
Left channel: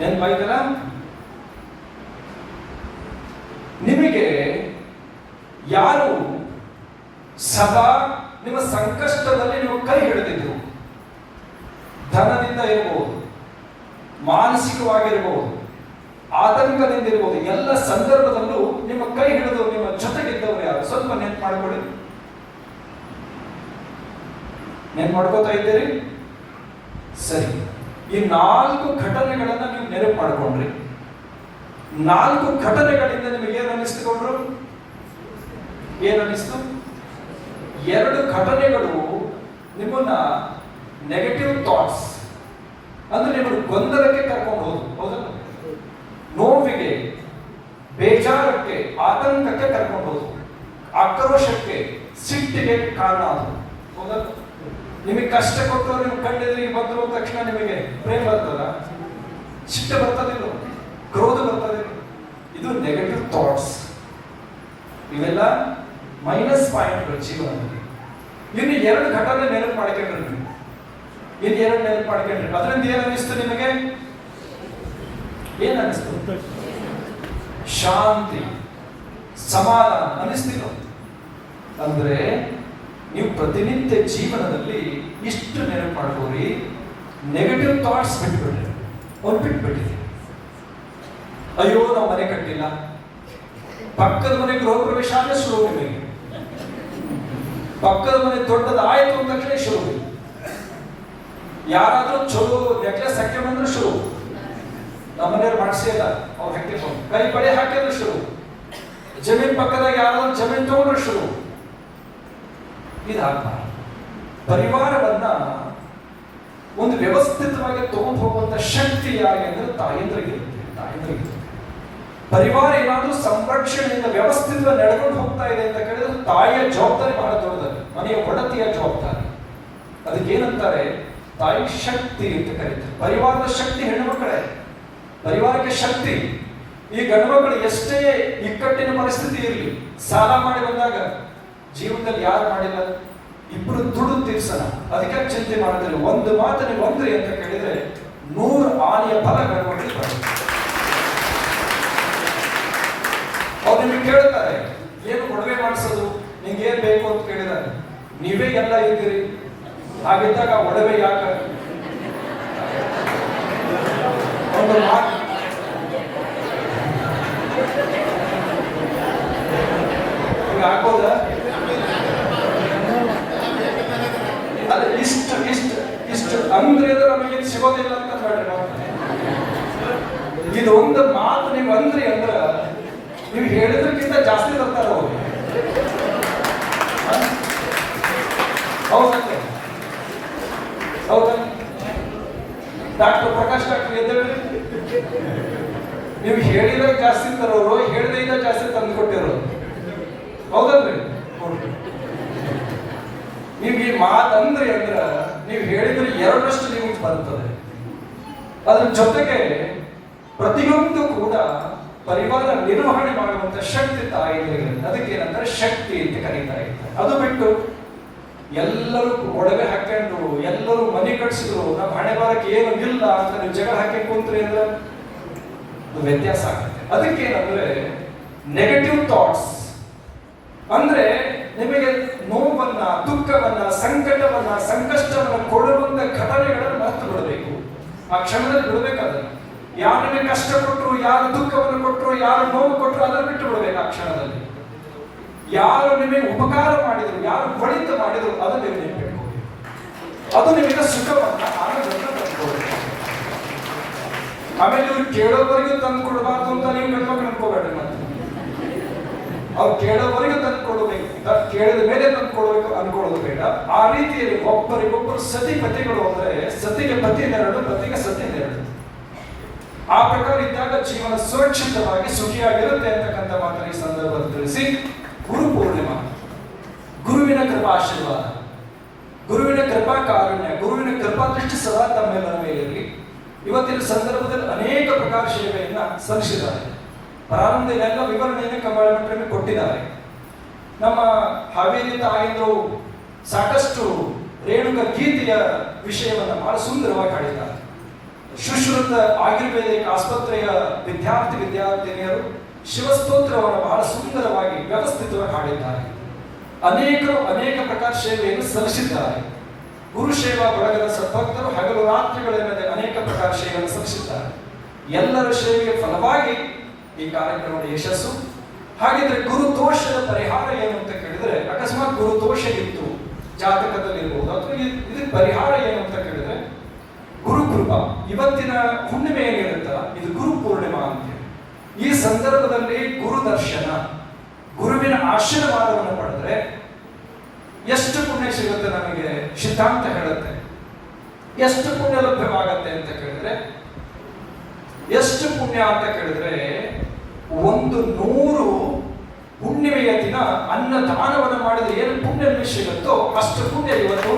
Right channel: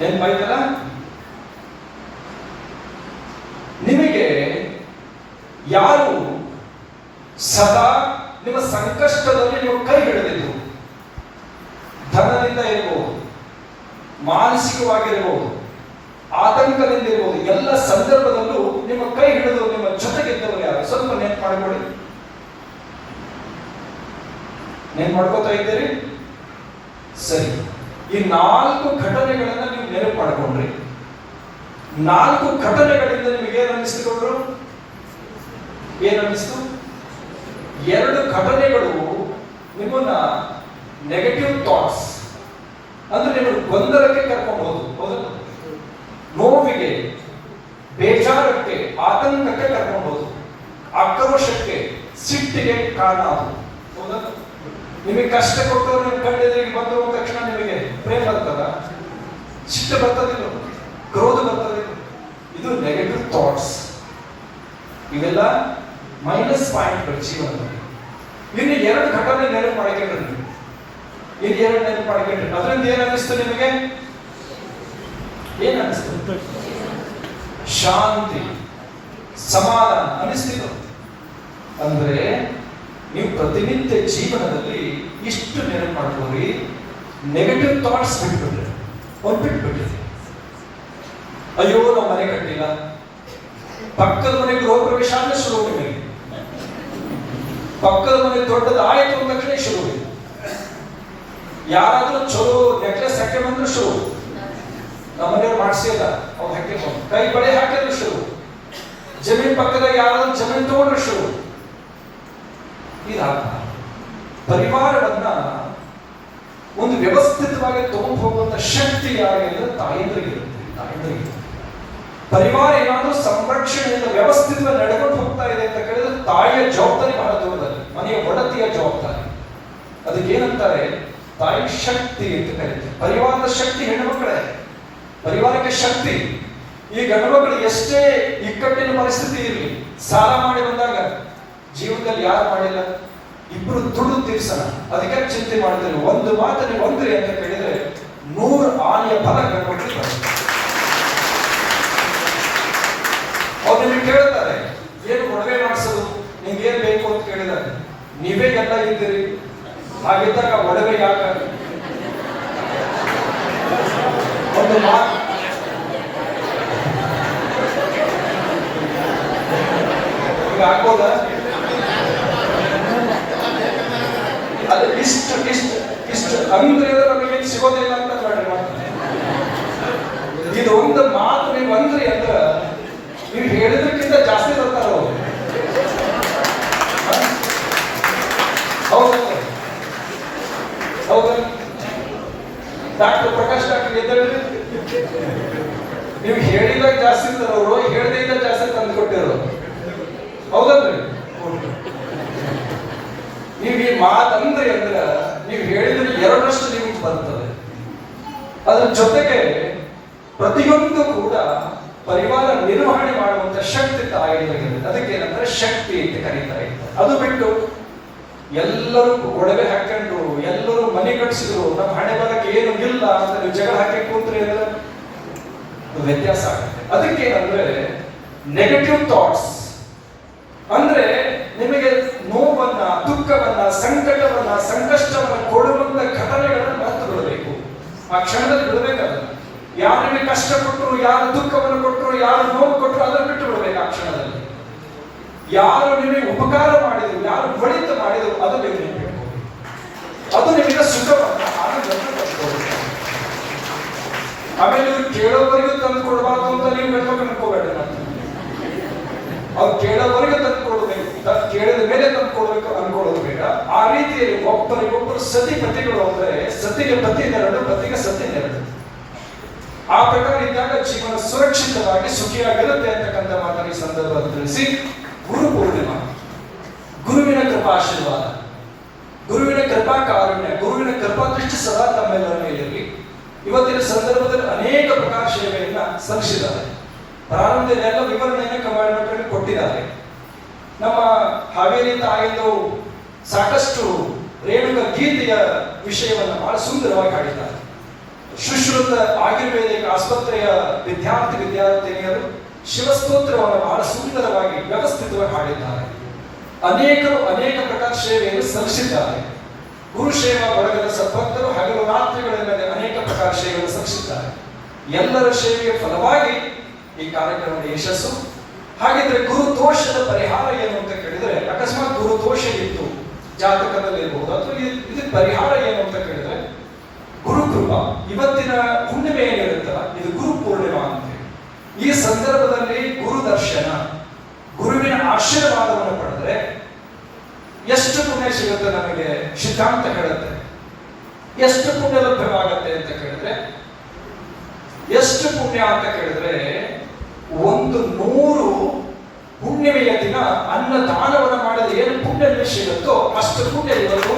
ನೆನ್ಪಾಯ್ತಲ್ಲ? ನಿಮಗೆ ಯಾರು ಸದಾ ನಿಮ್ಮ ಸಂಕಷ್ಟದಲ್ಲಿ ನೀವು ಕೈ ಹಿಡಿದಿದ್ರು, ಧನದಿಂದ ಇರಬಹುದು, ಮಾನಸಿಕವಾಗಿರಬಹುದು, ಆತಂಕದಿಂದ ಇರಬಹುದು, ಎಲ್ಲ ಸಂದರ್ಭದಲ್ಲೂ ನಿಮ್ಮ ಕೈ ಹಿಡಿದು ನಿಮ್ಮ ಜೊತೆಗಿದ್ದವರು ಯಾರು? ಸ್ವಲ್ಪ ನೆನ್ಪು ಮಾಡ್ಕೊಳ್ಳಿ. ನೆನ್ಪು ಮಾಡ್ಕೋತಾ ಇದ್ದೀರಿ? ಸರಿ, ಈ 4 ಘಟನೆಗಳನ್ನ ನೀವು ನೆನಪು ಮಾಡ್ಕೊಂಡ್ರಿ. 4 ಘಟನೆಗಳಿಂದ ನಿಮಗೆ ಏನು ಅನ್ನಿಸ್ಕೊಂಡ್ರು? ಏನನ್ನಿಸ್ತು? 2 ಘಟನೆಗಳು ನಿಮ್ಮನ್ನ ನೆಗೆಟಿವ್ ಥಾಟ್ಸ್ ಅಂದ್ರೆ ನಿಮಗೆ ಗೊಂದಲಕ್ಕೆ ಕರ್ಕೊಂಡು ಹೋದವು, ನೋವಿಗೆ, ಬೇಜಾರಕ್ಕೆ, ಆತಂಕಕ್ಕೆ ಕರ್ಕೊಂಡು ಹೋದವು, ಆಕ್ರೋಶಕ್ಕೆ, ಸಿಟ್ಟಿಗೆ ಕಾರಣ ಆದವು. ನಿಮಗೆ ಕಷ್ಟ ಕೊಟ್ಟರು ನಿಮ್ಮ ಕಣ್ಣೆದುರಿಗೆ ಬಂದ ತಕ್ಷಣ ನಿಮಗೆ ಪ್ರೇಮ ಬರ್ತದ? ಸಿಟ್ಟು ಬರ್ತದಿಲ್ಲ, ಕ್ರೋಧ ಬರ್ತದಿಲ್ಲ. ಇದು ನೆಗೆಟಿವ್ ಥಾಟ್ಸ್. ಇವೆಲ್ಲ ಮೈನಸ್ ಪಾಯಿಂಟ್ಗಳು ಜೀವನದಲ್ಲಿ. ಇನ್ನು 2 ಘಟನೆ ನೆನಪು ಮಾಡ್ಕೊಂಡ್ರಿ, ಇನ್ನು 2 ನೆನಪು ಮಾಡ್ಕೊಂಡ್ರಿ. ಅದರಿಂದ ಏನ್ ಅನಿಸ್ತು ನಿಮಗೆ? ಏನ್ ಅನಿಸ್ತು? ಶಾಂತಿ, ಸಮಾಧಾನ ಅನಿಸ್ತಿತ್ತು. ಅಂದ್ರೆ ನೀವು ಪ್ರತಿನಿತ್ಯ ಜೀವನದಲ್ಲಿ ಇಷ್ಟು ನೆನಪು ಮಾಡ್ಕೊಳ್ಳಿ, ನೆಗೆಟಿವ್ ಥಾಟ್ಸ್ ಬಿಟ್ಬಿಡ್ರಿ, ಅವ್ರು ಬಿಟ್ಬಿಡ್ರಿ. ಅಯ್ಯೋ ನಾವು ಮನೆ ಕಟ್ಟಿಲ್ಲ, ಪಕ್ಕದ ಮನೆ ಗೃಹ ಪ್ರವೇಶ ಅಂದ್ರೆ ಶುರು ಹೋಗಿ, ಪಕ್ಕದ ಮನೆ ದೊಡ್ಡದಾಯ್ತು ಅಂದ ತಕ್ಷಣ ಶುರು, ಯಾರಾದ್ರೂ ಚಲೋ ನೆಕ್ಲೆಸ್ ಹಾಕೊಂಡ್ರೆ ಶುರು, ನಮ್ಮ ಮನೆಯವ್ರು ಮಾಡಿಸಿಲ್ಲ ಅವ್ರು ಹಾಕಿಕೊಂಡು ಕೈ ಬಳೆ ಹಾಕಿದ್ರೆ ಶುರು, ಜಮೀನ್ ಪಕ್ಕದಾಗ ಯಾರಾದ್ರೂ ಜಮೀನ್ ತಗೊಂಡ್ರೆ ಶುರು. ಇದಾಗಬಾರ್ದು. ಪರಿವಾರವನ್ನ ಒಂದು ವ್ಯವಸ್ಥಿತವಾಗಿ ತಗೊಂಡು ಹೋಗುವಂತ ಶಕ್ತಿ ಯಾರಿಗೆ ಅಂದ್ರೆ ತಾಯಂದ್ರಿಗಿರುತ್ತೆ. ಪರಿವಾರ ಏನಾದ್ರೂ ಸಂರಕ್ಷಣೆಯಿಂದ ವ್ಯವಸ್ಥಿತವಾಗಿ ನಡೆಕೊಂಡು ಹೋಗ್ತಾ ಇದೆ ಅಂತ ಕೇಳಿದ್ರೆ ತಾಯಿಯ ಜವಾಬ್ದಾರಿ ಬಹಳ ದೊಡ್ಡದಲ್ಲಿ, ಮನೆಯ ಒಡತಿಯ ಜವಾಬ್ದಾರಿ. ಅದಕ್ಕೆ ಏನಂತಾರೆ? ತಾಯಿ ಶಕ್ತಿ ಅಂತ ಕರೀತಾರೆ. ಪರಿವಾರದ ಶಕ್ತಿ ಹೆಣ್ಣು ಮಕ್ಕಳೇ, ಪರಿವಾರಕ್ಕೆ ಶಕ್ತಿ. ಈ ಗಂಡು ಮಕ್ಕಳು ಎಷ್ಟೇ ಇಕ್ಕಟ್ಟಿನ ಪರಿಸ್ಥಿತಿ ಇರಲಿ, ಸಾಲ ಮಾಡಿ ಬಂದಾಗ ಜೀವನದಲ್ಲಿ ಯಾರು ಮಾಡಿಲ್ಲ, ಇಬ್ರು ದುಡ್ಡು ತೀರ್ಸನ, ಅದಕ್ಕೆ ಚಿಂತೆ ಮಾಡ್ತಾರೆ. ಒಂದು ಮಾತು ನೀವು ಅಂದ್ರಿ ಅಂತ ಕೇಳಿದ್ರೆ 100 ಆನೆಯ ಫಲ ಗಂಡು ಮಕ್ಕಳಿಗೆ ಬರುತ್ತೆ. ಅವ್ರು ನಿಮಗೆ ಕೇಳ್ತಾರೆ, ಏನು ಒಡವೆ ಮಾಡಿಸೋದು, ನಿಮ್ಗೆ ಏನ್ ಬೇಕು ಅಂತ ಕೇಳಿದ್ದಾರೆ. ನೀವೇ ಎಲ್ಲ ಇದ್ದೀರಿ, ಹಾಗಿದ್ದಾಗ ಒಡವೆ ಯಾಕೆ? ಒಂದು ಮಾತು ಆಗ್ಬೋದ? ಅದೇ ಇಷ್ಟು ಇಷ್ಟು ಇಷ್ಟು ಅಂದ್ರೆ ನಮಗೇನು ಸಿಗೋದಿಲ್ಲ ಅಂತ ಬೇಡ. ಇದು ಒಂದು ಮಾತು ನೀವು ಅಂದ್ರಿ ಅಂದ್ರ ನೀವು ಹೇಳಿದ್ರಕ್ಕಿಂತ ಜಾಸ್ತಿ ಬರ್ತಾರ ಅವರು. ಹೌದಾ? ಹೌದಾ? ಡಾಕ್ಟರ್ ಪ್ರಕಾಶ್ ಡಾಕ್ಟರ್ ಎದ್ದೇಳ್ರಿ, ನೀವು ಹೇಳಿದಾಗ ಜಾಸ್ತಿ ತರೋರು, ಹೇಳಿದಿಂದ ಜಾಸ್ತಿ ತಂದು ಕೊಟ್ಟಿರೋರು. ಹೌದಲ್ರಿ? ನಿಮ್ಗೆ ಮಾತಂದ್ರಿ ಅಂದ್ರ ನೀವು ಹೇಳಿದ್ರೆ 2ರಷ್ಟು ನಿಮಗೆ ಬರ್ತದೆ. ಅದ್ರ ಜೊತೆಗೆ ಪ್ರತಿಯೊಂದು ಕೂಡ ಪರಿವಾರ ನಿರ್ವಹಣೆ ಮಾಡುವಂತ ಶಕ್ತಿ ತಾಯಿಗಳಿಗೆ. ಅದಕ್ಕೇನಂದ್ರೆ ಶಕ್ತಿ ಅಂತ ಕರೀತಾರೆ. ಅದು ಬಿಟ್ಟು ಎಲ್ಲರೂ ಒಡವೆ ಹಾಕೊಂಡು ಎಲ್ಲರೂ ಮನೆ ಕಟ್ಸಿದ್ರು, ನಮ್ಮ ಹಣೆ ಬರಕ್ಕೆ ಏನು ಇಲ್ಲ ಅಂತ ನೀವು ಜಗಳ ಹಾಕಿ ಕೂತ್ರಿ ಅಂದ್ರೆ ವ್ಯತ್ಯಾಸ ಆಗುತ್ತೆ. ಅದಕ್ಕೇನಂದ್ರೆ ನೆಗೆಟಿವ್ ಥಾಟ್ಸ್ ಅಂದ್ರೆ ನಿಮಗೆ ನೋವನ್ನ, ದುಃಖವನ್ನ, ಸಂಕಟವನ್ನ, ಸಂಕಷ್ಟವನ್ನ ಕೊಡುವಂತ ಘಟನೆಗಳನ್ನ ಮಾತ್ರ ಬಿಡಬೇಕು. ಆ ಕ್ಷಣದಲ್ಲಿ ಬಿಡಬೇಕಾದ್ರೆ ಯಾರು ನಿಮಗೆ ಕಷ್ಟ ಕೊಟ್ಟರು, ಯಾರು ದುಃಖವನ್ನು ಕೊಟ್ಟರು, ಯಾರು ನೋವು ಕೊಟ್ಟರು ಅದನ್ನು ಬಿಟ್ಟು ಬಿಡಬೇಕು. ಆ ಕ್ಷಣದಲ್ಲಿ ಯಾರು ನಿಮಗೆ ಉಪಕಾರ ಮಾಡಿದ್ರು, ಯಾರು ಒಳಿತ ಮಾಡಿದ್ರು ಅದು ನೀವು ನೆನಪಿಟ್ಕೊಳ್ಳಿ. ಅದು ನಿಮಗೆ ಸುಖವನ್ನ, ಆನಂದವನ್ನು ತಂದುಕೊಡುತ್ತೆ. ಆಮೇಲೆ ಇವ್ರು ಕೇಳೋವರೆಗೂ ತಂದು ಕೊಡಬಾರ್ದು ಅಂತ ನೀವು ಗಂಡ್ಮಕ್ಳು ಅನ್ಕೋಬೇಡ. ಅವ್ರು ಕೇಳೋವರೆಗೂ ತಂದು ಕೊಡಬೇಕು, ಕೇಳಿದ ಮೇಲೆ ತಂದು ಕೊಡಬೇಕು ಅನ್ಕೊಳ್ಳೋದು ಬೇಡ. ಆ ರೀತಿಯಲ್ಲಿ ಒಬ್ಬರಿಗೊಬ್ಬರು ಸತಿ ಪತಿಗಳು ಅಂದ್ರೆ ಸತಿಗೆ ಪತಿ ನೆರಳು, ಪತಿಗೆ ಸತಿ ನೆರಳು. ಆ ಪ್ರಕಾರ ಇದ್ದಾಗ ಜೀವನ ಸುರಕ್ಷಿತವಾಗಿ ಸುಖಿಯಾಗಿರುತ್ತೆ ಅಂತಕ್ಕಂಥ ಮಾತನ್ನು ಈ ಸಂದರ್ಭದಲ್ಲಿ ತಿಳಿಸಿ, ಗುರು ಪೂರ್ಣಿಮಾ, ಗುರುವಿನ ಕೃಪಾಶೀರ್ವಾದ, ಗುರುವಿನ ಕೃಪಾ ಕಾರುಣ್ಯ, ಗುರುವಿನ ಕೃಪಾ ಕೃಪಾ ಸದಾ ತಮ್ಮೆಲ್ಲರ ಮೇಲಿರಲಿ. ಇವತ್ತಿನ ಸಂದರ್ಭದಲ್ಲಿ ಅನೇಕ ಪ್ರಕಾರ ಸೇವೆಯನ್ನ ಸಲ್ಲಿಸಿದ್ದಾರೆ. ಪ್ರಾರಂಭದಲ್ಲೆಲ್ಲ ವಿವರಣೆಯನ್ನು ಕಮಾಂಡ್ಮೆಂಟ್ ಕೊಟ್ಟಿದ್ದಾರೆ. ನಮ್ಮ ಹಾವೇರಿಯಿಂದ ಆಗಿದ್ದು ಸಾಕಷ್ಟು ರೇಣುಕ ಗೀತೆಯ ವಿಷಯವನ್ನು ಬಹಳ ಸುಂದರವಾಗಿ ಹಾಡಿದ್ದಾರೆ. ಸುಶ್ರುತ ಆಯುರ್ವೇದಿಕ ಆಸ್ಪತ್ರೆಯ ವಿದ್ಯಾರ್ಥಿನಿಯರು ಶಿವಸ್ತೋತ್ರವನ್ನು ಬಹಳ ಸುಂದರವಾಗಿ ವ್ಯವಸ್ಥಿತವಾಗಿ ಹಾಡಿದ್ದಾರೆ. ಅನೇಕರು ಅನೇಕ ಪ್ರಕಾರ ಸೇವೆಯನ್ನು ಸಲ್ಲಿಸಿದ್ದಾರೆ. ಗುರುಸೇವಾ ಬಳಗದ ಸದ್ಭಕ್ತರು ಹಗಲು ರಾತ್ರಿಗಳೆಲ್ಲದೆ ಅನೇಕ ಪ್ರಕಾರ ಸೇವೆಯನ್ನು ಸಲ್ಲಿಸಿದ್ದಾರೆ. ಎಲ್ಲರ ಸೇವೆಯ ಫಲವಾಗಿ ಈ ಕಾರ್ಯಕ್ರಮದ ಯಶಸ್ಸು. ಹಾಗಿದ್ರೆ ಗುರು ದೋಷದ ಪರಿಹಾರ ಏನು ಅಂತ ಕೇಳಿದ್ರೆ, ಅಕಸ್ಮಾತ್ ಗುರು ದೋಷ ಇತ್ತು ಜಾತಕದಲ್ಲಿ ಇರಬಹುದು, ಅಥವಾ ಇದು ಪರಿಹಾರ ಏನು ಅಂತ ಕೇಳಿದ್ರೆ ಗುರುಕೃಪಾ. ಇವತ್ತಿನ ಹುಣ್ಣಿಮೆ ಏನಿರುತ್ತ ಇದು ಗುರು ಪೂರ್ಣಿಮಾ ಅಂತ. ಈ ಸಂದರ್ಭದಲ್ಲಿ ಗುರು ದರ್ಶನ, ಗುರುವಿನ ಆಶೀರ್ವಾದವನ್ನು ಪಡೆದ್ರೆ ಎಷ್ಟು ಪುಣ್ಯ ಸಿಗುತ್ತೆ ನಮಗೆ ಸಿದ್ಧಾಂತ ಹೇಳುತ್ತೆ. ಎಷ್ಟು ಪುಣ್ಯ ಲಭ್ಯವಾಗತ್ತೆ ಅಂತ ಕೇಳಿದ್ರೆ, ಎಷ್ಟು ಪುಣ್ಯ ಅಂತ ಕೇಳಿದ್ರೆ 100 ಹುಣ್ಣಿಮೆಯ ದಿನ ಅನ್ನದಾನವನ್ನು ಮಾಡಿದ್ರೆ ಏನು ಪುಣ್ಯ ಸಿಗುತ್ತೋ ಅಷ್ಟು ಪುಣ್ಯ ಇವತ್ತು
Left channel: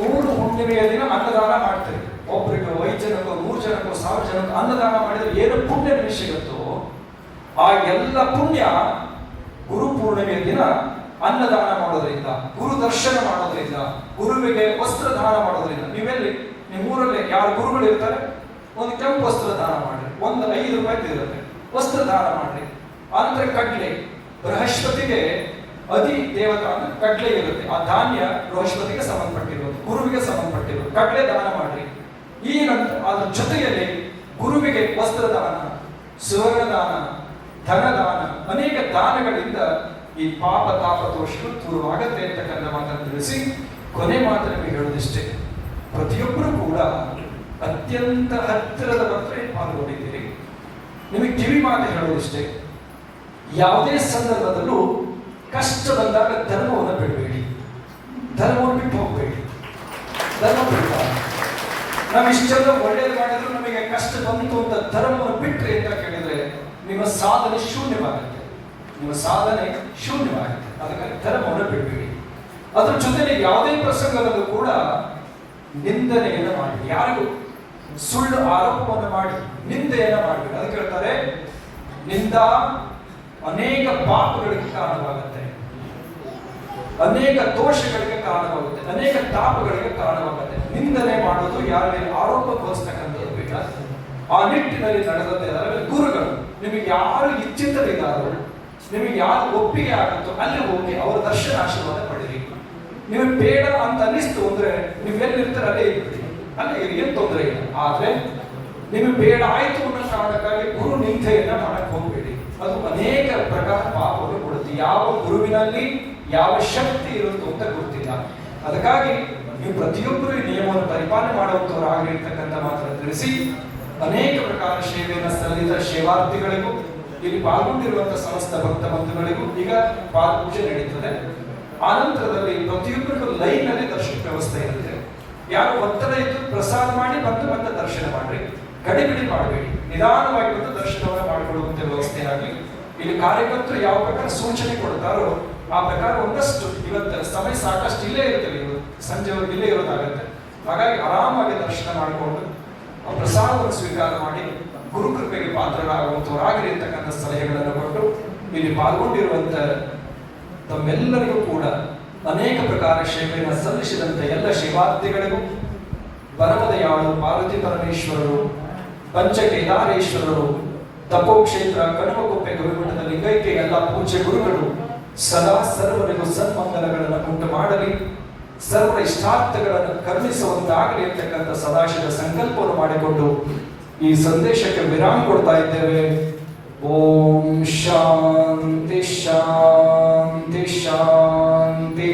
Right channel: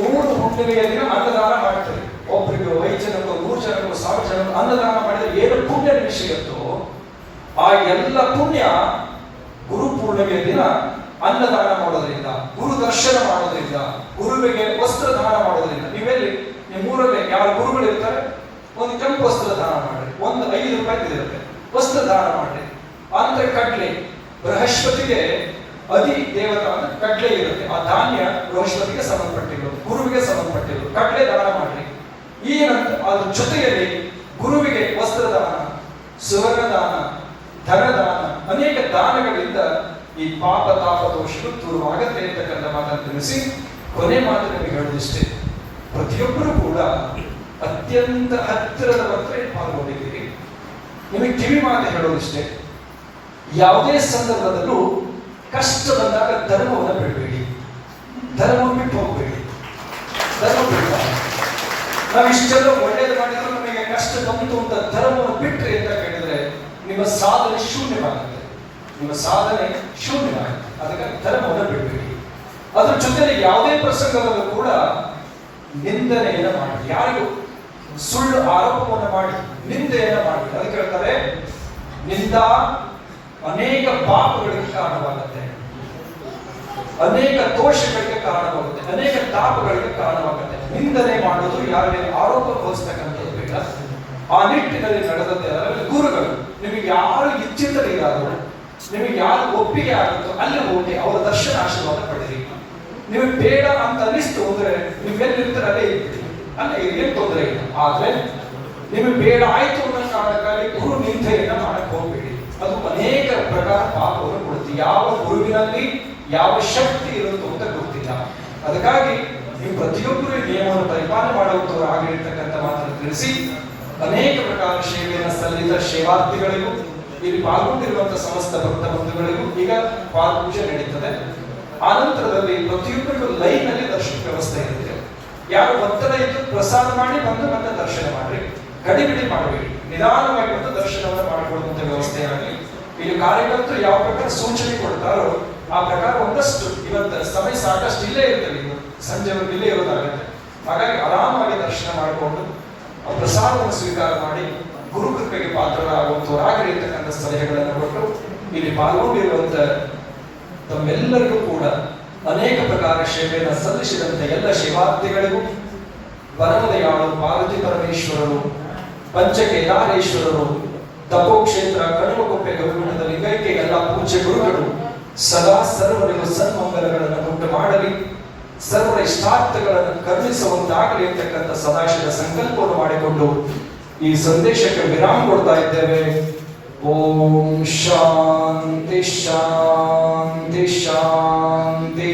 100 ಹುಣ್ಣಿಮೆಯ ದಿನ ಅನ್ನದಾನ ಮಾಡ್ತೇವೆ. ಒಬ್ಬರಿಗೆ 5 ಜನರು 100 ಜನರು 1000 ಜನರು ಅನ್ನದಾನ ಮಾಡಿದ್ರೆ ಏನು ಪುಣ್ಯ ಸಿಗುತ್ತೋ ಆ ಎಲ್ಲ ಪುಣ್ಯ ಗುರು ಪೂರ್ಣಿಮೆಯ ದಿನ ಅನ್ನದಾನ ಮಾಡೋದ್ರಿಂದ, ಗುರು ದರ್ಶನ ಮಾಡೋದ್ರಿಂದ, ಗುರುವಿಗೆ ವಸ್ತ್ರ ದಾನ ಮಾಡೋದ್ರಿಂದ. ನೀವೆಲ್ಲಿ ನಿಮ್ಮೂರಲ್ಲಿ ಯಾರು ಗುರುಗಳು ಇರ್ತಾರೆ, ಒಂದು ಕೆಂಪು ವಸ್ತ್ರ ದಾನ ಮಾಡ್ರಿ, ಒಂದು 5 ರೂಪಾಯಿ ಇರುತ್ತೆ, ವಸ್ತ್ರ ದಾನ ಮಾಡ್ರಿ. ಆನಂತರ ಕಡ್ಲೆ, ಬೃಹಸ್ಪತಿಗೆ ಅಧಿ ದೇವತಾ ಅಂದ್ರೆ ಕಡ್ಲೆ ಇರುತ್ತೆ. ಆ ಧಾನ್ಯ ಬೃಹಸ್ಪತಿಗೆ ಸಂಬಂಧಪಟ್ಟಿರೋದು, ಗುರುವಿಗೆ ಸಂಬಂಧಪಟ್ಟಿರೋದು. ಕಡ್ಲೆ ದಾನ ಮಾಡ್ರಿ. ಈ ನಂತರ ಅದ್ರ ಜೊತೆಯಲ್ಲಿ ಗುರುವಿಗೆ ವಸ್ತ್ರದಾನ, ಸುವರ್ಣದಾನ, ಧನದಾನ, ಅನೇಕ ದಾನಗಳಿಂದ ಈ ಪಾಪ ತಾಪ ದೋಷಗಳು ದೂರವಾಗತ್ತೆ ಅಂತಕ್ಕಂಥ ಮಾತನ್ನು ತಿಳಿಸಿ ಕೊನೆ ಮಾತು ನಿಮಗೆ ಹೇಳೋದಿಷ್ಟೇ. ಪ್ರತಿಯೊಬ್ಬರು ಕೂಡ ಅತ್ಯಂತ ಹತ್ತಿರದ ಮಾತ್ರ ಪಾಲ್ಗೊಂಡಿದ್ದೀರಿ. ನಿಮಗೆ ಕಿವಿ ಮಾತು ಹೇಳೋದಿಷ್ಟೇ, ಯಾವುದೇ ಸಂದರ್ಭದಲ್ಲೂ ಕಷ್ಟ ಬಂದಾಗ ಧರ್ಮವನ್ನು ಬಿಡಬೇಡಿ, ಧರ್ಮವನ್ನು ಬಿಟ್ಟು ಹೋಗಬೇಡಿ. ಧರ್ಮ ಬಿಡಬಾರ್ದು. ನಾವು ಇಷ್ಟೆಲ್ಲ ಒಳ್ಳೇದು ಮಾಡಿದ್ರು ನಮಗೆ ಕಷ್ಟ ಬಂತು ಅಂತ ಧರ್ಮವನ್ನು ಬಿಟ್ಟರೆ ಅಂತ ಕೇಳಿದ್ರೆ ನಿಮ್ಮ ಸಾಧನೆ ಶೂನ್ಯವಾಗುತ್ತೆ, ನಿಮ್ಮ ಸಾಧನೆ ಶೂನ್ಯವಾಗುತ್ತೆ. ಅದಕ್ಕಾಗಿ ಧರ್ಮವನ್ನು ಬಿಡಬೇಡಿ. ಅದ್ರ ಜೊತೆಗೆ ಯಾವುದೇ ಪ್ರಸಂಗವನ್ನು ಕೂಡ ನಿಂದನೆಯನ್ನು ಮಾಡಿ, ಯಾರಿಗೂ ಸುಳ್ಳು ಆರೋಪವನ್ನು ಮಾಡಿ ನಿಂದೆಯನ್ನು ಮಾಡಿ. ಅದಕ್ಕೆ ಹೇಳ್ತಾರೆ, ನಿಂದ ಅನೇಕ ಪಾಪಗಳಿಗೆ ಕಾರಣವಾಗುತ್ತೆ, ಅನೇಕ ದೋಷಗಳಿಗೆ ಕಾರಣವಾಗುತ್ತೆ, ಅನೇಕ ತಾಪಗಳಿಗೆ ಕಾರಣವಾಗುತ್ತೆ. ನಿಂದನೆ ಮಾಡೋದು ಯಾರ ಮೇಲೆ ಆರೋಪ ಹೊರಿಸಬೇಕಂತ ಬೇಡ. ಆ ನಿಟ್ಟಿನಲ್ಲಿ ನಡೆದಂತೆ ಗುರುಗಳು ನಿಮಗೆ ಯಾರು ಇಚ್ಛಿತರಿಗಾದರೂ, ನಿಮಗೆ ಯಾರು ಒಪ್ಪಿಗೆ ಆಗುತ್ತೋ ಅಲ್ಲಿ ಹೋಗಿ ಅವರ ದರ್ಶನ ಆಶೀರ್ವಾದ ಪಡೆಯಿರಿ. ನಿಮಗೆ ಬೇಡ ಅಂತ ಅನಿಸ್ತು ಅಂದ್ರೆ ನೀವೆಲ್ಲಿರ್ತಾರೆ ಅಲ್ಲೇ ಇರ್ತೀರಿ, ಅಲ್ಲೇ ಏನು ತೊಂದರೆ ಇಲ್ಲ. ಆದ್ರೆ ನಿಮಗೆ ಬೇಡ ಆಯ್ತು ಅನ್ನೋ ಕಾರಣಕ್ಕಾಗಿ ಗುರು ನಿಂದೆಯನ್ನ ಮಾಡಕ್ ಹೋಗ್ಬೇಡಿ. ಅದು ಅನೇಕ ಪ್ರಕಾರ ಪಾಪವನ್ನು ಕೊಡುತ್ತೆ. ಯಾವ ಗುರುವಿನಲ್ಲಿ ಯಾವ ಶಕ್ತಿ ಇರುತ್ತೋ ಅಂತ ಗೊತ್ತಿಲ್ಲ. ಅದಕ್ಕಾಗಿ ನೀವು ಪ್ರತಿಯೊಬ್ಬರು ಈ ನಿಯಮವನ್ನು ಪರಿಪಾಲನೆ ಮಾಡುವಂತವರು ಆಗಿರ್ತಕ್ಕಂಥ ಮಾತನ್ನು ತಿಳಿಸಿ ಅನೇಕ ಪ್ರಕಾರ ಸೇವೆಯನ್ನು ಸಲ್ಲಿಸಿದ ಸೇವಾರ್ಥಿಗಳಿಗೂ, ಇಲ್ಲಿ ಪಾಲ್ಗೊಂಡಿರುವಂತಹ ಸಮಸ್ತ ಭಕ್ತ ಬಂಧುಗಳಿಗೂ ಈಗ ಪಾದಪೂಜೆ ನಡೀತದೆ. ಆನಂತರದಲ್ಲಿ ಪ್ರತಿಯೊಬ್ಬರಿಗೂ ಲೈನ್ ನಲ್ಲಿ ದರ್ಶನ ವ್ಯವಸ್ಥೆ ಇರುತ್ತೆ. ಯಾರು ಒತ್ತಡ ಇದ್ದು ಪ್ರಸಾದ ಮಾಡಿ ಬಂದು ಮತ್ತೆ ದರ್ಶನ ಮಾಡ್ರಿ, ಗಡಿಬಿಡಿ ಮಾಡಬೇಡಿ, ನಿಧಾನವಾಗಿ ಬಂದು ದರ್ಶನವನ್ನು ಮಾಡಿಕೊಳ್ಳುವಂತ ವ್ಯವಸ್ಥೆ ಆಗಲಿ. ಇಲ್ಲಿ ಕಾರ್ಯಕರ್ತರು ಯಾವ ಪ್ರಕಾರ ಸೂಚನೆ ಕೊಡ್ತಾರೋ ಆ ಪ್ರಕಾರ ಒಂದಷ್ಟು ಇವತ್ತು ಸಮಯ ಸಾಕಷ್ಟು ಇಲ್ಲೇ ಇರ್ತದೆ, ಸಂಜೆವರೆಗೆ ಇಲ್ಲೇ ಇರೋದಾಗುತ್ತೆ. ಹಾಗಾಗಿ ಆರಾಮಾಗಿ ದರ್ಶನ ಮಾಡಿಕೊಂಡು ಪ್ರಸಾದವನ್ನು ಸ್ವೀಕಾರ ಮಾಡಿ ಗುರು ಕೃಪೆಗೆ ಪಾತ್ರರಾಗುವಂತವರಾಗಲಿ ಇರ್ತಕ್ಕಂಥ ಸಲಹೆಗಳನ್ನು ಕೊಟ್ಟು ಇಲ್ಲಿ ಪಾಲ್ಗೊಂಡಿರುವಂತ ತಮ್ಮೆಲ್ಲರಿಗೂ ಕೂಡ ಅನೇಕ ಪ್ರಕಾರ ಸೇವೆಯನ್ನು ಸಲ್ಲಿಸಿದಂತ ಎಲ್ಲ ಶಿವಾರ್ಥಿಗಳಿಗೂ, ಪರಮದಯಾಳು ಪಾರ್ವತಿ ಪರಮೇಶ್ವರರು, ಪಂಚಕೇದಾರೇಶ್ವರರು, ತಪೋಕ್ಷೇತ್ರ ಕಡಮಕೊಪ್ಪೆ ಗುರುಮಠದ ಲಿಂಗೈಕ್ಯ ಎಲ್ಲ ಪೂಜ್ಯ ಗುರುಗಳು ಸದಾ ಸರ್ವರಿಗೂ ಸನ್ಮಂಗಲಗಳನ್ನು ಉಂಟು ಮಾಡಲಿ, ಸರ್ವರ ಇಷ್ಟಾರ್ಥಗಳನ್ನು ಕರುಣಿಸುವಂತಾಗಲಿ ಅಂತಕ್ಕಂಥ ಸದಾಶಿವ ಸಂಕಲ್ಪವನ್ನು ಮಾಡಿಕೊಂಡು ಈ ಸಂದೇಶಕ್ಕೆ ವಿರಾಮ ಕೊಡ್ತಾ ಇದ್ದೇವೆ. ಓಂ ಶಾಂತಿ ಶಾಂತಿ ಶಾಂತಿ.